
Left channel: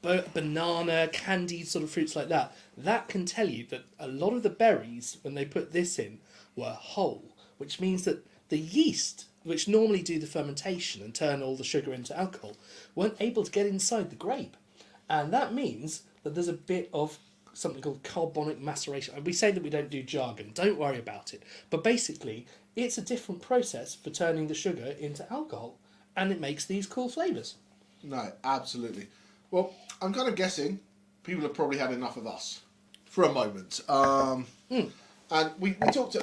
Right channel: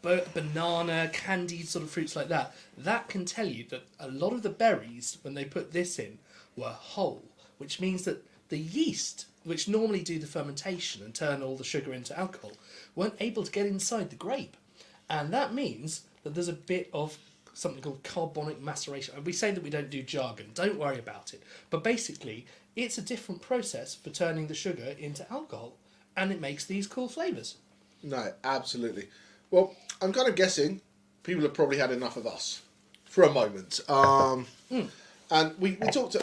banana, candied sort of fruits like that, that can tell you that a lot of the berries, when they put this in, were whole, which means that the yeast, which normally do the fermentation and turn all the sugar into alcohol, weren't able to get inside the grape. And that means that there's a bit of something called carbonic maceration. And we say that we don't do jargon, don't worry about it. But basically, it's a different process for turning the sugar into alcohol, and it makes these cool flavours. No, absolutely. Well, I'm kind of guessing people have probably had enough of us for a moment. And we talked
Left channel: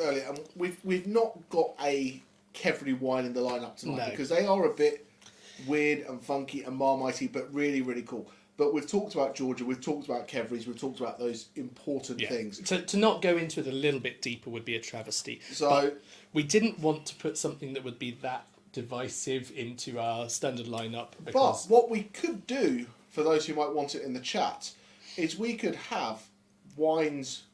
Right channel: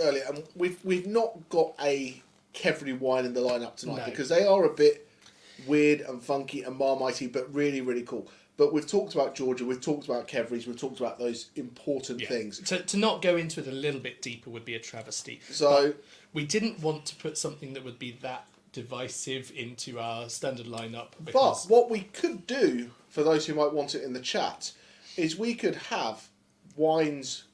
earlier, and we've not got a qvevri wine in the lineup tonight because they are a bit weird and funky and marmitey, but really, really cool. But we've talked about Georgia, we've talked about qvevris, we've talked about those important things. To not go into it a little bit deeper would be a travesty. So but we didn't want to put something that would be that divisive into our standard lineup. But what we could do, for those who might want it in the chat, is we could have wines,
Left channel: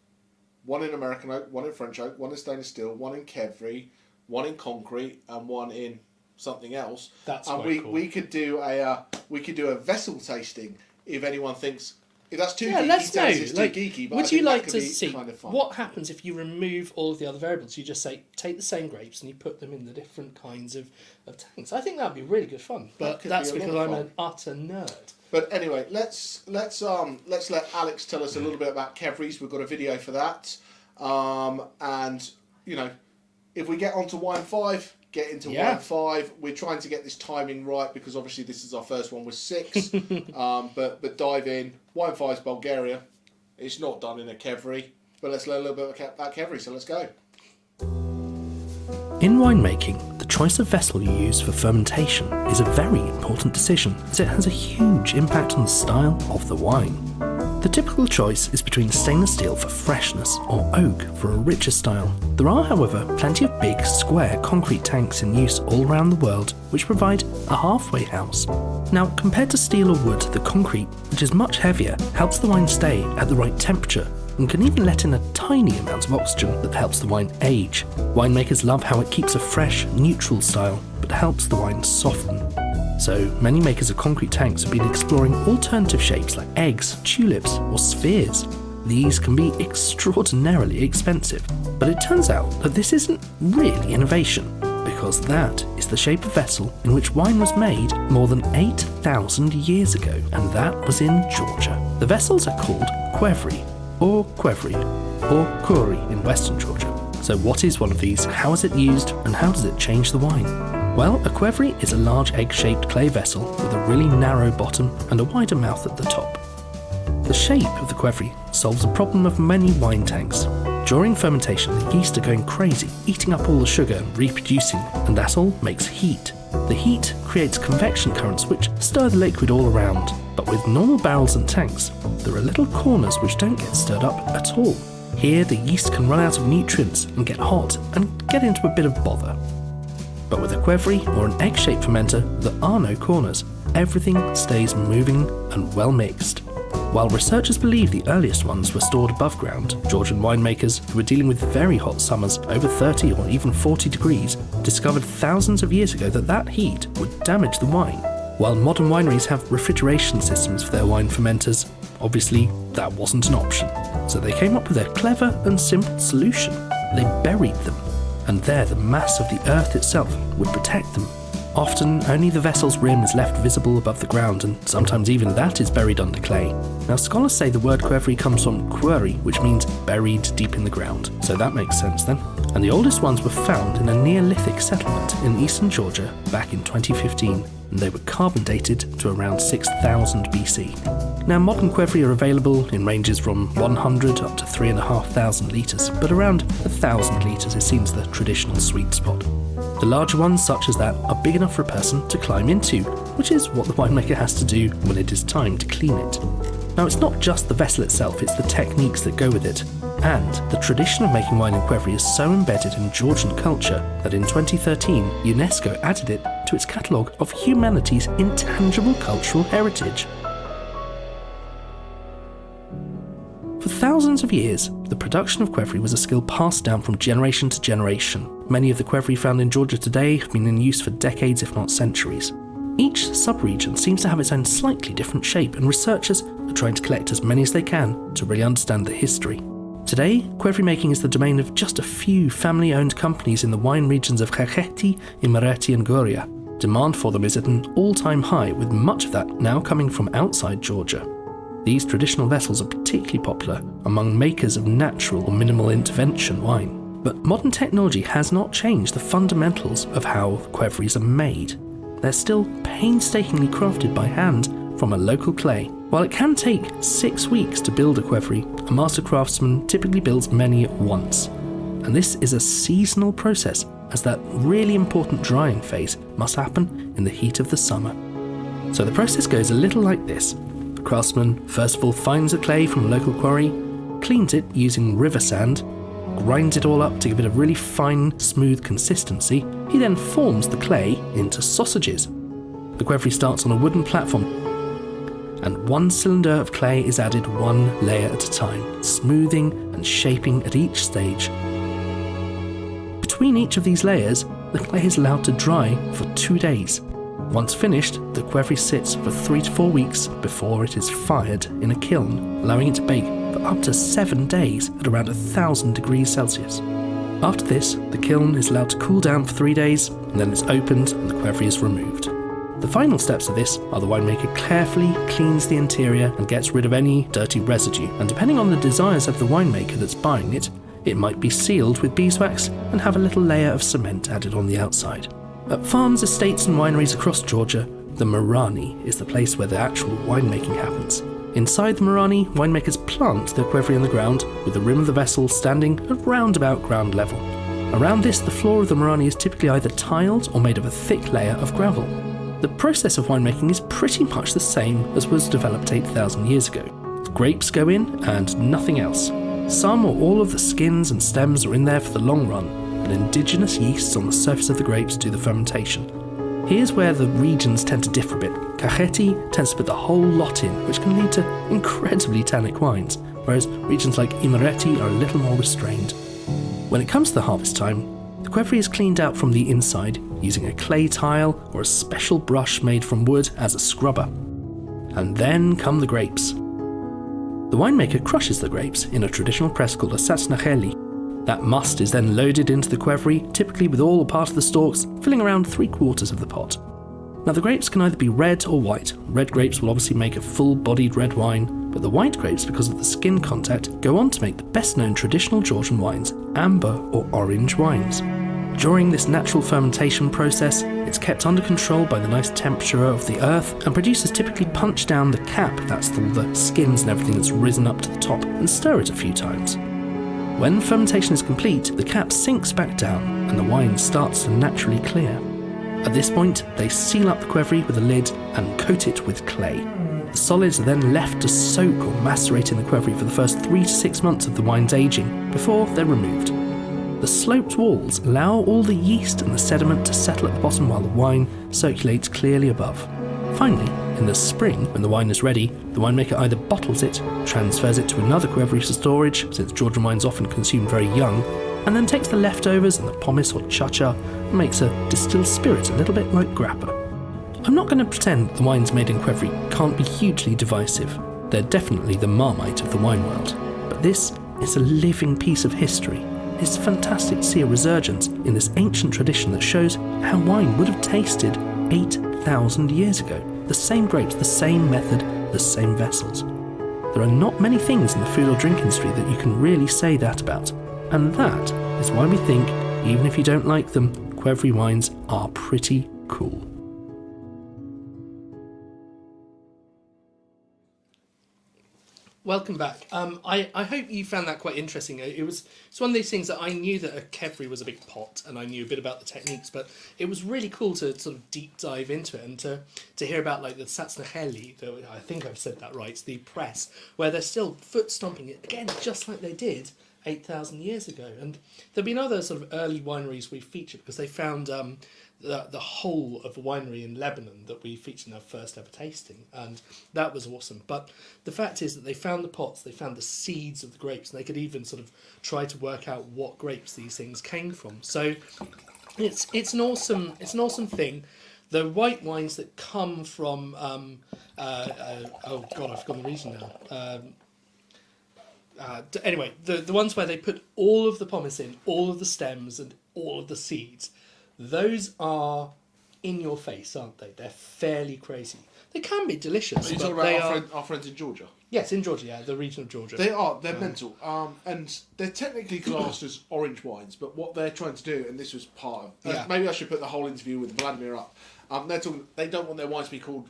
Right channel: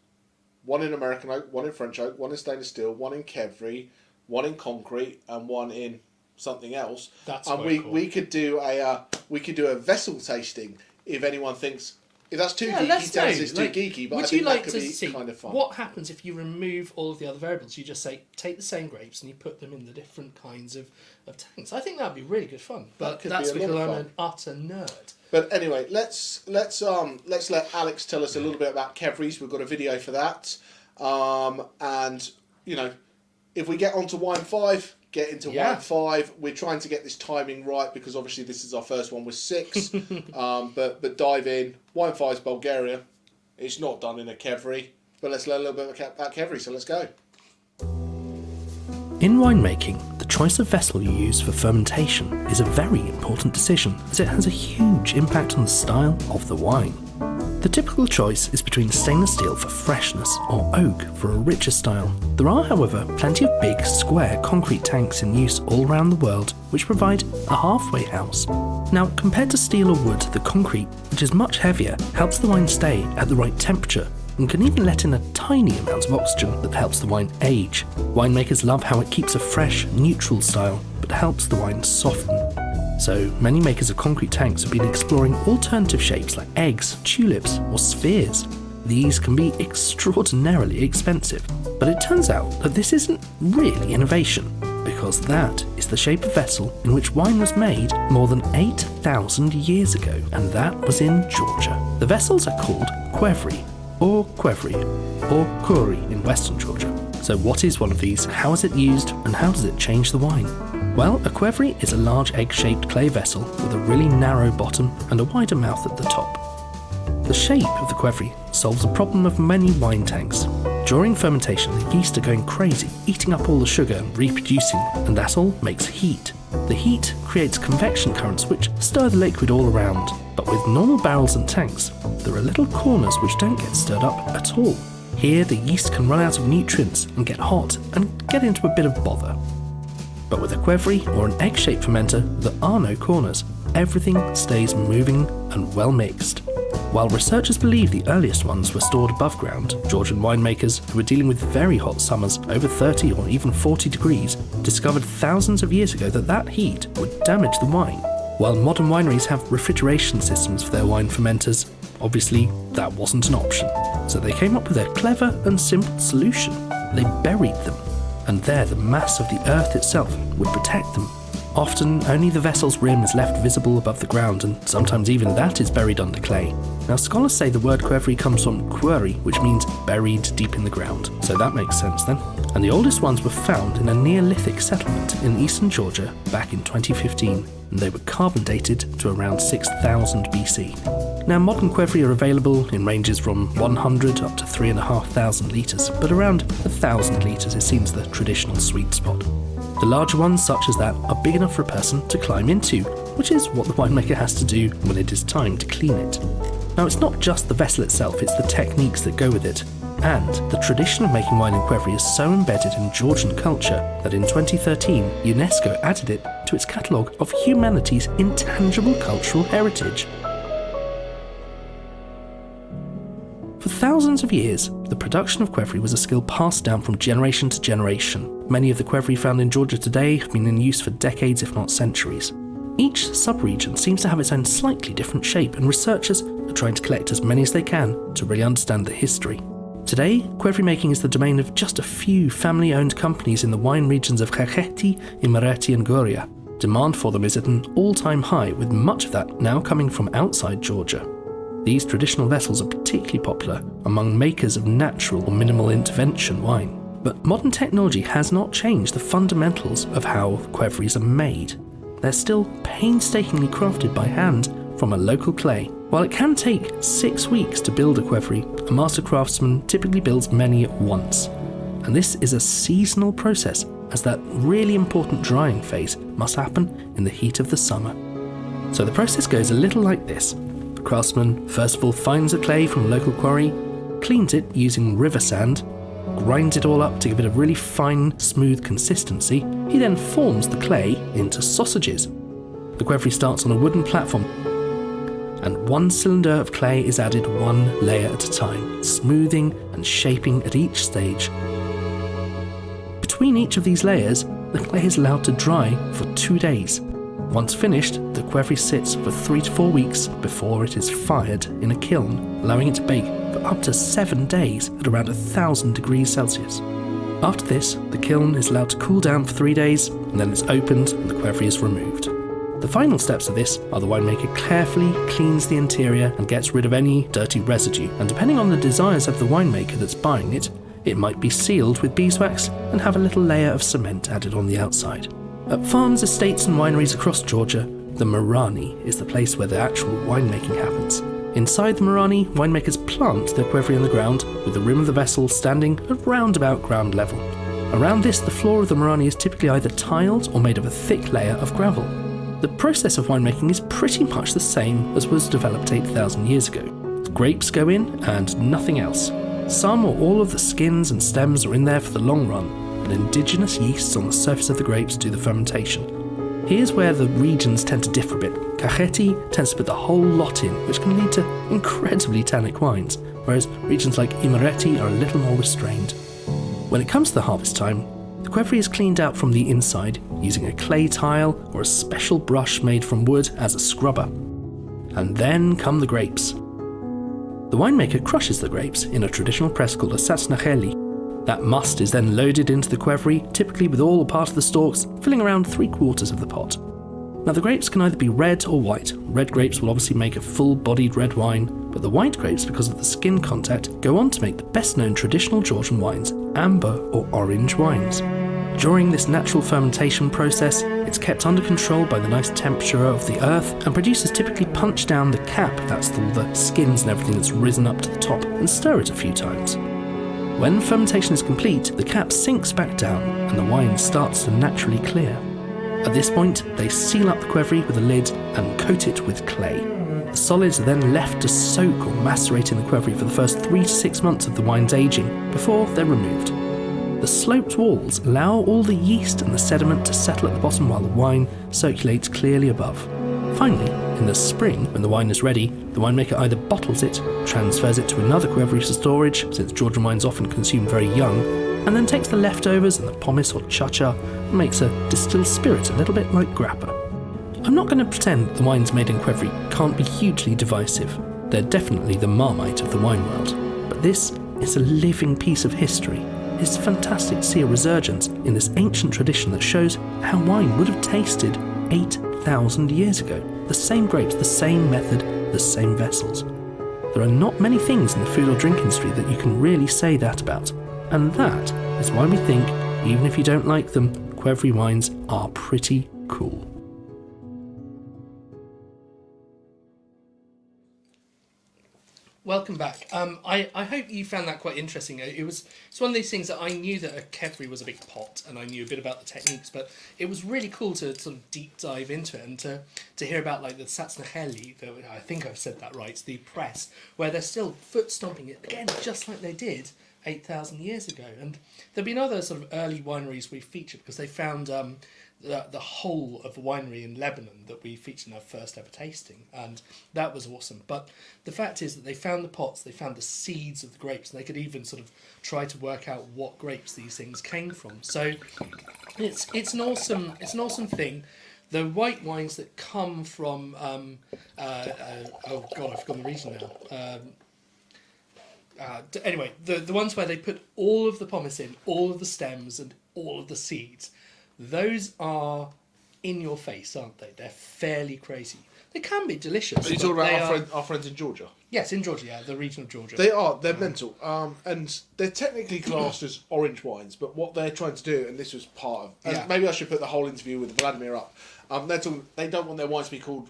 one in American oak, one in French oak, one in stainless steel, one in qvevri, one in concrete, and one in something else. That's and quite cool. we could do a vessel tasting if anyone thinks if that's too geeky, tells us it's too geeky. But I think that could be kind of fun. What happens if you remove all of the other variables? You just say take the same grapes and you put them in the different kinds of tanks. I think that would be really good fun. But that's because I'm an utter nerd. But anyway, let's let Alex tell us a little bit about qvevris. We've got a video for that. And you know, if we get onto wine 5, get into wine 5. We're trying to get this timing right because obviously this is our first one with 6. But dive in. Wine 5 is Bulgaria. It's not done in a qvevri, but let's learn a little bit about qvevri. So let's go. In winemaking, the choice of vessel you use for fermentation is a very important decision as it has a huge impact on the style of the wine. The typical choice is between stainless steel for freshness or oak for a richer style. There are, however, plenty of big, square concrete tanks in use all around the world which provide a halfway house. Now, compared to steel or wood, the concrete, which is much heavier, helps the wine stay at the right temperature and can even let in a tiny amount of oxygen that helps the wine age. Winemakers love how it keeps a fresh, neutral style, but helps the wine soften. So, many makers of concrete tanks have been exploring alternative shapes like eggs, tulips, or spheres. These can be extraordinarily expensive, but it turns out that this isn't really innovation, because that is the shape of vessel in which wine was made more than 8,000 years ago, and that was in Georgia. The vessels are called qvevri, or qvevri, or kuri in Western Georgia. So what is one of these, how is it used, and how does it change the wine? Well, a qvevri is a large egg-shaped clay vessel with a really narrow bottom and a wider mouth at the top. The shape of the qvevri solves the problem of many wine tanks. During fermentation, the yeast are going crazy, eating up all the sugar and reproducing, and that all makes heat. The heat creates convection currents which stir the liquid all around. But with normal barrels and tanks, there are little corners which don't get stirred up at all. Here, the yeast can run out of nutrients and get hot and get into a bit of bother. But with a qvevri or an egg-shaped fermenter, there are no corners. Everything stays moving and well mixed. While researchers believe the earliest ones were stored above ground, Georgian winemakers, who were dealing with very hot summers over 30 or even 40 degrees, discovered thousands of years ago that heat would damage the wine. While modern wineries have refrigeration systems for their wine fermenters, obviously that wasn't an option. So they came up with a clever and simple solution. They buried them, and there the mass of the earth itself would protect them. Often, only the vessel's rim is left visible above the ground, and sometimes even that is buried under clay. Now, scholars say the word qvevri comes from qvevri, which means buried deep in the ground, so that makes sense then. And the oldest ones were found in a Neolithic settlement in eastern Georgia back in 2015, and they were carbon dated to around 6000 BC. Now, modern qvevri are available in ranges from 100 up to 3,500 litres, but around 1,000 litres is seen as the traditional sweet spot. The larger ones, such as that, are big enough for a person to climb into, which is what the winemaker has to do when it is time to clean it. Now, it's not just the vessel itself, it's the techniques that go with it. And the tradition of making wine in qvevri is so embedded in Georgian culture that in 2013, UNESCO added it to its catalogue of humanity's intangible cultural heritage. For thousands of years, the production of qvevri was a skill passed down from generation to generation. Many of the qvevri found in Georgia today have been in use for decades, if not centuries. Each sub-region seems to have its own slightly different shape, and researchers are trying to collect as many as they can to really understand the history. Today, qvevri making is the domain of just a few family-owned companies in the wine regions of Rkatsiteli, Imereti and Goria. Demand for them is at an all-time high, with much of that now coming from outside Georgia. These traditional vessels are particularly popular among makers of natural or minimal intervention wine. But modern technology has not changed the fundamentals of how qvevris are made. They're still painstakingly crafted by hand from a local clay. While it can take 6 weeks to build a qvevri, a master craftsman typically builds many at once. And this is a seasonal process, as that really important drying phase must happen in the heat of the summer. So the process goes a little like this. The craftsman first of all finds the clay from a local quarry, cleans it using river sand, grinds it all up to give it a really fine, smooth consistency. He then forms the clay into sausages. The qvevri starts on a wooden platform, and one cylinder of clay is added one layer at a time, smoothing and shaping at each stage. Between each of these layers, the clay is allowed to dry for 2 days. Once finished, the qvevri sits for 3 to 4 weeks before it is fired in a kiln, allowing it to bake for up to 7 days at around 1,000 degrees Celsius. After this, the kiln is allowed to cool down for 3 days, and then it's opened and the qvevri is removed. The final steps of this are the winemaker carefully cleans the interior and gets rid of any dirty residue, and depending on the desires of the winemaker that's buying it, it might be sealed with beeswax and have a little layer of cement added on the outside. At farms, estates and wineries across Georgia, the Morani is the place where the actual winemaking happens. Inside the Morani, winemakers plant the qvevri in the ground, with the rim of the vessel standing at round about ground level. Around this, the floor of the Morani is typically either tiled or made of a thick layer of gravel. The process of winemaking is pretty much the same as was developed 8,000 years ago. The grapes go in and nothing else. Some or all of the skins and stems are in there for the long run, and indigenous yeasts on the surface of the grapes do the fermentation. Here's where the regions tend to differ a bit. Rkatsiteli tends to put the whole lot in, which can lead to incredibly tannic wines, whereas regions like Imereti are a little more restrained. When it comes to the harvest time, the qvevri is cleaned out from the inside using a clay tile or a special brush made from wood as a scrubber. And then come the grapes. The winemaker crushes the grapes in a traditional press called a Rkatsiteli. That must is then loaded into the qvevri, typically with all or part of the stalks, filling around 3/4 of the pot. Now the grapes can either be red or white. Red grapes will obviously make a full-bodied red wine, but the white grapes, because of the skin contact, go on to make the best-known traditional Georgian wines, amber or orange wines. During this natural fermentation process, it's kept under control by the nice temperature of the earth, and producers typically punch down the cap, that's all the skins and everything that's risen up to the top, and stir it a few times. When fermentation is complete, the cap sinks back down and the wine starts to naturally clear. At this point, they seal up the qvevri with a lid and coat it with clay. The solids are then left to soak or macerate in the qvevri for the first 3 to 6 months of the wine's aging before they're removed. The sloped walls allow all the yeast and the sediment to settle at the bottom while the wine circulates clearly above. Finally, in the spring, when the wine is ready, the winemaker either bottles it, transfers it to another qvevri for storage, since Georgian wine's often consumed very young, and then takes the leftovers and the pomace or chacha and makes a distilled spirit a little bit like grappa. I'm not going to pretend the wines made in qvevri can't be hugely divisive. They're definitely the Marmite of the wine world. But this is a living piece of history, It's fantastic to see a resurgence in this ancient tradition that shows how wine would have tasted 8,000 years ago. The same grapes, the same method, the same vessels. There are not many things in the food or drink industry that you can really say that about. And that is why we think, even if you don't like them, qvevri wines are pretty cool. Welcome back. I hope you found that quite interesting. It's one of those things that I knew that a qvevri was a big pot, and I knew a bit about the techniques, but it was really cool to sort of deep dive into it and to hear about like the Rkatsiteli, I think I've said that right, the press, where they're still foot stomping it again, just like they did 8,000 years ago. And there've been other sort of early wineries we featured because they found the whole of a winery in Lebanon that we featured in our first ever tasting, and that was awesome. But the fact is that they found the pots, they found the seeds of the grapes, and they could even sort of try to work out what grapes these things came from. So it's an awesome thing. The white wines that come from oh god, I've forgotten the region now. Anyway, the ones where they put all of the pomace in, all of the stems and all of the seeds, those are in your face, aren't they? They're fairly crazy. They can be delicious. Are you talking about our friends in Georgia? Yes, in Georgia, yeah, the region of Georgia. They're mental. And they're technically classed as orange wines, but what they're trying to do, and this was part of... Yeah. Maybe I should put the whole interview with Vladimir up. They don't want their wines to be called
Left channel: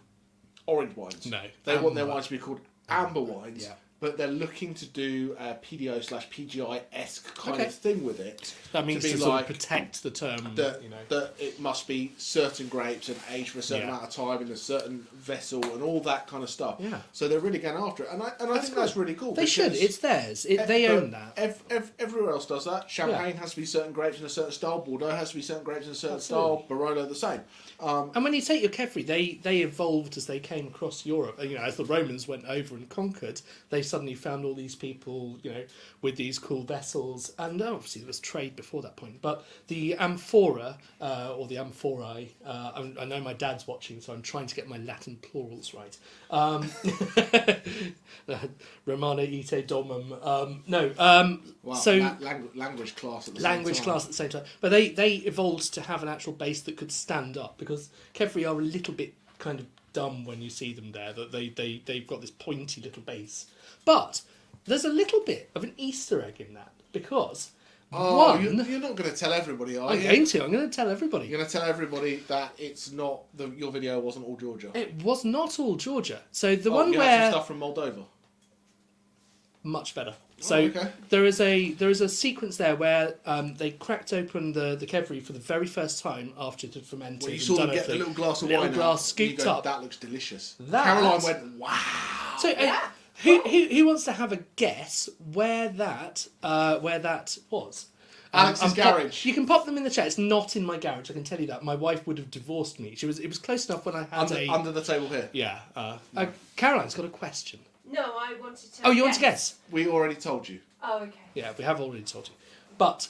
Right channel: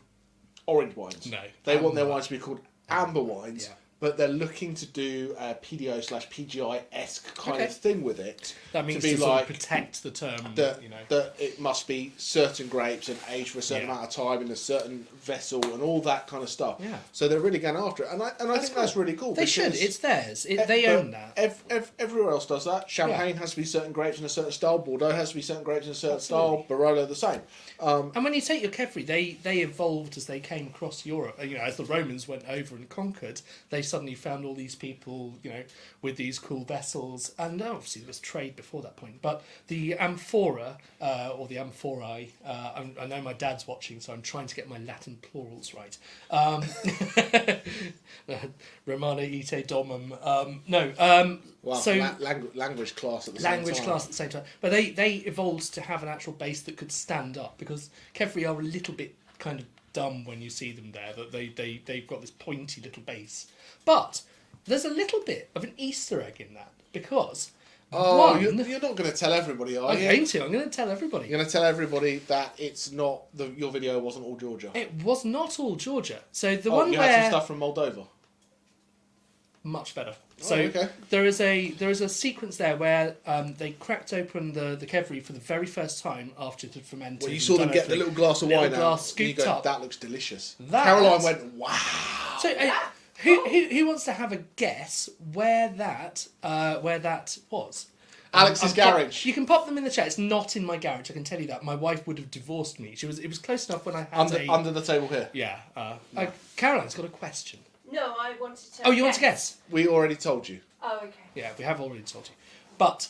orange wines. No. They want their wines to be called amber wines. Yeah. But they're looking to do a PDO/PGI-esque kind Okay. of thing with it. That means to be to sort like of protect the term, that, you know. that it must be certain grapes and aged for a certain Yeah. amount of time in a certain vessel and all that kind of stuff. Yeah. So they're really going after it. And I think that's really cool. They should. because It's theirs. They own that. Everywhere else does that. Champagne has to be certain grapes in a certain style. Bordeaux has to be certain grapes in a certain style. Barolo the same. And when you take your qvevri, they evolved as they came across Europe. You know, as the Romans went over and conquered, they suddenly found all these people, you know, with these cool vessels. And obviously there was trade before that point. But the amphora, or the amphorae, I know my dad's watching, so I'm trying to get my Latin plurals right. Romana ite domum. Wow, so language class at the language same time. class at the same time. But they evolved to have an actual base that could stand up, because qvevri are a little bit kind of dumb when you see them there, that they've got this pointy little base. But there's a little bit of an Easter egg in that, because you're not going to tell everybody, are you? I'm going to tell everybody. You're going to tell everybody that it's not your video wasn't all Georgia. It was not all Georgia. So the one you where had some stuff from Moldova. much better. So okay. there is a sequence there where they cracked open the qvevri for the very first time after it had fermented. Well, you and saw them done get the everything. little glass of Little wine glass out. scooped and you go, up. that looks delicious. That- Caroline went, wow. So who wants to have a guess where that was? Alex's garage. You can pop them in the chat. It's not in my garage, I can tell you that. My wife would have divorced me. It was close enough when I had Under the table here. Yeah. Caroline's got a question. No, I wanted to. Oh, you want to guess? We already told you. Oh, okay. Yeah, we have already told you. But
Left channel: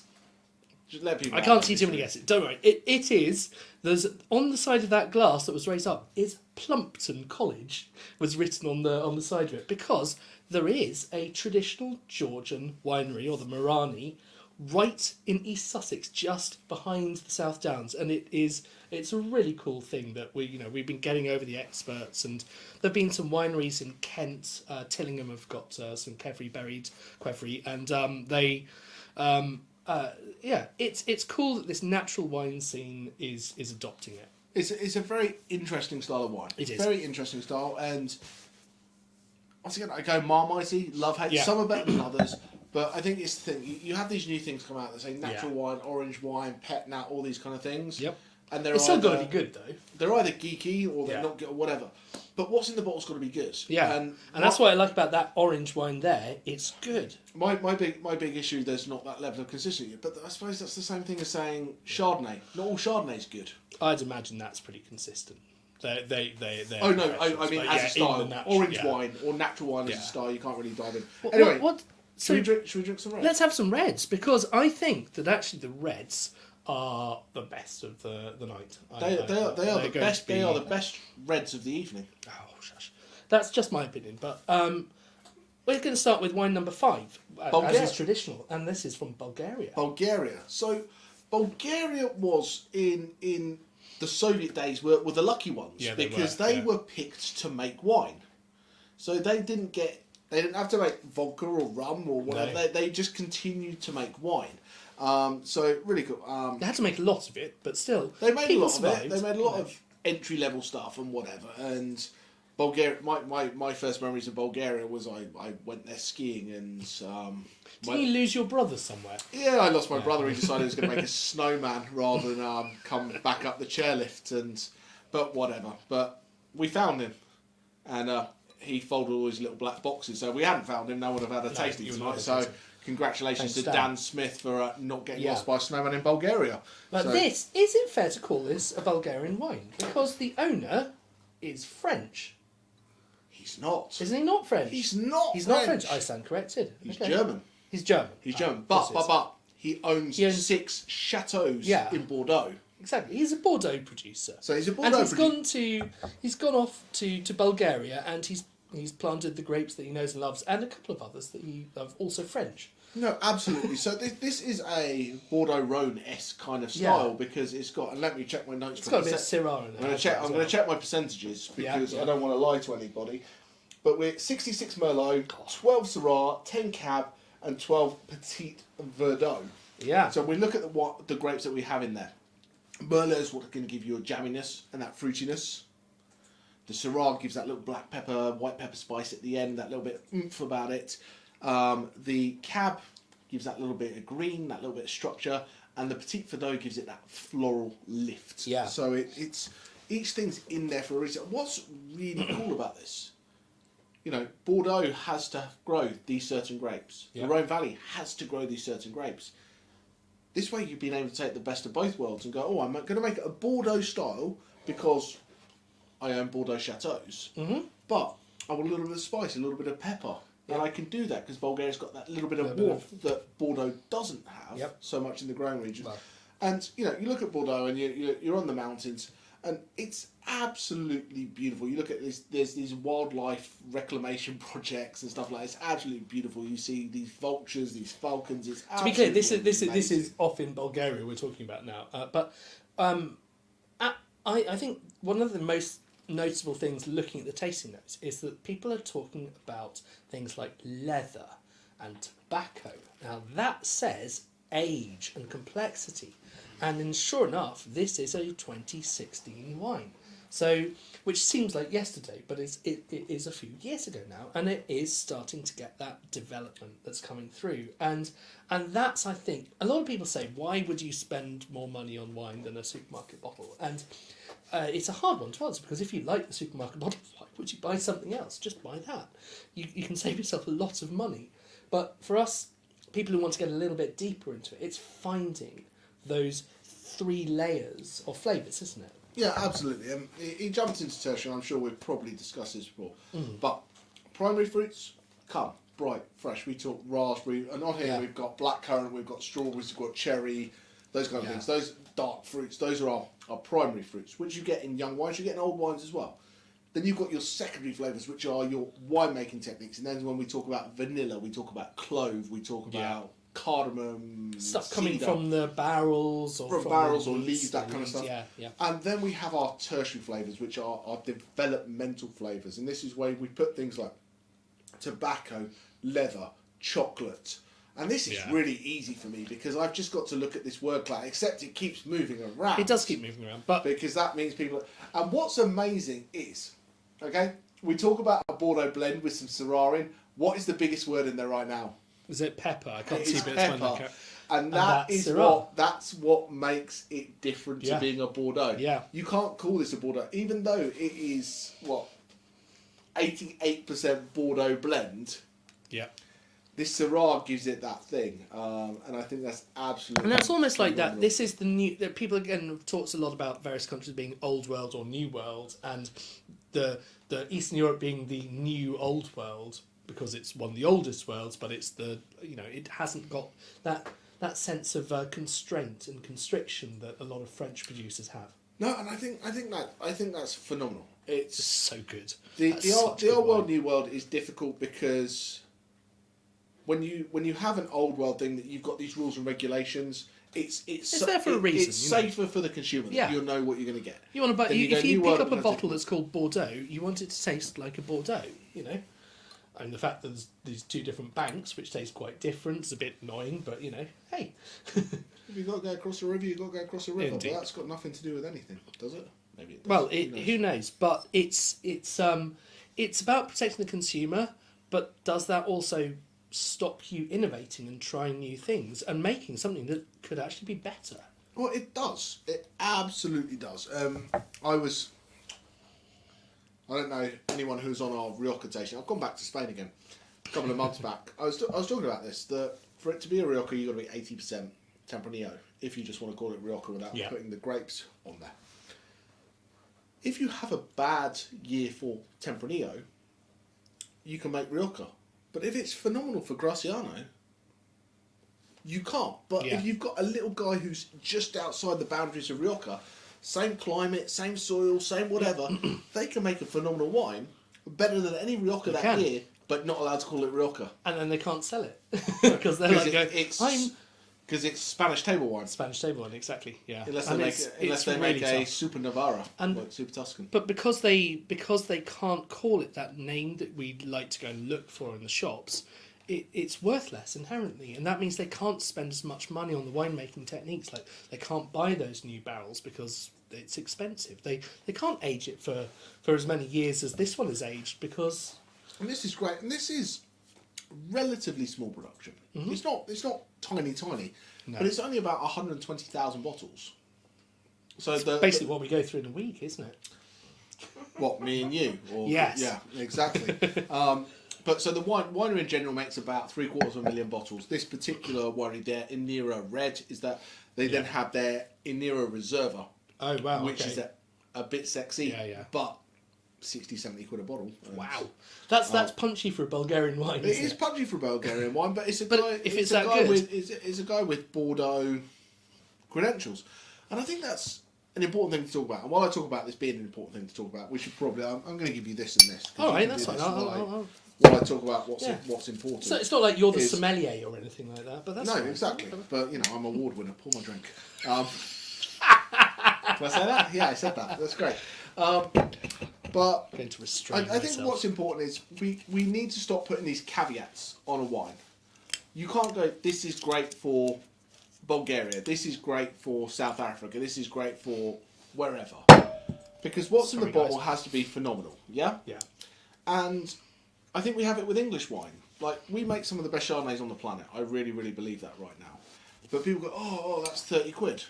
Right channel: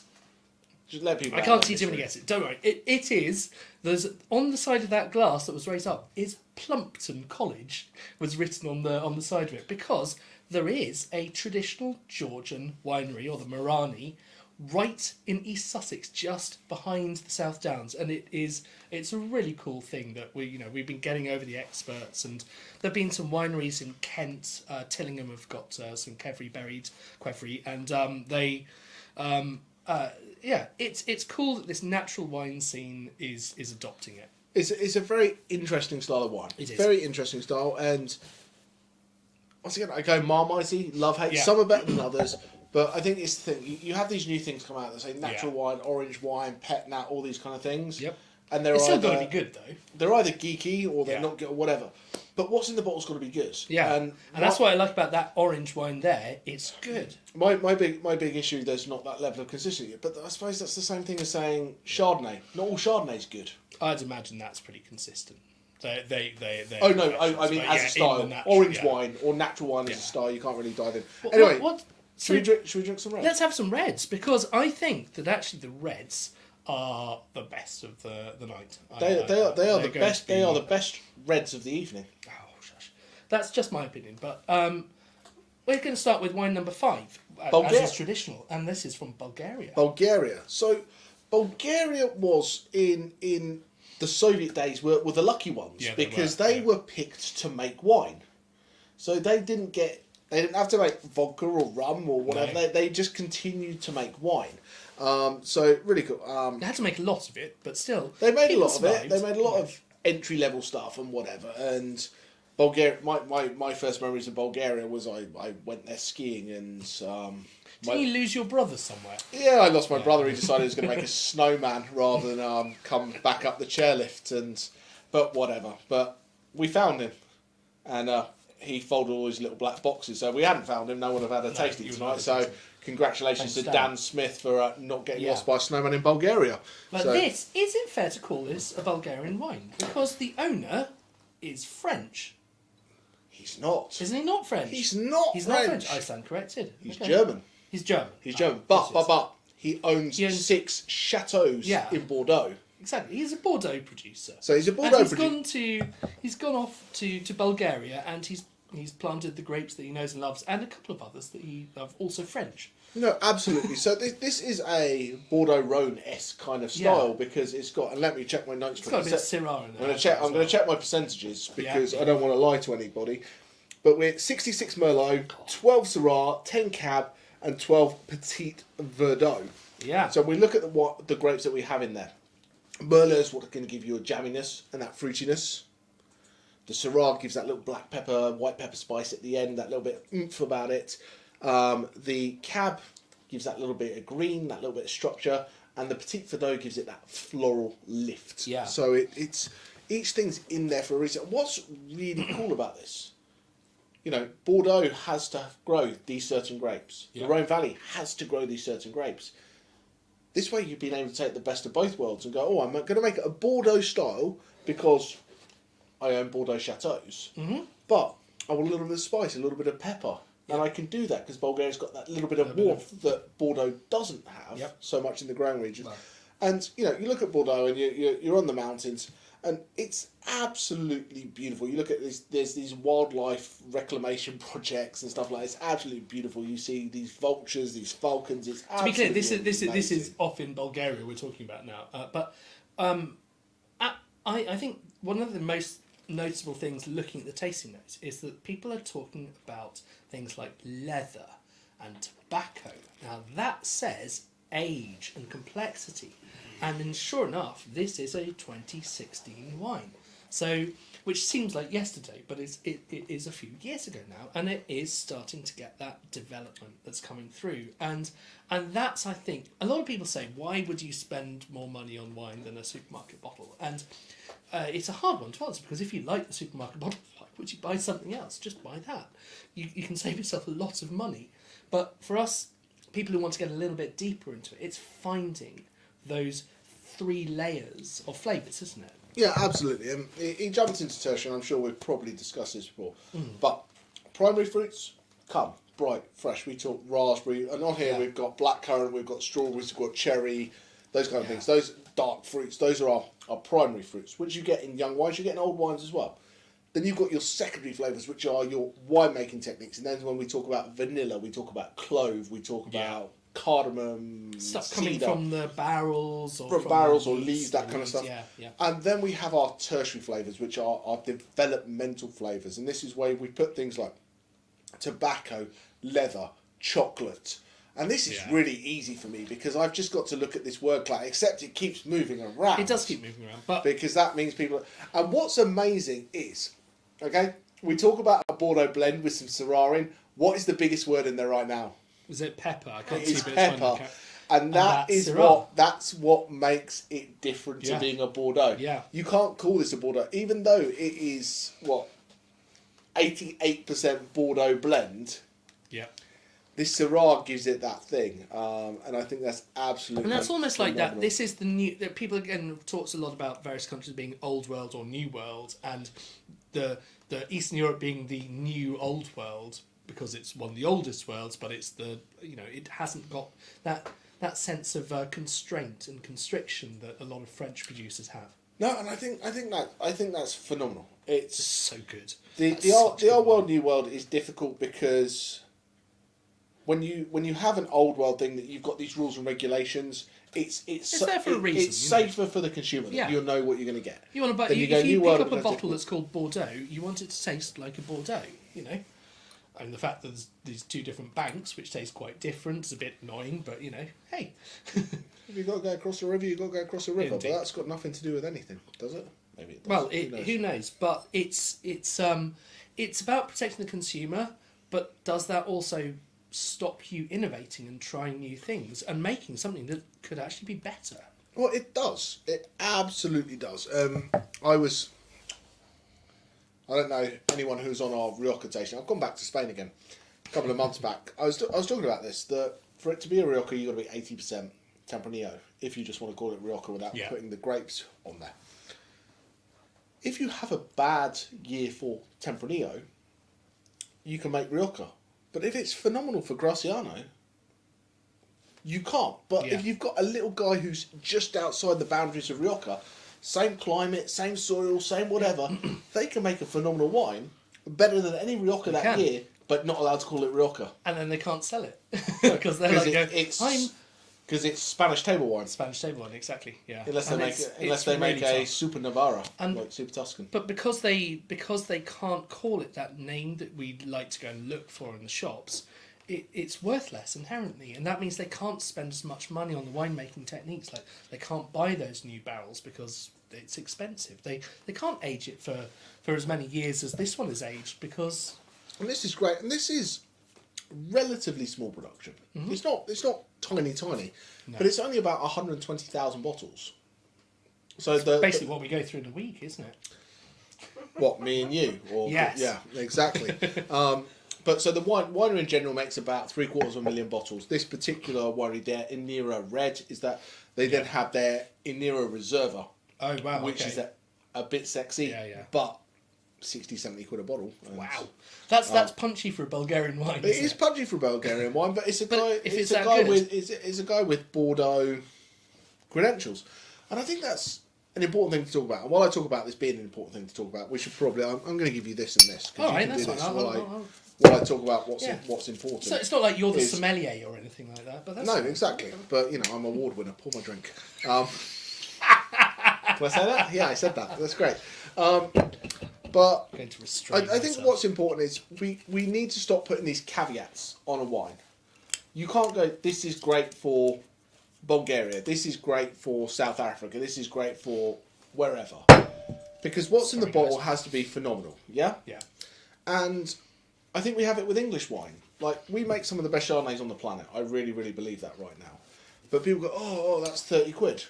Just let people I know, can't see too obviously. many guesses. Don't worry. It is. There's on the side of that glass that was raised up is Plumpton College was written on the side of it, because there is a traditional Georgian winery, or the Marani, right in East Sussex, just behind the South Downs, and it's a really cool thing that we've been getting over the experts, and there've been some wineries in Kent. Tillingham have got some buried qvevri, and it's cool that this natural wine scene is adopting it. It's a very interesting style of wine. It is. Very interesting style, and once again, I go Marmitey, love, hate. Yeah. Some are better than others, but I think it's the thing. You have these new things come out that say natural Yeah. wine, orange wine, pet nat, all these kind of things. Yep. And they're It's still either, got to be good though. They're either geeky or they're Yeah. not good or whatever. But what's in the bottle's got to be good. Yeah, And that's what I like about that orange wine there. It's good. My big issue, there's not that level of consistency. But I suppose that's the same thing as saying Chardonnay. Not all Chardonnay's good. I'd imagine that's pretty consistent. They Oh no, I professionals, mean but as yeah, a style, in the natural, orange yeah. wine or natural wine as Yeah. a style, you can't really dive in. What- Anyway, what- should we drink some red? Let's have some reds, because I think that actually the reds are the best of the night. They are They're the going best. to be- They are the best reds of the evening. Oh, shush. That's just my opinion, but We're going to start with wine number 5, Bulgaria. as is traditional, and this is from Bulgaria. Bulgaria. So Bulgaria was in the Soviet days were the lucky ones, Yeah, because were, they yeah. were picked to make wine. So they didn't have to make vodka or rum or whatever. No. They just continued to make wine. So really cool. They had to make a lot of it, but still, They made a people lot of it. survived. They made a lot of entry level stuff and whatever. And Bulgaria, my first memories of Bulgaria was I went there skiing and Didn't you lose your brother somewhere? yeah, I lost my brother. He decided he was going to make a snowman rather than come back up the chairlift. But whatever. But we found him, and he folded all his little black boxes. So if we hadn't found him, no one would have had a tasting you would tonight. not So have tasted. congratulations Thanks, to Dan. Dan Smith for not getting Yeah. lost by a snowman in Bulgaria. But So- this, is it fair to call this a Bulgarian wine? Because the owner is French. He's not. Isn't he not French? He's not He's French. not French. I stand corrected. He's Okay. German. He's German. He's Oh, German. of course But he owns He owns- 6 chateaus Yeah. in Bordeaux. Exactly. He's a Bordeaux producer. So he's a And Bordeaux he's gone off to Bulgaria, and he's planted the grapes that he knows and loves, and a couple of others that he loves, also French. No, absolutely. So this is a Bordeaux Rhone-esque kind of style Yeah. because it's got. And let me check my notes. It's got a quickly. bit of Syrah in it. I'm going to check my percentages because Yeah. I don't want to lie to anybody. But we're 66 Merlot, 12 Syrah, 10 Cab, and 12 Petit Verdot. Yeah. So we look at the grapes that we have in there. Merlot is what's going to give you a jamminess and that fruitiness. The Syrah gives that little black pepper, white pepper spice at the end, that little bit of oomph about it. The Cab gives that little bit of green, that little bit of structure, and the Petit Verdot gives it that floral lift. Yeah. So it's each thing's in there for a reason. What's really cool about this? Bordeaux has to grow these certain grapes. Yeah. The Rhone Valley has to grow these certain grapes. This way you've been able to take the best of both worlds and go, oh, I'm going to make it a Bordeaux style because I own Bordeaux chateaus. Mm-hmm. But I want a little bit of spice, a little bit of pepper. And I can do that because Bulgaria's got that little bit of warmth that Bordeaux doesn't have so much in the growing region. No. And, you look at Bordeaux and you're on the mountains and it's absolutely beautiful. You look at this, there's these wildlife reclamation projects and stuff like that. It's absolutely beautiful. You see these vultures, these falcons. It's To be clear, absolutely this amazing. is off in Bulgaria we're talking about now. I think one of the most notable things looking at the tasting notes is that people are talking about things like leather and tobacco. Now that says age and complexity. And sure enough, this is a 2016 wine. So, which seems like yesterday, but it is a few years ago now, and it is starting to get that development that's coming through. And that's, I think, a lot of people say, why would you spend more money on wine than a supermarket bottle? And it's a hard one to answer, because if you like the supermarket bottle, why would you buy something else? Just buy that. You can save yourself a lot of money. But for us, people who want to get a little bit deeper into it, it's finding those 3 layers of flavours, isn't it? Yeah, absolutely. And he jumped into tertiary, and I'm sure we've probably discussed this before. But primary fruits come bright, fresh. We talk raspberry, and on here we've got blackcurrant, we've got strawberries, we've got cherry, those kind of things. Those dark fruits, those are our primary fruits, which you get in young wines, you get in old wines as well. Then you've got your secondary flavours, which are your winemaking techniques. And then when we talk about vanilla, we talk about clove, we talk about cardamom, Stuff coming cedar. from the barrels or From from barrels the or lees, leaves, that kind of stuff. Yeah. And then we have our tertiary flavours, which are our developmental flavours. And this is where we put things like tobacco, leather, chocolate. And this is really easy for me because I've just got to look at this word cloud, except it keeps moving around. It does keep moving around, but Because that means people... And what's amazing is, okay, we talk about a Bordeaux blend with some Syrah in. What is the biggest word in there right now? is it pepper? I can't It see, is but it's fine, pepper. okay. And that that's is Syrah. that's what makes it different to Yeah. being a Bordeaux. Yeah. You can't call this a Bordeaux, even though it is 88% Bordeaux blend. Yeah. This Syrah gives it that thing, and I think that's absolutely. And that's almost like that. phenomenal. This is the new. That people again talks a lot about various countries being old world or new world, and the Eastern Europe being the new old world because it's one of the oldest worlds, but it's it hasn't got that sense of constraint and constriction that a lot of French producers have. No, and I think that's phenomenal. It's So good. the That's such good old world, wine. new world is difficult because when you have an old world thing that you've got these rules and regulations, it's there for a reason, It's you know. safer for the consumer. That you'll know what you're going to get. You want to buy, Then if you New World, pick up I'm a gonna bottle take- that's called Bordeaux, you want it to taste like a Bordeaux, you know. And the fact that there's these two different banks, which taste quite different, is a bit annoying, but, you know, hey. If you've got to go across a river, you've got to go across a river. Indeed. But that's got nothing to do with anything, does it? Maybe it does. Well, knows? who knows? But it's about protecting the consumer, but does that also stop you innovating and trying new things and making something that could actually be better? Well, it does. It absolutely does. I don't know anyone who's on our Rioja tasting. I've gone back to Spain again a couple of months back. I was talking about this, that for it to be a Rioja, you've got to be 80% Tempranillo, if you just want to call it Rioja without putting the grapes on there. If you have a bad year for Tempranillo, you can make Rioja. But if it's phenomenal for Graciano, you can't. But if you've got a little guy who's just outside the boundaries of Rioja, same climate, same soil, same whatever, they can make a phenomenal wine better than any Rioja that year, but not allowed to call it Rioja. And then they can't sell it because they're like, because it's Spanish table wine. Spanish table wine, exactly. Yeah. Unless they make a Super Navarra, like Super Tuscan. But because they can't call it that name that we'd like to go and look for in the shops, it's worthless inherently, and that means they can't spend as much money on the winemaking techniques. Like they can't buy those new barrels because it's expensive. They can't age it for as many years as this one is aged because. And this is great, and this is relatively small production. Mm-hmm. It's not tiny, but it's only about 120,000 bottles. So basically what we go through in a week, isn't it? What, me and you? Or, yes. Yeah, exactly. But so the winery in general makes about 750,000 bottles. This particular winery, their Inera Red, is that they then have their Inera Reserva. Oh wow! Which is a bit sexy, but 60-70 quid a bottle. Wow, that's punchy for a Bulgarian wine. It is punchy for a Bulgarian wine, but it's a guy. It's a guy with Bordeaux credentials, and I think that's an important thing to talk about. And while I talk about this being an important thing to talk about, we should probably. I'm going to give you this and this. All right, that's fine. While I talk about what's important. So it's not like you're the sommelier or anything like that, but that's no, fine. exactly. But you know, I'm an award winner. Pour my drink. Did I say that? Yeah, I said that. That's great. But I'm going to restrain I think what's important is we need to stop putting these caveats on a wine. You can't go, this is great for Bulgaria, this is great for South Africa, this is great for wherever. Because what's in the bottle has to be phenomenal, yeah? Yeah. And I think we have it with English wine. Like, we make some of the best Chardonnays on the planet. I really, really believe that right now. But people go, oh, that's 30 quid.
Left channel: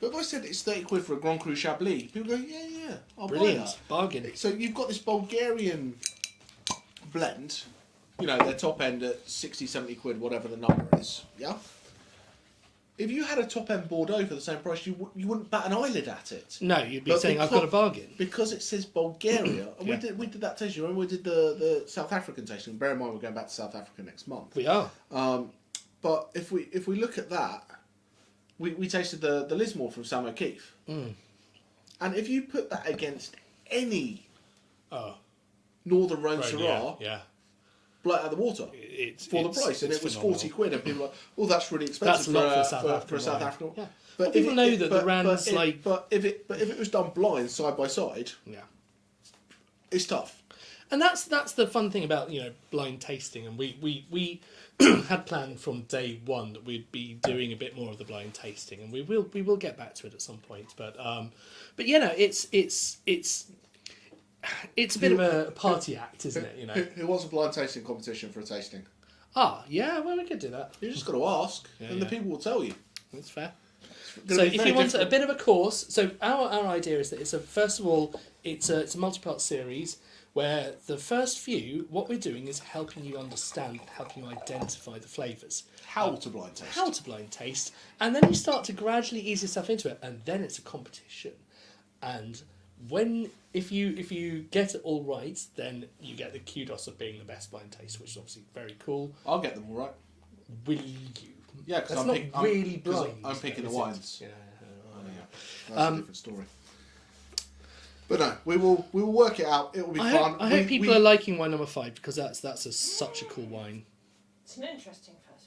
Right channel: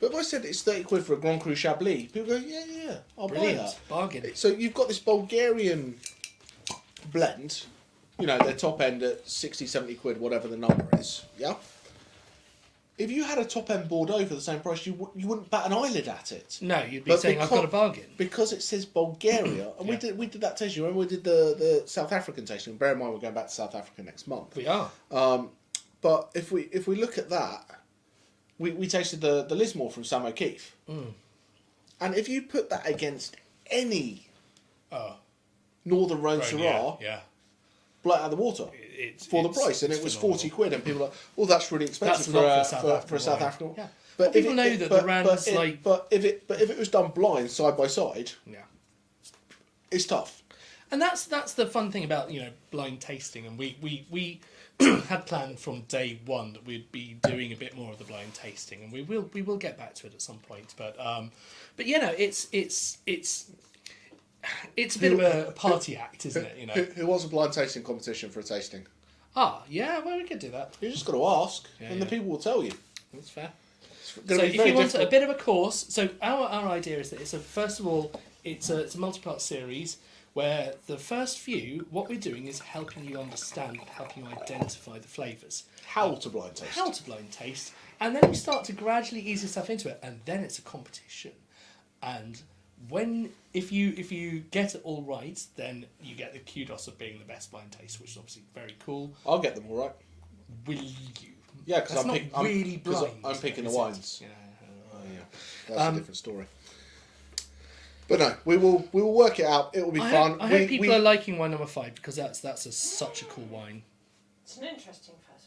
But if I said it's 30 quid for a Grand Cru Chablis, people go, yeah, I'll buy that. Bargain. So you've got this Bulgarian blend, you know, their top end at 60, 70 quid, whatever the number is, yeah? If you had a top end Bordeaux for the same price, you wouldn't bat an eyelid at it. No, you'd be saying, I've got a bargain. Because it says Bulgaria, and we did that tasting, remember we did the South African tasting, bear in mind we're going back to South Africa next month. We are. But if we look at that, we tasted the Lismore from Sam O'Keefe. Mm. And if you put that against any Northern Rhone Syrah, blow it out of the water for the price. And it was 40 quid. And people are like, well, that's really expensive for a South African. Yeah. But people know that the Rand's like... But if it was done blind, side by side, it's tough. And that's the fun thing about, you know, blind tasting. And we had planned from day one that we'd be doing a bit more of the blind tasting, and we will get back to it at some point. But you know, it's a bit of a party act, isn't it? You know, who wants a blind tasting competition for a tasting? Well, we could do that. You just got to ask, and the people will tell you. That's fair. So if you want a bit of a course, so our idea is that first of all, it's a multi-part series. Where the first few, what we're doing is helping you understand, helping you identify the flavours. How to blind taste. And then you start to gradually ease yourself into it, and then it's a competition. And if you get it all right, then you get the kudos of being the best blind taster, which is obviously very cool. I'll get them all right. Will you? Yeah, because I'm picking the wines. Yeah. That's a different story. But no, we will work it out. It will be fun. I hope people are liking wine number 5 because that's such a cool wine. It's an interesting first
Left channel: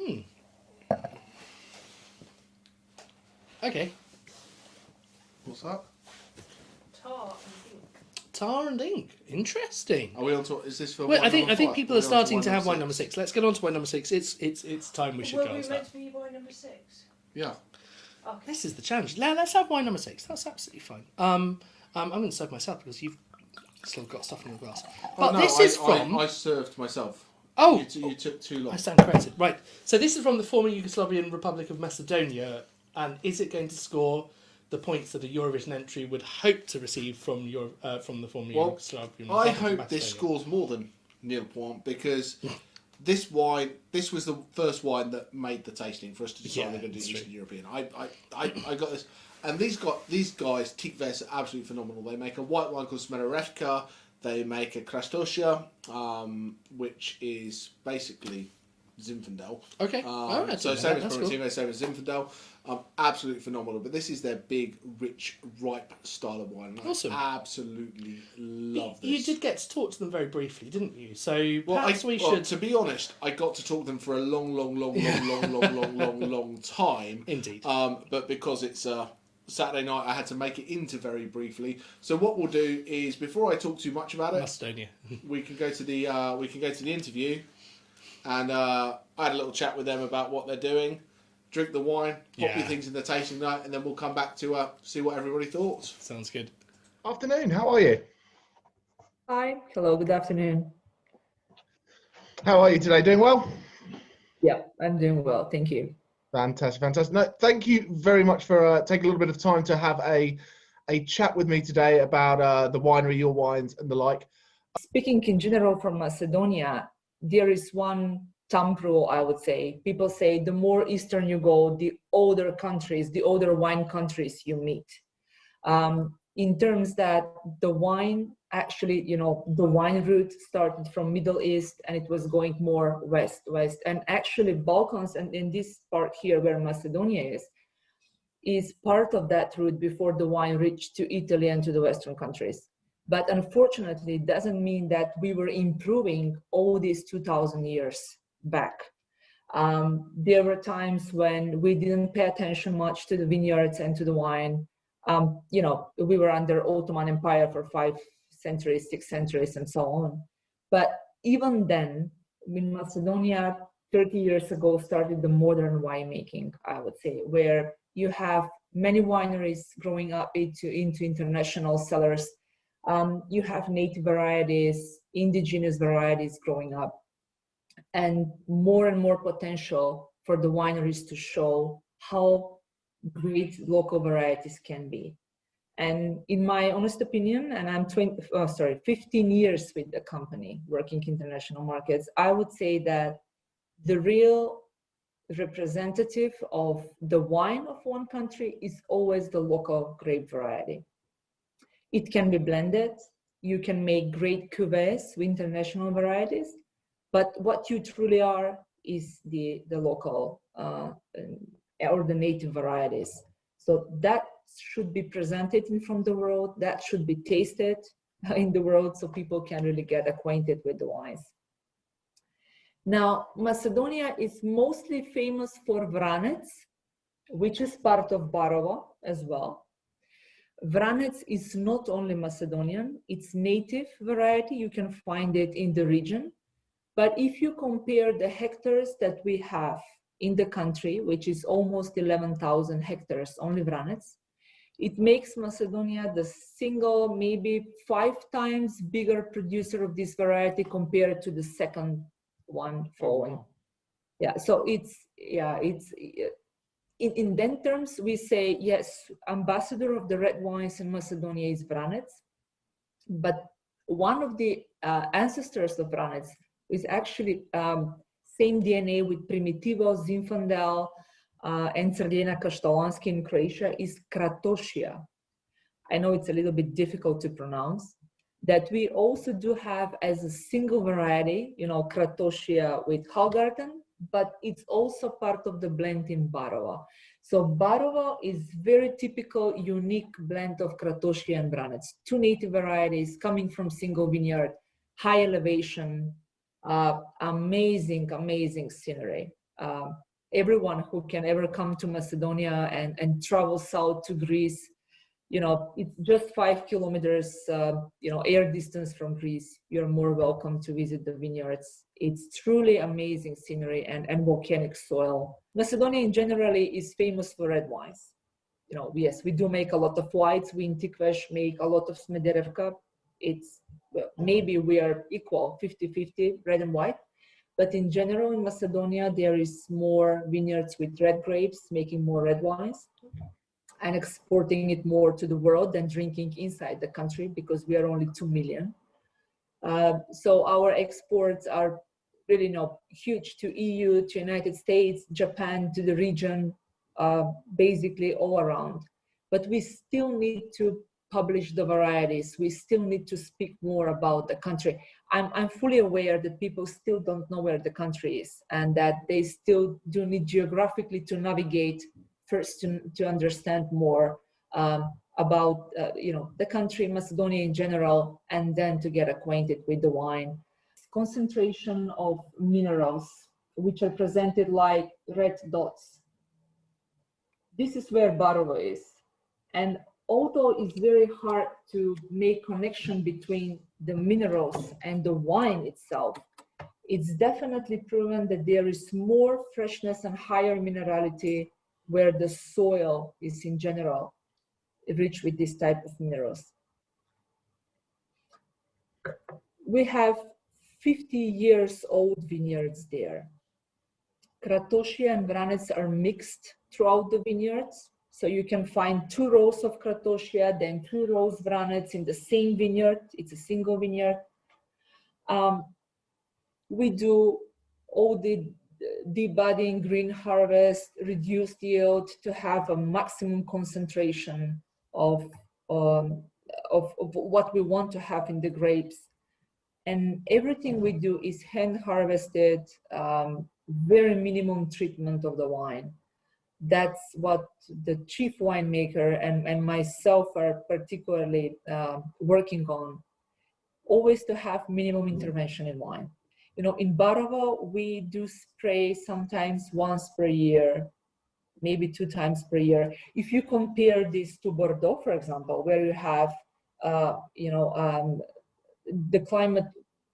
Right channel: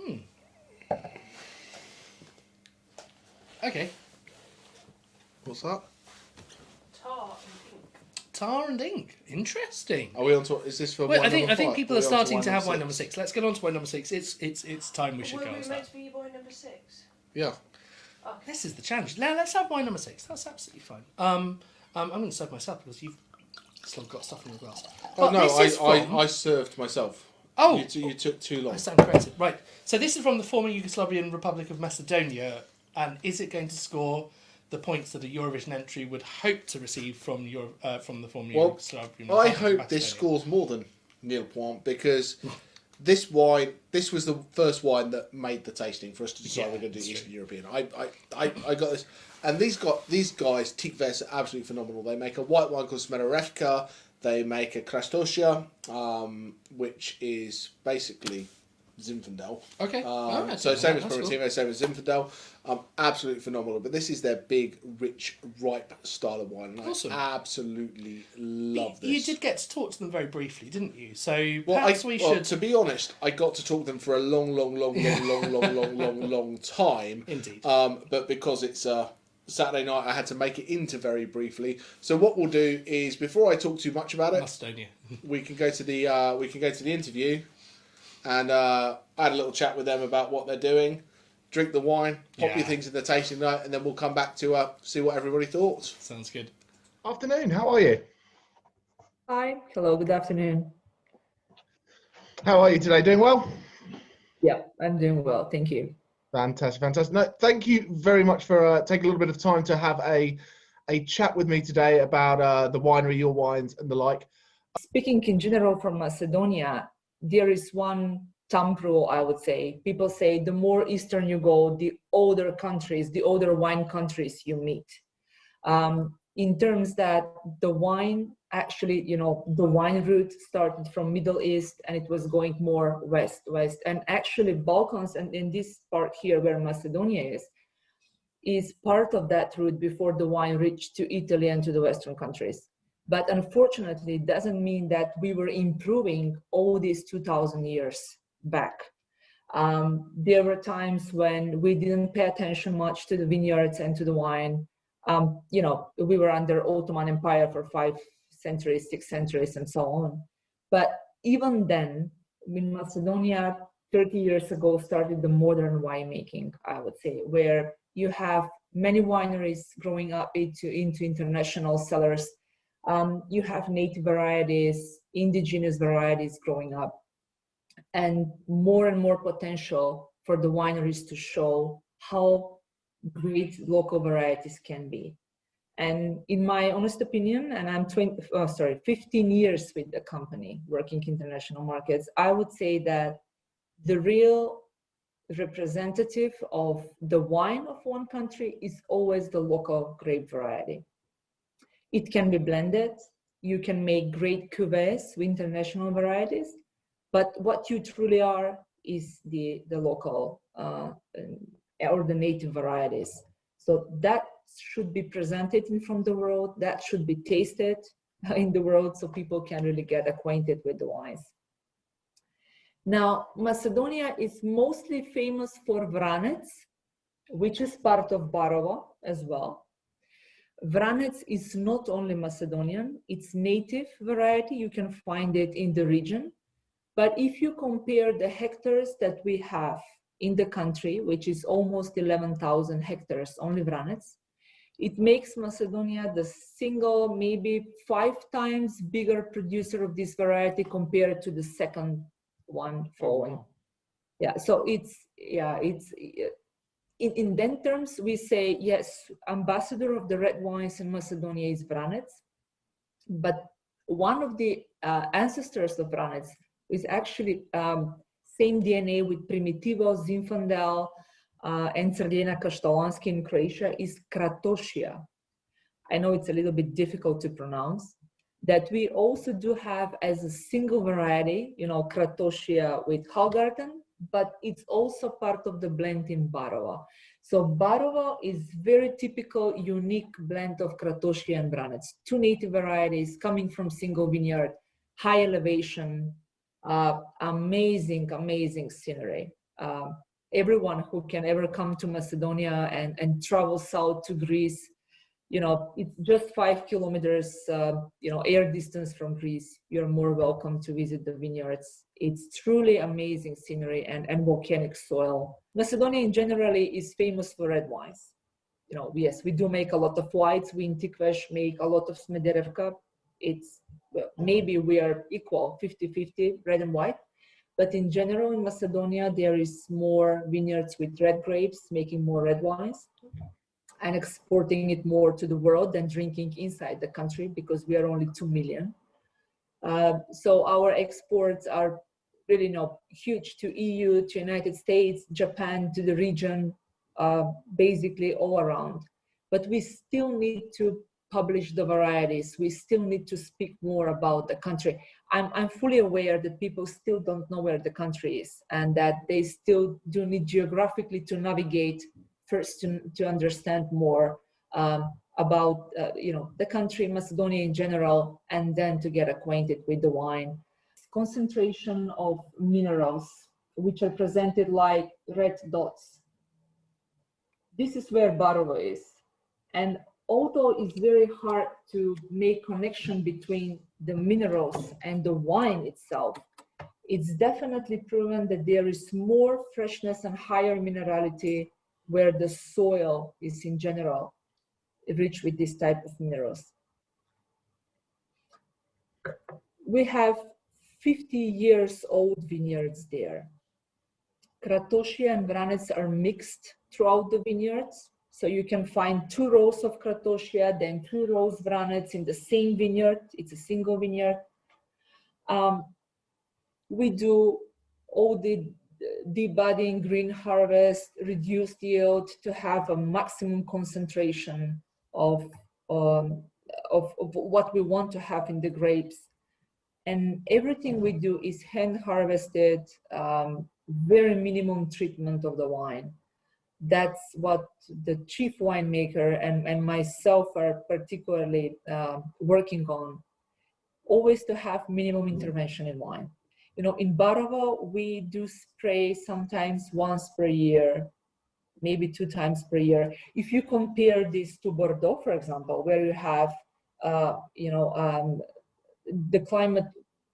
word. Okay. What's that? Tar and ink. Tar and ink. Interesting. Are we on to? Is this for? Well, wine I think number five? people Are are we on starting to wine have wine number six? 6. Let's get on to wine number 6. It's time we should Were go. we and meant start. to be wine number 6? Yeah. Okay. This is the challenge. Let's have wine number 6. That's absolutely fine. I'm going to serve myself because you've still got stuff in your glass. Oh no, this is from... I served myself. Oh, you took too long. I stand corrected. Right. So this is from the former Yugoslavian Republic of Macedonia, and is it going to score the points that a Eurovision entry would hope to receive from the former Yugoslavian Republic I of hope this Macedonia? scores more than nil point because this was the first wine that made the tasting for us to decide Yeah, we're going to do that's Eastern true. European. I got this, and these guys, qvevri, are absolutely phenomenal. They make a white wine called Smerovka. They make a Krastosia, which is basically Zinfandel. Okay. So same as That's cool. Primitivo, same as Zinfandel. Absolutely phenomenal. But this is their big, rich, ripe style of wine. I Awesome. absolutely love this. You did get to talk to them very briefly, didn't you? So Well, perhaps we should... to be honest, I got to talk to them for a long time. Indeed. But because it's Saturday night, I had to make it into very briefly. So what we'll do is, before I talk too much about it, Macedonia. we can go to the interview, and I had a little chat with them about what they're doing. Drink the wine, pop your Yeah. things in the tasting note, and then we'll come back to see what everybody thought. Sounds good. Afternoon, how are you? Hi, hello, good afternoon. How are you today? Doing well? Yeah, I'm doing well, thank you. Fantastic, fantastic. No, thank you very much for taking a little bit of time to have a chat with me today about the winery, your wines and the like. Speaking in general from Macedonia, there is one thumb rule, I would say. People say the more eastern you go, the older countries, the older wine countries you meet. In terms that the wine, actually, the wine route started from Middle East and it was going more west. And actually Balkans, and in this part here where Macedonia is part of that route before the wine reached to Italy and to the Western countries. But unfortunately, it doesn't mean that we were improving all these 2,000 years back. There were times when we didn't pay attention much to the vineyards and to the wine. We were under Ottoman Empire for 5 centuries, 6 centuries, and so on. But even then, in Macedonia, 30 years ago, started the modern winemaking, I would say, where you have many wineries growing up into international cellars. You have native varieties, indigenous varieties growing up, and more potential for the wineries to show how great local varieties can be. And in my honest opinion, and I'm 15 years with the company working international markets, I would say that the real representative of the wine of one country is always the local grape variety. It can be blended. You can make great cuvées with international varieties, but what you truly are is the local or the native varieties. So that should be presented in front of the world. That should be tasted in the world so people can really get acquainted with the wines. Now, Macedonia is mostly famous for Vranec, which is part of Barova as well. Vranec is not only Macedonian, it's native variety. You can find it in the region. But if you compare the hectares that we have in the country, which is almost 11,000 hectares, only Vranec, it makes Macedonia the single, maybe 5 times bigger producer of this variety compared to the second one following. Oh, wow. Yeah, so in that terms, we say, yes, ambassador of the red wines in Macedonia is Vranec, but one of the ancestors of Vranec is actually same DNA with Primitivo, Zinfandel, and Crnjena Kaštelanski in Croatia is Kratošija. I know it's a little bit difficult to pronounce. That we also do have as a single variety, Kratošija with Hallgarten, but it's also part of the blend in Barova. So Barova is very typical, unique blend of Kratošija and Vranec. 2 native varieties coming from single vineyard, high elevation, Amazing scenery. Everyone who can ever come to Macedonia and travel south to Greece, you know, it's just 5 kilometers, you know, air distance from Greece. You're more welcome to visit the vineyards. It's truly amazing scenery and volcanic soil. Macedonia in generally is famous for red wines. You know, yes, we do make a lot of whites. We in Tikvesh make a lot of Smederevka. It's, well, maybe we are equal, 50-50 red and white. But in general, in Macedonia, there is more vineyards with red grapes, making more red wines and exporting it more to the world than drinking inside the country, because we are only 2 million. So our exports are really, you know, huge to EU, to United States, Japan, to the region, basically all around. But we still need to publish the varieties. We still need to speak more about the country. I'm fully aware that people still don't know where the country is, and that they still do need geographically to navigate first to understand more about you know, the country, Macedonia in general, and then to get acquainted with the wine. Concentration of minerals, which are presented like red dots. This is where Barovo is. And although it's very hard to make connection between the minerals and the wine itself, it's definitely proven that there is more freshness and higher minerality where the soil is in general rich with this type of minerals. We have 50 years old vineyards there. Kratošija and Vranec are mixed throughout the vineyards. So you can find 2 rows of Kratošija, then 2 rows Vranec in the same vineyard. It's a single vineyard. We do all the debudding, green harvest, reduced yield to have a maximum concentration of what we want to have in the grapes. And everything we do is hand harvested, very minimum treatment of the wine. That's what the chief winemaker and myself are particularly working on, always to have minimum intervention in wine. You know, in Barovo, we do spray sometimes once per year, maybe 2 times per year. If you compare this to Bordeaux, for example, where you have, you know, the climate,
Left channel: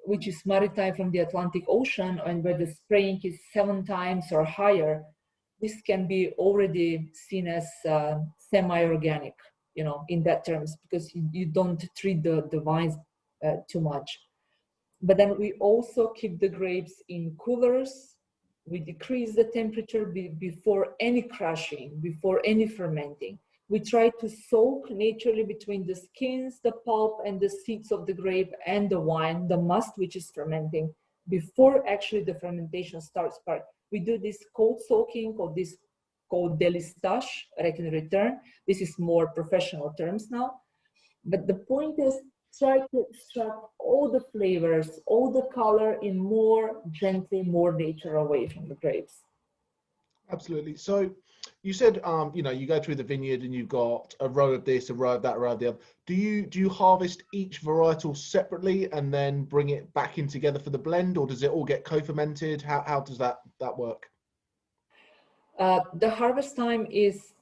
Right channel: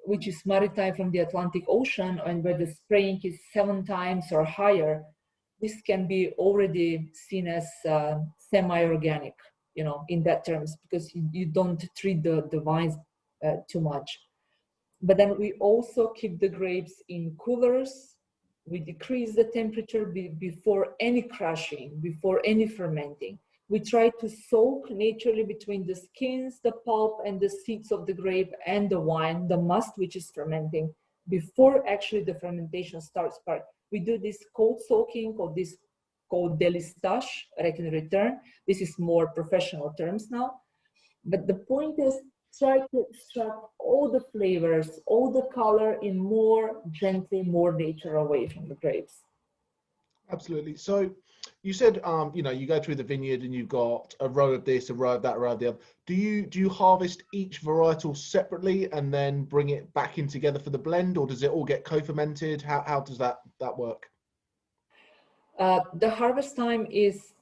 which is maritime from the Atlantic Ocean, and where the spraying is 7 times or higher, this can be already seen as semi-organic, you know, in that terms, because you don't treat the vines too much. But then we also keep the grapes in coolers. We decrease the temperature before any crushing, before any fermenting. We try to soak naturally between the skins, the pulp, and the seeds of the grape and the wine, the must, which is fermenting, before actually the fermentation starts. We do this cold soaking, or this called delistage, right in return. This is more professional terms now. But the point is, try to extract all the flavors, all the color in more gently, more natural way from the grapes. Absolutely. So you said, you know, you go through the vineyard and you've got a row of this, a row of that, a row of the other. Do you harvest each varietal separately and then bring it back in together for the blend, or does it all get co-fermented? How does that work? The harvest time is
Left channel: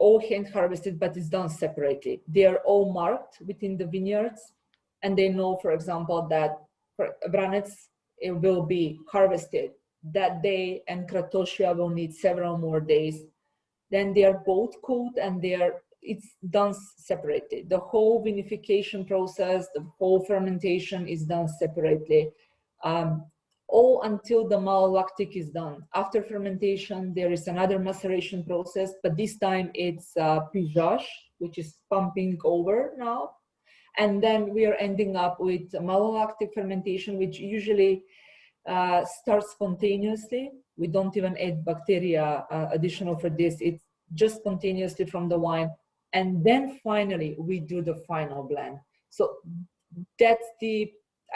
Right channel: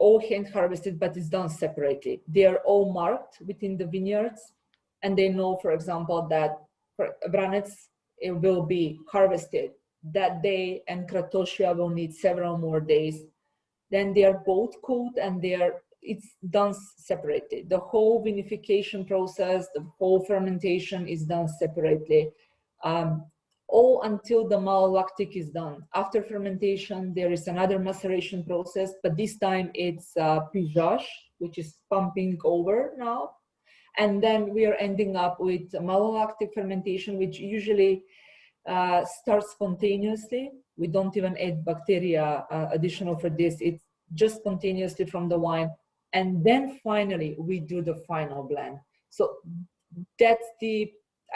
all hand harvested, but it's done separately. They are all marked within the vineyards, and they know, for example, that Vranec will be harvested that day, and Kratošija will need several more days. Then they are both cooled, and it's done separately. The whole vinification process, the whole fermentation is done separately, all until the malolactic is done. After fermentation, there is another maceration process, but this time it's pigeage, which is pumping over now. And then we are ending up with malolactic fermentation, which usually starts spontaneously. We don't even add bacteria additional for this. It's just spontaneously from the wine. And then finally, we do the final blend. So that's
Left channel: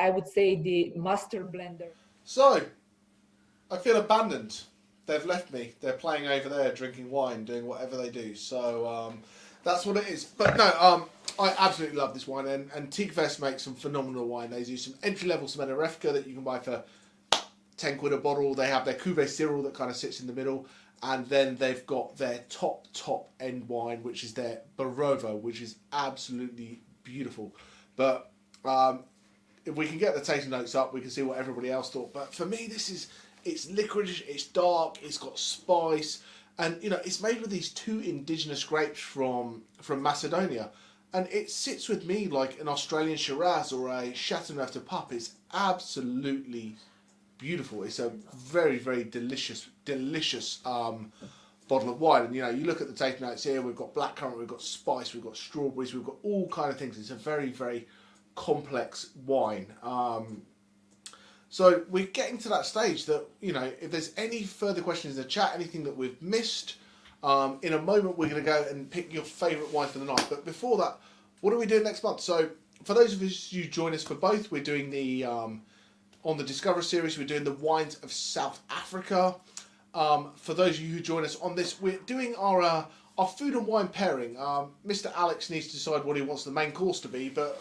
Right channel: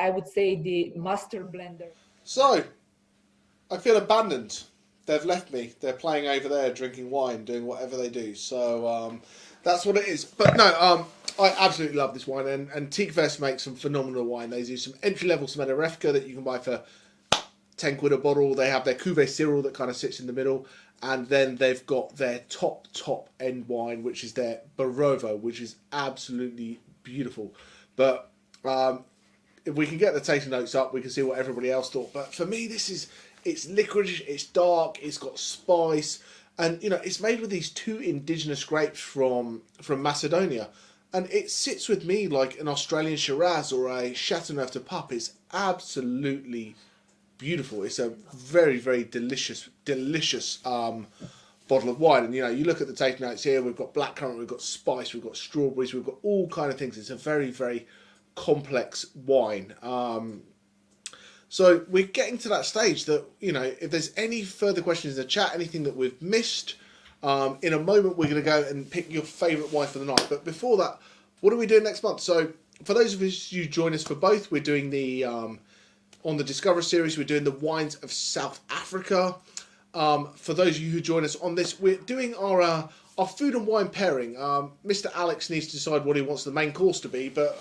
I would say, the master blender. So, I feel abandoned. They've left me. They're playing over there, drinking wine, doing whatever they do. So, That's what it is. But no, I absolutely love this wine, and qvevri makes some phenomenal wine. They do some entry level Smedarevka that you can buy for 10 quid a bottle. They have their Cuvée Cyril that kind of sits in the middle, and then they've got their top end wine, which is their Barovo, which is absolutely beautiful. But if we can get the tasting notes up, we can see what everybody else thought. But for me, it's licorice, it's dark, it's got spice. And, you know, it's made with these 2 indigenous grapes from Macedonia. And it sits with me like an Australian Shiraz or a Chateauneuf de Pape. It's absolutely beautiful. It's a very, very delicious bottle of wine. And, you know, you look at the tasting notes here, we've got blackcurrant, we've got spice, we've got strawberries, we've got all kind of things. It's a very, very complex wine. So we're getting to that stage that, you know, if there's any further questions in the chat, anything that we've missed, in a moment we're going to go and pick your favourite wine for the night. But before that, what are we doing next month? So for those of us who join us for both, we're doing the, on the Discover series, we're doing the wines of South Africa. For those of you who join us on this, we're doing our food and wine pairing. Mr. Alex needs to decide what he wants the main course to be, but...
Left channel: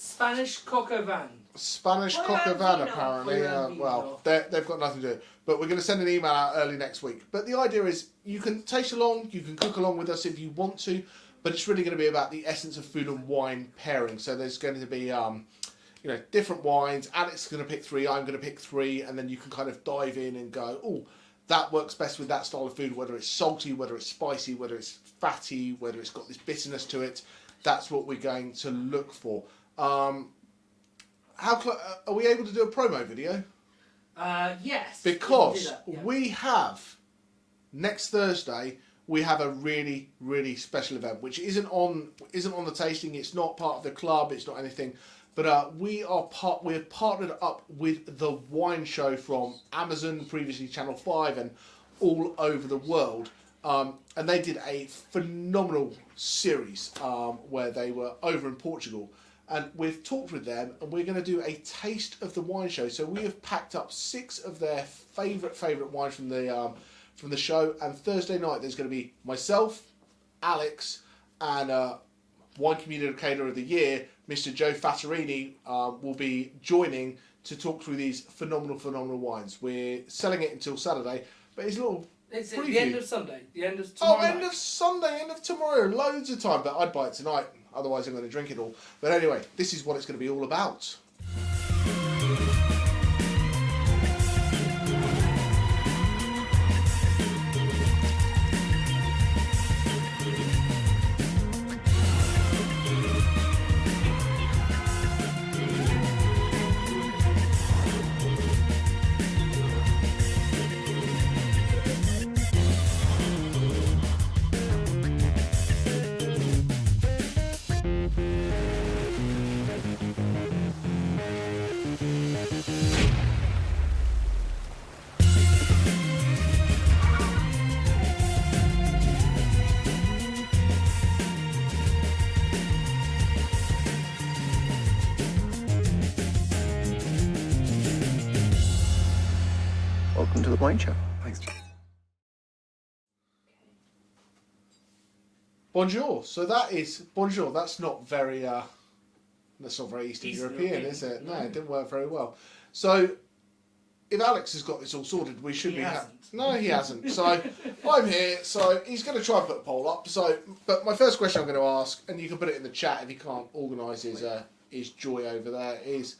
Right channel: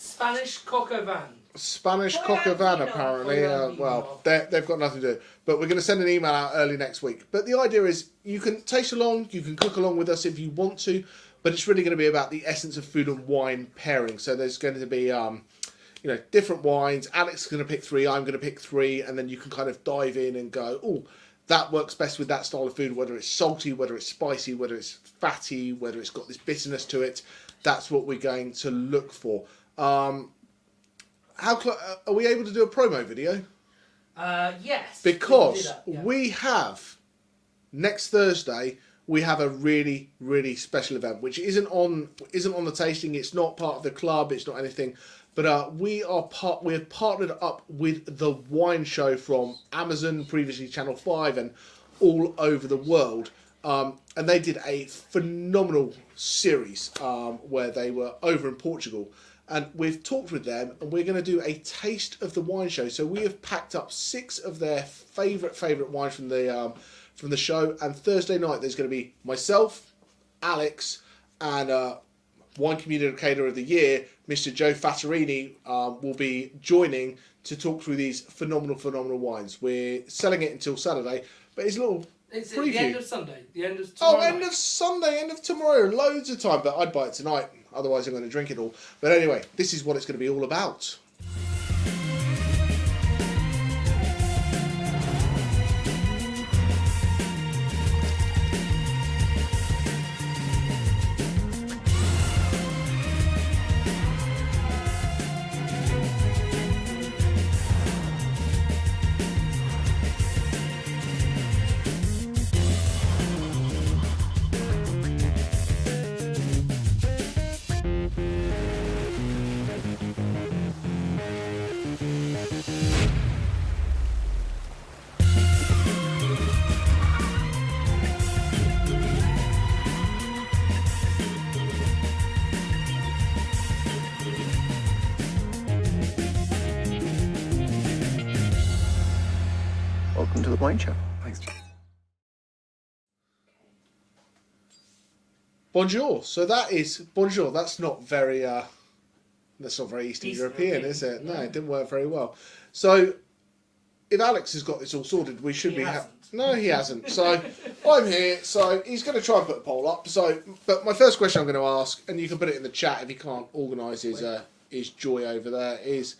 Spanish coq au vin. Spanish coq au vin, apparently. Well, they've got nothing to do. But we're going to send an email out early next week. But the idea is you can taste along, you can cook along with us if you want to, but it's really going to be about the essence of food and wine pairing. So there's going to be, you know, different wines. Alex is going to pick 3, I'm going to pick 3, and then you can kind of dive in and go, oh, that works best with that style of food, whether it's salty, whether it's spicy, whether it's fatty, whether it's got this bitterness to it. That's what we're going to look for. Are we able to do a promo video? Yes. Because yeah. we have, next Thursday, we have a really, really special event, which isn't on the tasting. It's not part of the club. It's not anything. But we have partnered up with the wine show from Amazon, previously Channel 5, and all over the world. And they did a phenomenal series where they were over in Portugal. And we've talked with them, and we're going to do a taste of the wine show. So we have packed up 6 of their favourite wines from the show. And Thursday night, there's going to be myself, Alex, and Wine Communicator of the Year, Mr. Joe Fattorini, will be joining to talk through these phenomenal wines. We're selling it until Saturday, but it's a little It's preview. the end of Sunday. The end of tomorrow. End of Sunday, end of tomorrow. Loads of time, but I'd buy it tonight. Otherwise, I'm going to drink it all. But anyway, this is what it's going to be all about. Welcome to the wine show. Thanks. Bonjour. So that is bonjour. That's not very Eastern European, is it? No, it didn't work very well. So if Alex has got this all sorted, we should He be. hasn't. No, he hasn't. So I'm here. So he's going to try and put a poll up. So, but my first question I'm going to ask, and you can put it in the chat if he can't organise his joy over there, is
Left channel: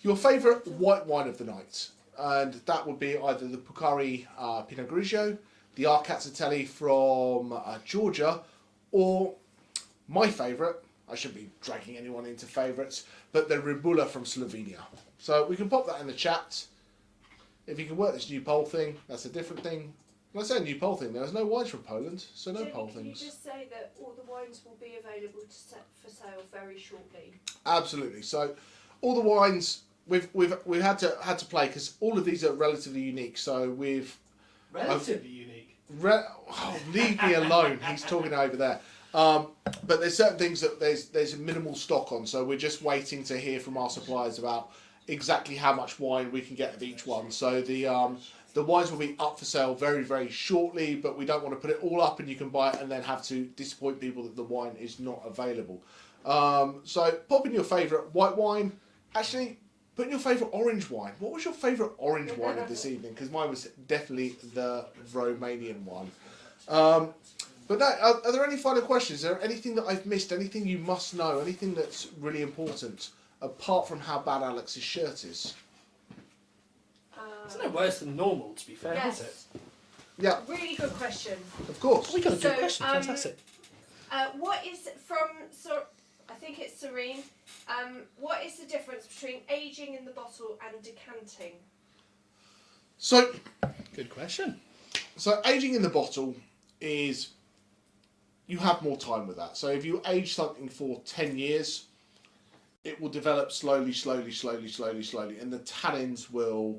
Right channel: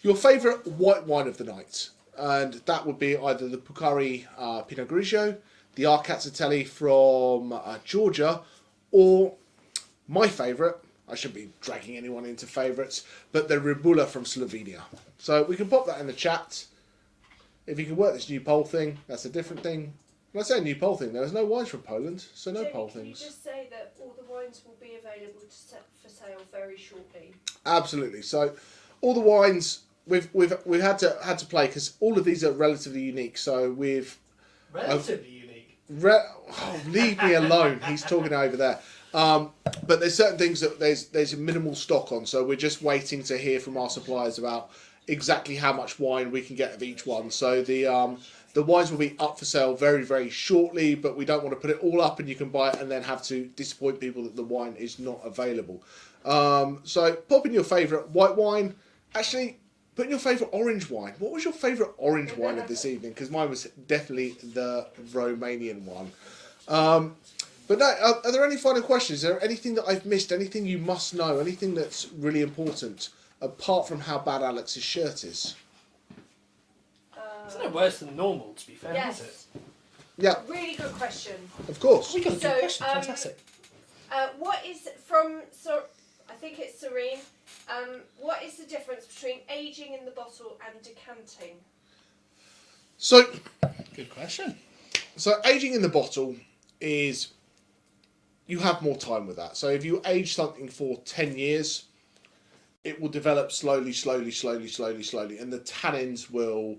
your favourite white wine of the night. And that would be either the Pukari Pinot Grigio, the Rkatsiteli from Georgia, or my favourite, I shouldn't be dragging anyone into favourites, but the Rebula from Slovenia. So we can pop that in the chat. If you can work this new poll thing, that's a different thing. When I say new poll thing, there's no wines from Poland, so no Jenny, poll can things. you just say that all the wines will be available for sale very shortly? Absolutely. So all the wines we've had to play because all of these are relatively unique. So we've Relatively unique. Leave me alone. He's talking over there. But there's certain things that there's minimal stock on. So we're just waiting to hear from our suppliers about exactly how much wine we can get of each one. So the The wines will be up for sale very, very shortly, but we don't want to put it all up and you can buy it and then have to disappoint people that the wine is not available. So pop in your favourite white wine. Actually, put in your favourite orange wine. What was your favourite orange wine of this evening? Because mine was definitely the Romanian one. But no, are there any final questions? Is there anything that I've missed? Anything you must know? Anything that's really important, apart from how bad Alex's shirt is? It's no worse than normal, to be fair, Yes. is it? Yeah, Really good question. of course. We got a good So, question. Fantastic. What is from I think it's Serene. What is the difference between aging in the bottle and decanting? So, Good question. aging in the bottle is you have more time with that. So if you age something for 10 years, it will develop slowly, and the tannins will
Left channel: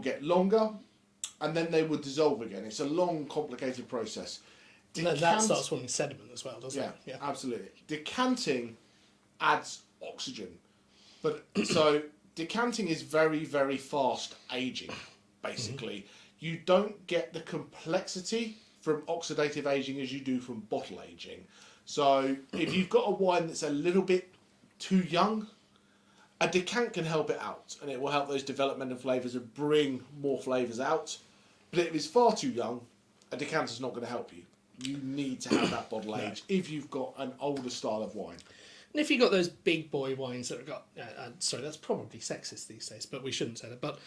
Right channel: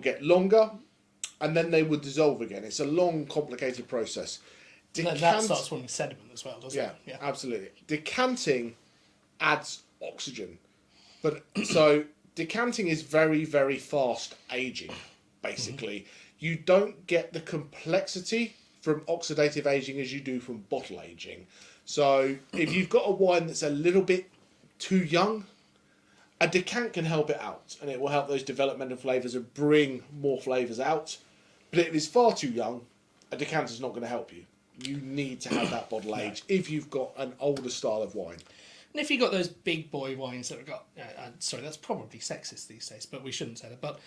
get longer, and then they will dissolve again. It's a long, complicated process. That starts forming sediment as well, doesn't Yeah, it? absolutely. Decanting adds oxygen, but so decanting is very, very fast aging. Basically, you don't get the complexity from oxidative aging as you do from bottle aging. So if you've got a wine that's a little bit too young, a decant can help it out, and it will help those developmental flavours and bring more flavours out. But if it's far too young, a decanter's not going to help you. You need to have that bottle age if you've got an older style of wine. And if you've got those big boy wines that have got, sorry, that's probably sexist these days, but we shouldn't say that. But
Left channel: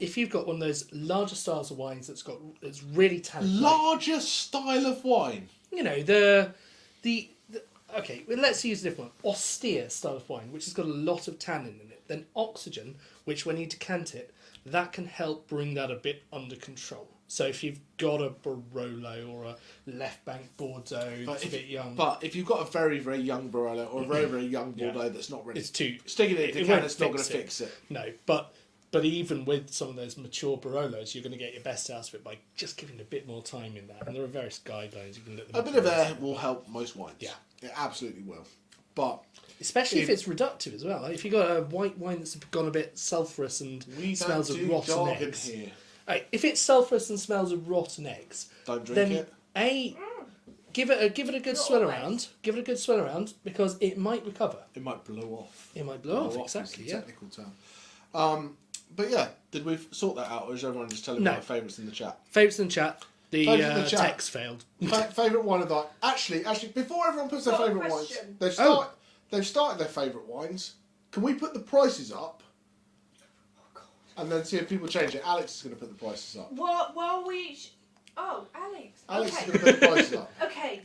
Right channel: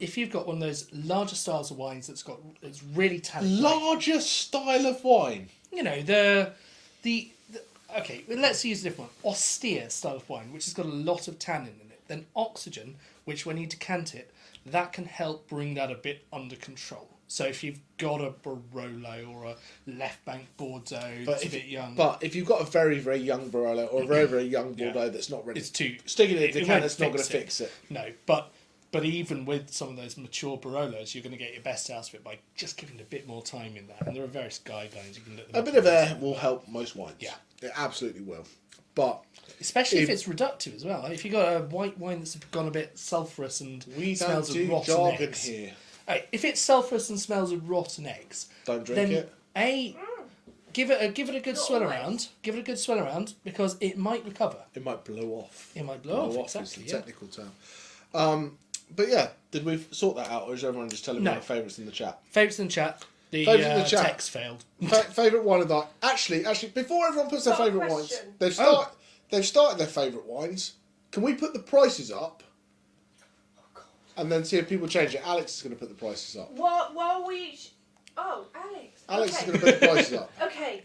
if you've got one of those larger styles of wines it's really tannic, Larger style of wine. you know, okay, well, let's use a different one. Austere style of wine, which has got a lot of tannin in it. Then oxygen, which when you decant it, that can help bring that a bit under control. So if you've got a Barolo or a Left Bank Bordeaux that's a bit young... But if you've got a very, very young Barolo or a very, very young Bordeaux that's not ready, It's too... sticking it in a it decant, won't it's not going to fix fix it. No, but even with some of those mature Barolos, you're going to get your best out of it by just giving it a bit more time in that. And there are various guidelines you can look them A up bit of for. air will help most wines. Yeah. It absolutely will. But Especially if it's reductive as well. Like if you've got a white wine that's gone a bit sulphurous and we don't smells of do rotten jargon eggs. here. Hey, if it's sulphurous and smells of rotten eggs, Don't drink then it. give it a good Not swirl always. around. Give it a good swirl around because it might recover. It might blow off. It might blow off, is exactly. the Yeah. technical term. But yeah, did we sort that out, or is everyone just telling me No. their favourites in the chat? Favourites in the chat. The Favourites in the chat. text failed. Favourite wine of the night. Actually, before everyone puts their Got a favourite wines, question. they've started their favourite wines. Can we put the prices up? And then see if people change it. Alex is going to put the prices up. While we... Oh, Alex. Alex Okay. is going to put the prices up. Okay.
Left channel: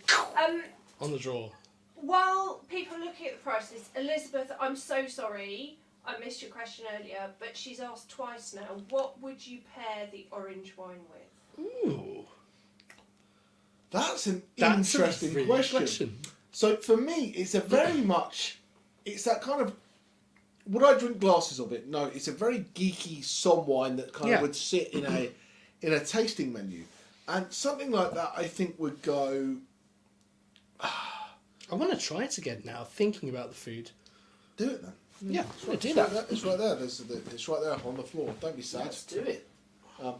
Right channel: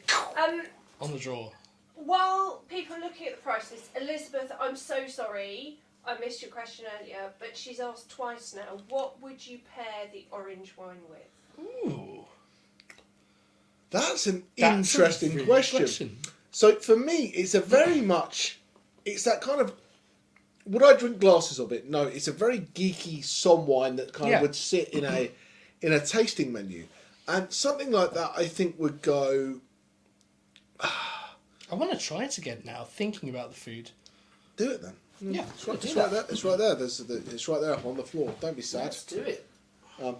On the draw. While people are looking at the prices, Elizabeth, I'm so sorry. I missed your question earlier, but she's asked twice now. What would you pair the orange wine with? Ooh. That's an That's a interesting really question. So for me, it's a very much... It's that kind of... Would I drink glasses of it? No, it's a very geeky som wine that kind of would sit in a tasting menu. And something like that, I think, would go... I want to try it again now, thinking about the food. Do it then. Yeah, It's right there. It's right there. It's right there on the floor. Don't be sad. Let's do it.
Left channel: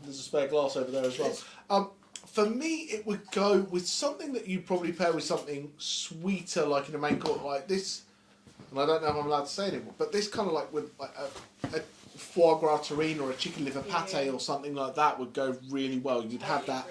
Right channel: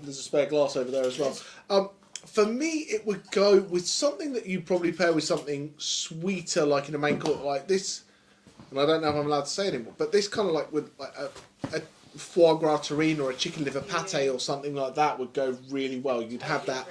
There's a spare glass over there as well. For me, it would go with something that you'd probably pair with something sweeter, like in a main course, like this. And I don't know if I'm allowed to say it anymore, but this kind of like with like a foie gras terrine or a chicken liver pate or something like that would go really well. You'd have that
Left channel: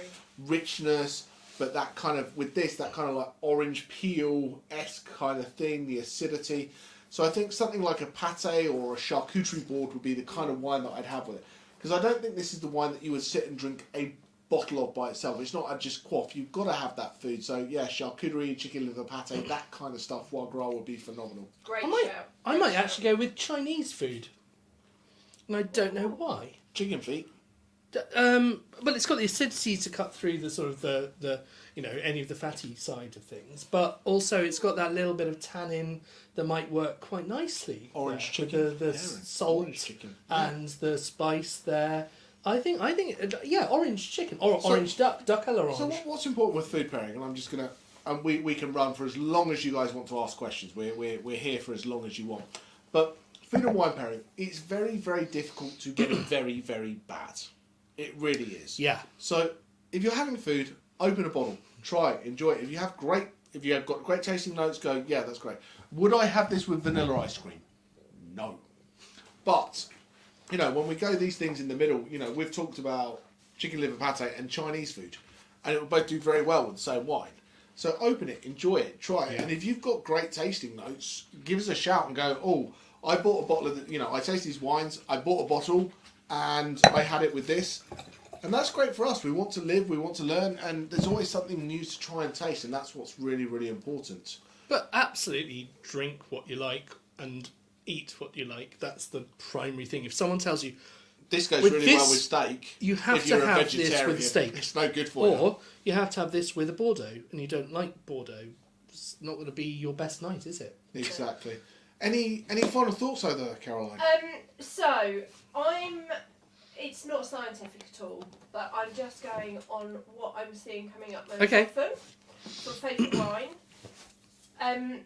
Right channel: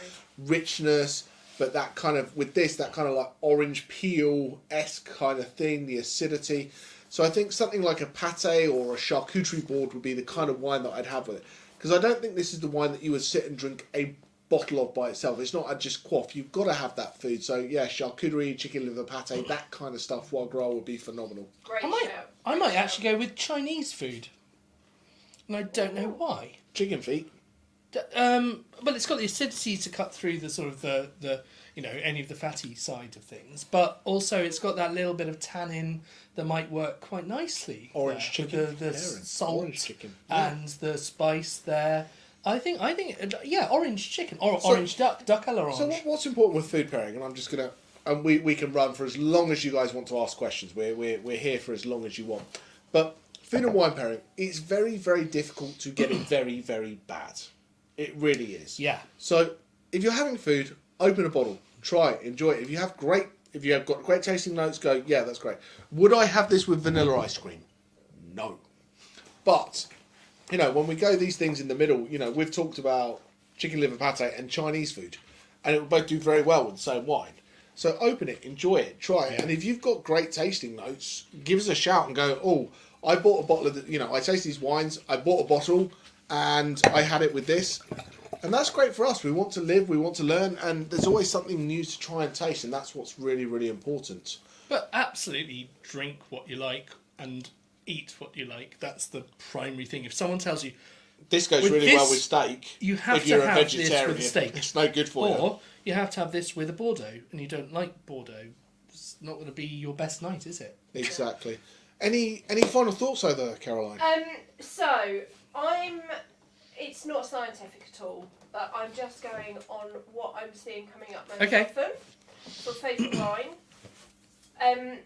richness, but that kind of with this, that kind of like orange peel-esque kind of thing, the acidity. So I think something like a pate or a charcuterie board would be the kind of wine that I'd have with it. Because I don't think this is the wine that you would sit and drink a bottle of by itself. It's not a just quaff. You've got to have that food. So yeah, charcuterie, chicken liver pate, that kind of stuff, foie gras would be phenomenal. Great shout. I might actually go with Chinese food. And I don't know why. Chicken feet. But it's got the acidity to cut through the sort of the any of the fatty side of things. But also it's got that little bit of tannin that might work quite nicely. Orange there, chicken. with the Aaron, salt orange chicken. Yeah. and the spice there. I think orange chicken or orange duck à la orange. So what's important with food pairing? And I'm just gonna, and we can run for as long as you guys want to ask questions. We're here for as long as you want. But food and wine pairing, it's very, very difficult to get it very, very bad. It really is. Yeah. So if you're having food, open a bottle, try it, enjoy it. If you have got great tasting notes, go, yeah, that's great. Would I have this with vanilla ice cream? No. But, when we go these things in the middle, we've talked about chicken liver pate and Chinese food, and it will both do very well with the same wine. So open it, enjoy it, try it. Yeah. And if you've got great tasting notes, give us a shout and go, oh, I bought a bottle of, I taste these wines, I bought a bottle, and I had it with this. And that's great for us. We want to live, we want to learn, and there's always something new to try and taste, and that's what's really, really important. But absolutely drink what you like and eat what you like. That's the primary thing. If someone tells you, This goes with really this, well with steak. you have if to you're a have vegetarian, this with steak. It's no good for you. Or you have to have this with a Bordeaux, and you don't like Bordeaux. It's not going to be your best night, is it? Exactly. Any final thoughts over there, Caroline? So it's not scientific at all, but I'm just going on what I'm seeing coming up most Okay. often. For favourite wine.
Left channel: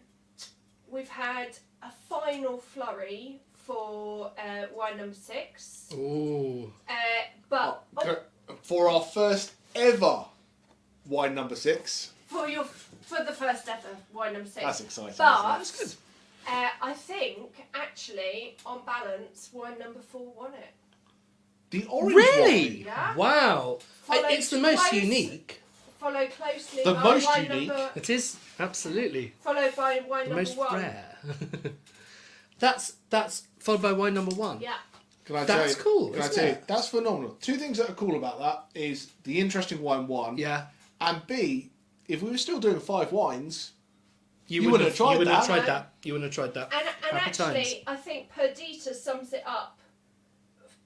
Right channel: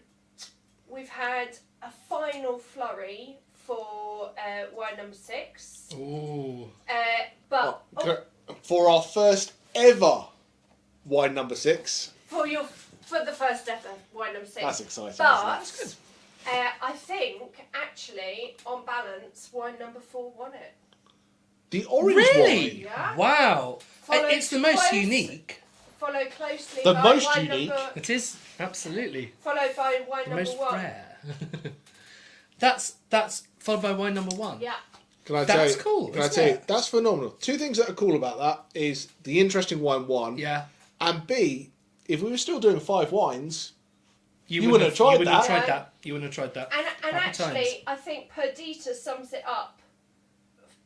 We've had a final flurry for wine number 6. Ooh. For our first ever wine number 6. For the first ever wine number 6. That's exciting. But isn't it? I think actually, on balance, wine number 4 won it. The orange Really? wine. Yeah. Wow. Followed It's the most close- unique. Followed closely The by most wine unique? number. It is, absolutely. Followed by wine The number most 1. rare. That's followed by wine number 1. Yeah. Can I That's tell you, cool, Can I isn't tell you, it? that's phenomenal. 2 things that are cool about that is the interesting wine 1, Yeah. and B, if we were still doing 5 wines, You wouldn't have tried You wouldn't have that. tried that. You wouldn't have tried that. And Happy actually, times. I think Perdita sums it up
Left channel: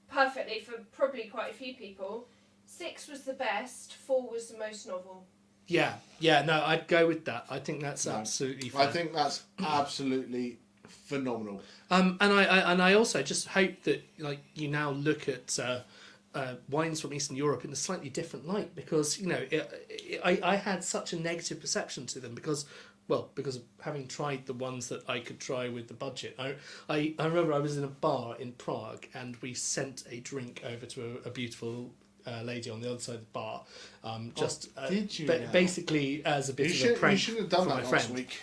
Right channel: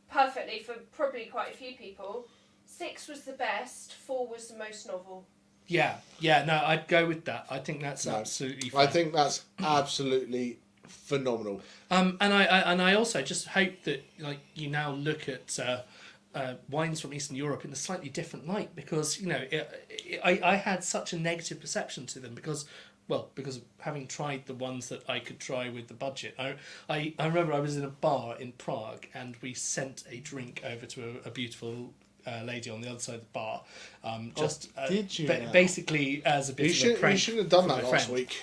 perfectly for probably quite a few people. 6 was the best, 4 was the most novel. Yeah, no, I'd go with that. I think that's absolutely fine. I think that's absolutely phenomenal. And I also just hope that you now look at wines from Eastern Europe in a slightly different light, because I had such a negative perception to them because of having tried the ones that I could try with the budget. I remember I was in a bar in Prague and we sent a drink over to a beautiful lady on the other side of the bar. Did you now? Basically as a bit of a prank. You shouldn't have done for that my last friend. week.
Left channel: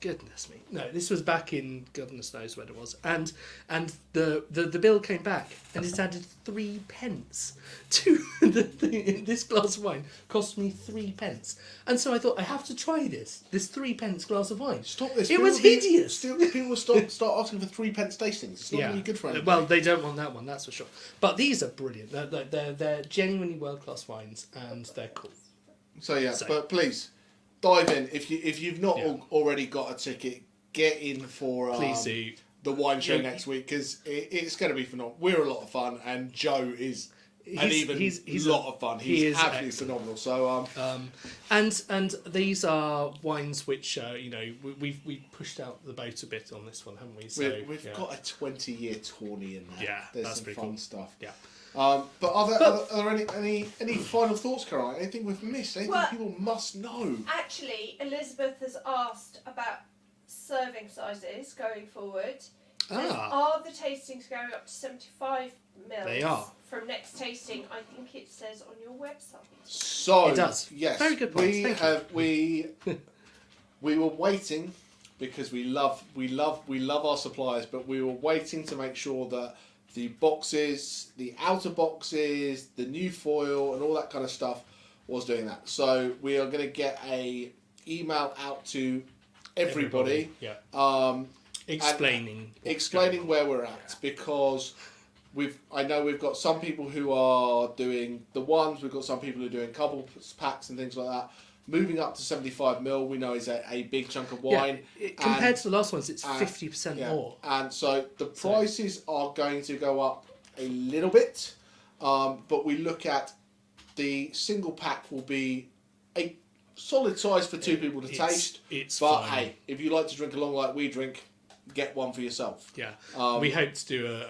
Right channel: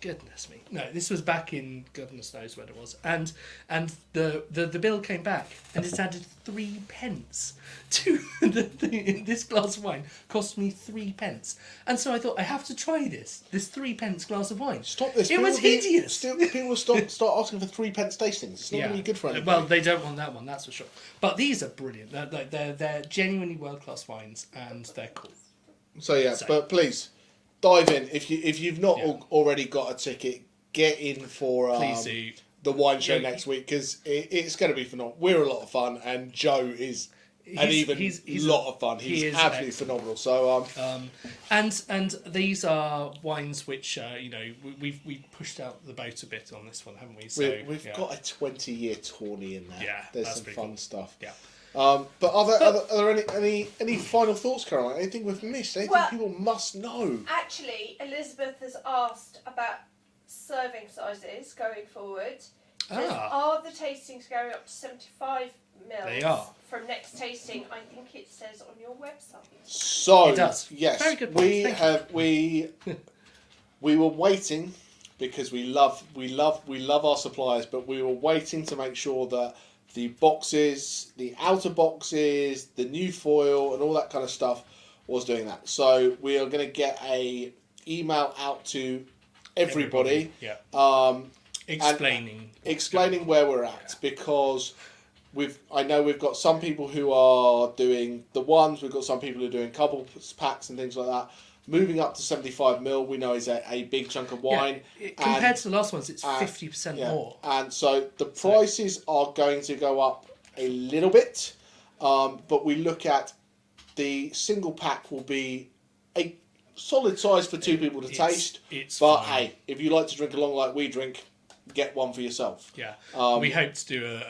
Goodness me. No, this was back in goodness knows when it was. And the bill came back and it added 3 pence to this glass of wine. Cost me 3 pence. And so I thought, I have to try this 3 pence glass of wine. Stop this. It was hideous. People will start asking for 3 pence tastings. It's not going to be good for anybody. Well, they don't want that one, that's for sure. But these are brilliant. They're genuinely world-class wines and they're cool. So, but please dive in. If you've not already got a ticket, get in for Please do. the wine show next week, because it's going to be phenomenal. We're a lot of fun, and Joe is he's lot of fun. He's absolutely excellent. phenomenal. So and these are wines which we've pushed out the boat a bit on this one, haven't we? So we've got a 20-year tourney in there. Yeah, There's that's some pretty fun cool. stuff. Yeah. But are there any final thoughts, Caroline? Anything we've missed? Anything Well, people must know? Actually, Elizabeth has asked about serving sizes going forward. Says, are the tastings going up to 75 mils? They are. From next tasting, I think it says on your website. So It does. Yes, Very good point. Thank we were waiting because we love our suppliers, but we were waiting to make sure that the boxes, the outer boxes, the new foil, and all that kind of stuff was doing that. So we are going to get a email out to everybody. Yeah. Explaining where we're at, because I know we've got some people who are doing the ones, we've got some people who are doing couple packs and things like that. Moving up to 75 mil, we know is a big chunk of wine. Compared to the last ones, it's 50% more. And so the prices are going to go up a little bit, but we look at the single pack will be a solid size for 2 people to taste. But fine. hey, if you like to drink along like we drink, get one for yourself. Yeah, we hope to do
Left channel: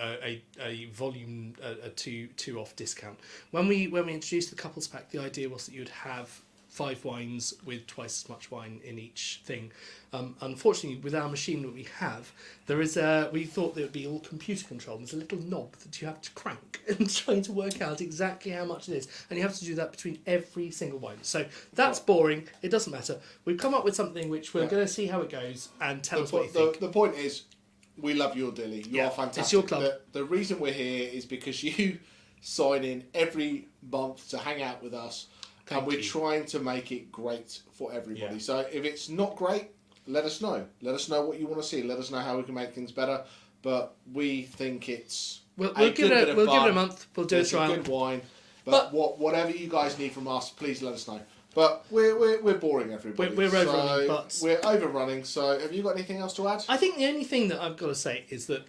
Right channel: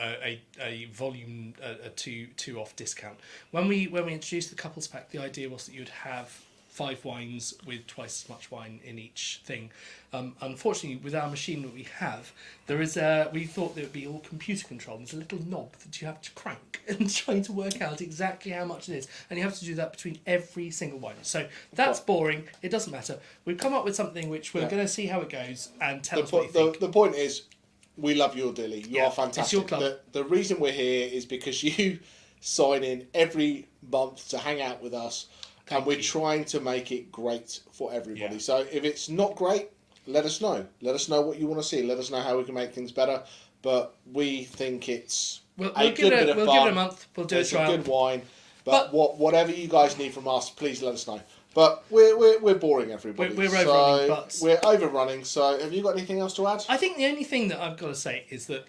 a volume a two off discount. When we introduced the couples pack, the idea was that you'd have 5 wines with twice as much wine in each thing. Unfortunately, with our machine that we have, we thought there would be all computer controlled. There's a little knob that you have to crank and trying to work out exactly how much it is. And you have to do that between every single wine. So that's boring. It doesn't matter. We've come up with something which we're going to see how it goes and tell us what you think. The point is, we love your dilly. You are fantastic. It's your club. The reason we're here is because you sign in every month to hang out with us. And we're trying to make it great for everybody. Yeah. So if it's not great, let us know. Let us know what you want to see. Let us know how we can make things better. But we think it's We'll a give good bit of it fun. a month. We'll do It's a trial. good wine. But whatever you guys need from us, please let us know. But we're boring everybody. We're overrunning, but we're overrunning. So have you got anything else to add? I think the only thing that I've got to say is that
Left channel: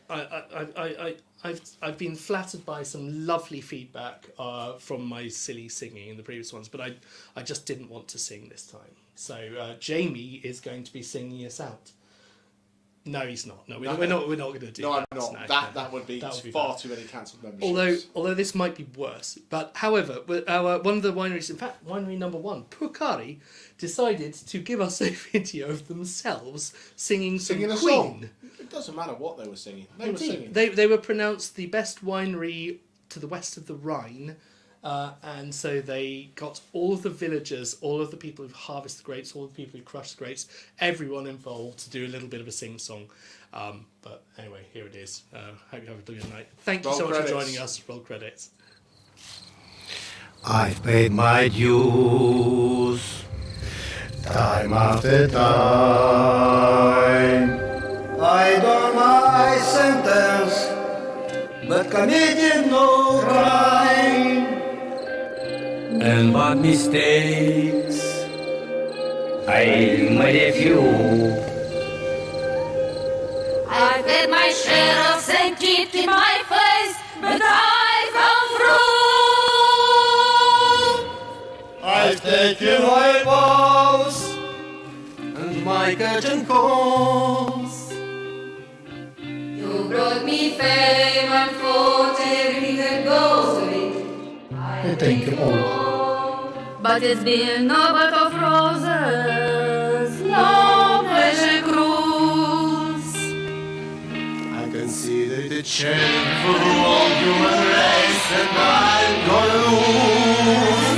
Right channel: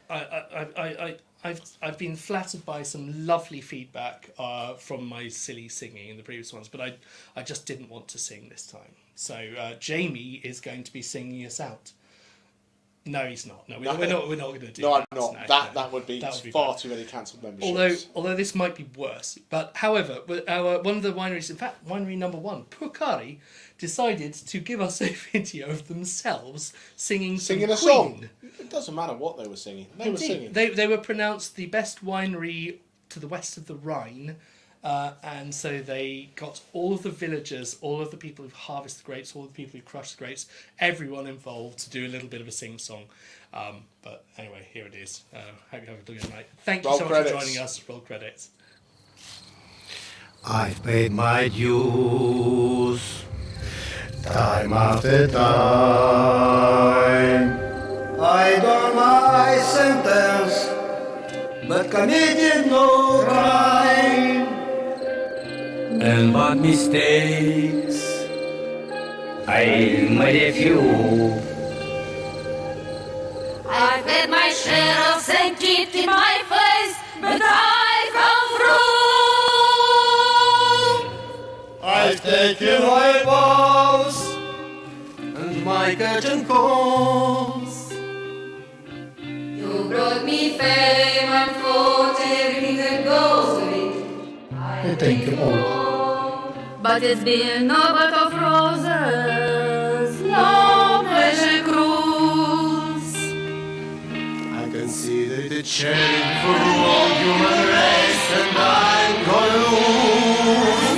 I've been flattered by some lovely feedback from my silly singing in the previous ones, but I just didn't want to sing this time. So Jamie is going to be singing us out. No, he's not. No, we're not going to do that. No, I'm not. That would be far bad. too many cancelled memberships. Although this might be worse. But however, one of the wineries, in fact, winery number 1, Purkari, decided to give us a video of themselves singing a Queen. song. It doesn't matter what they were singing. They were singing. They were pronounced the best winery to the west of the Rhine. And so they got all of the villagers, all of the people who harvest the grapes, all the people who crush the grapes, everyone involved to do a little bit of a sing-song. But anyway, here it is. Hope you have a good night. Thank you so much for joining us. Roll credits. I've paid my dues, time after time. I done my sentence, but committed no crime. And but mistakes, I made a few. I've had my share of sand kicked in my face, but I've come through. I've taken my vows and my curtain calls. You brought me fame and fought everything that goes with it. I thank you all. But it's been no bed of roses, no pleasure cruise. I consider it a challenge for all human race, and I'm gonna lose.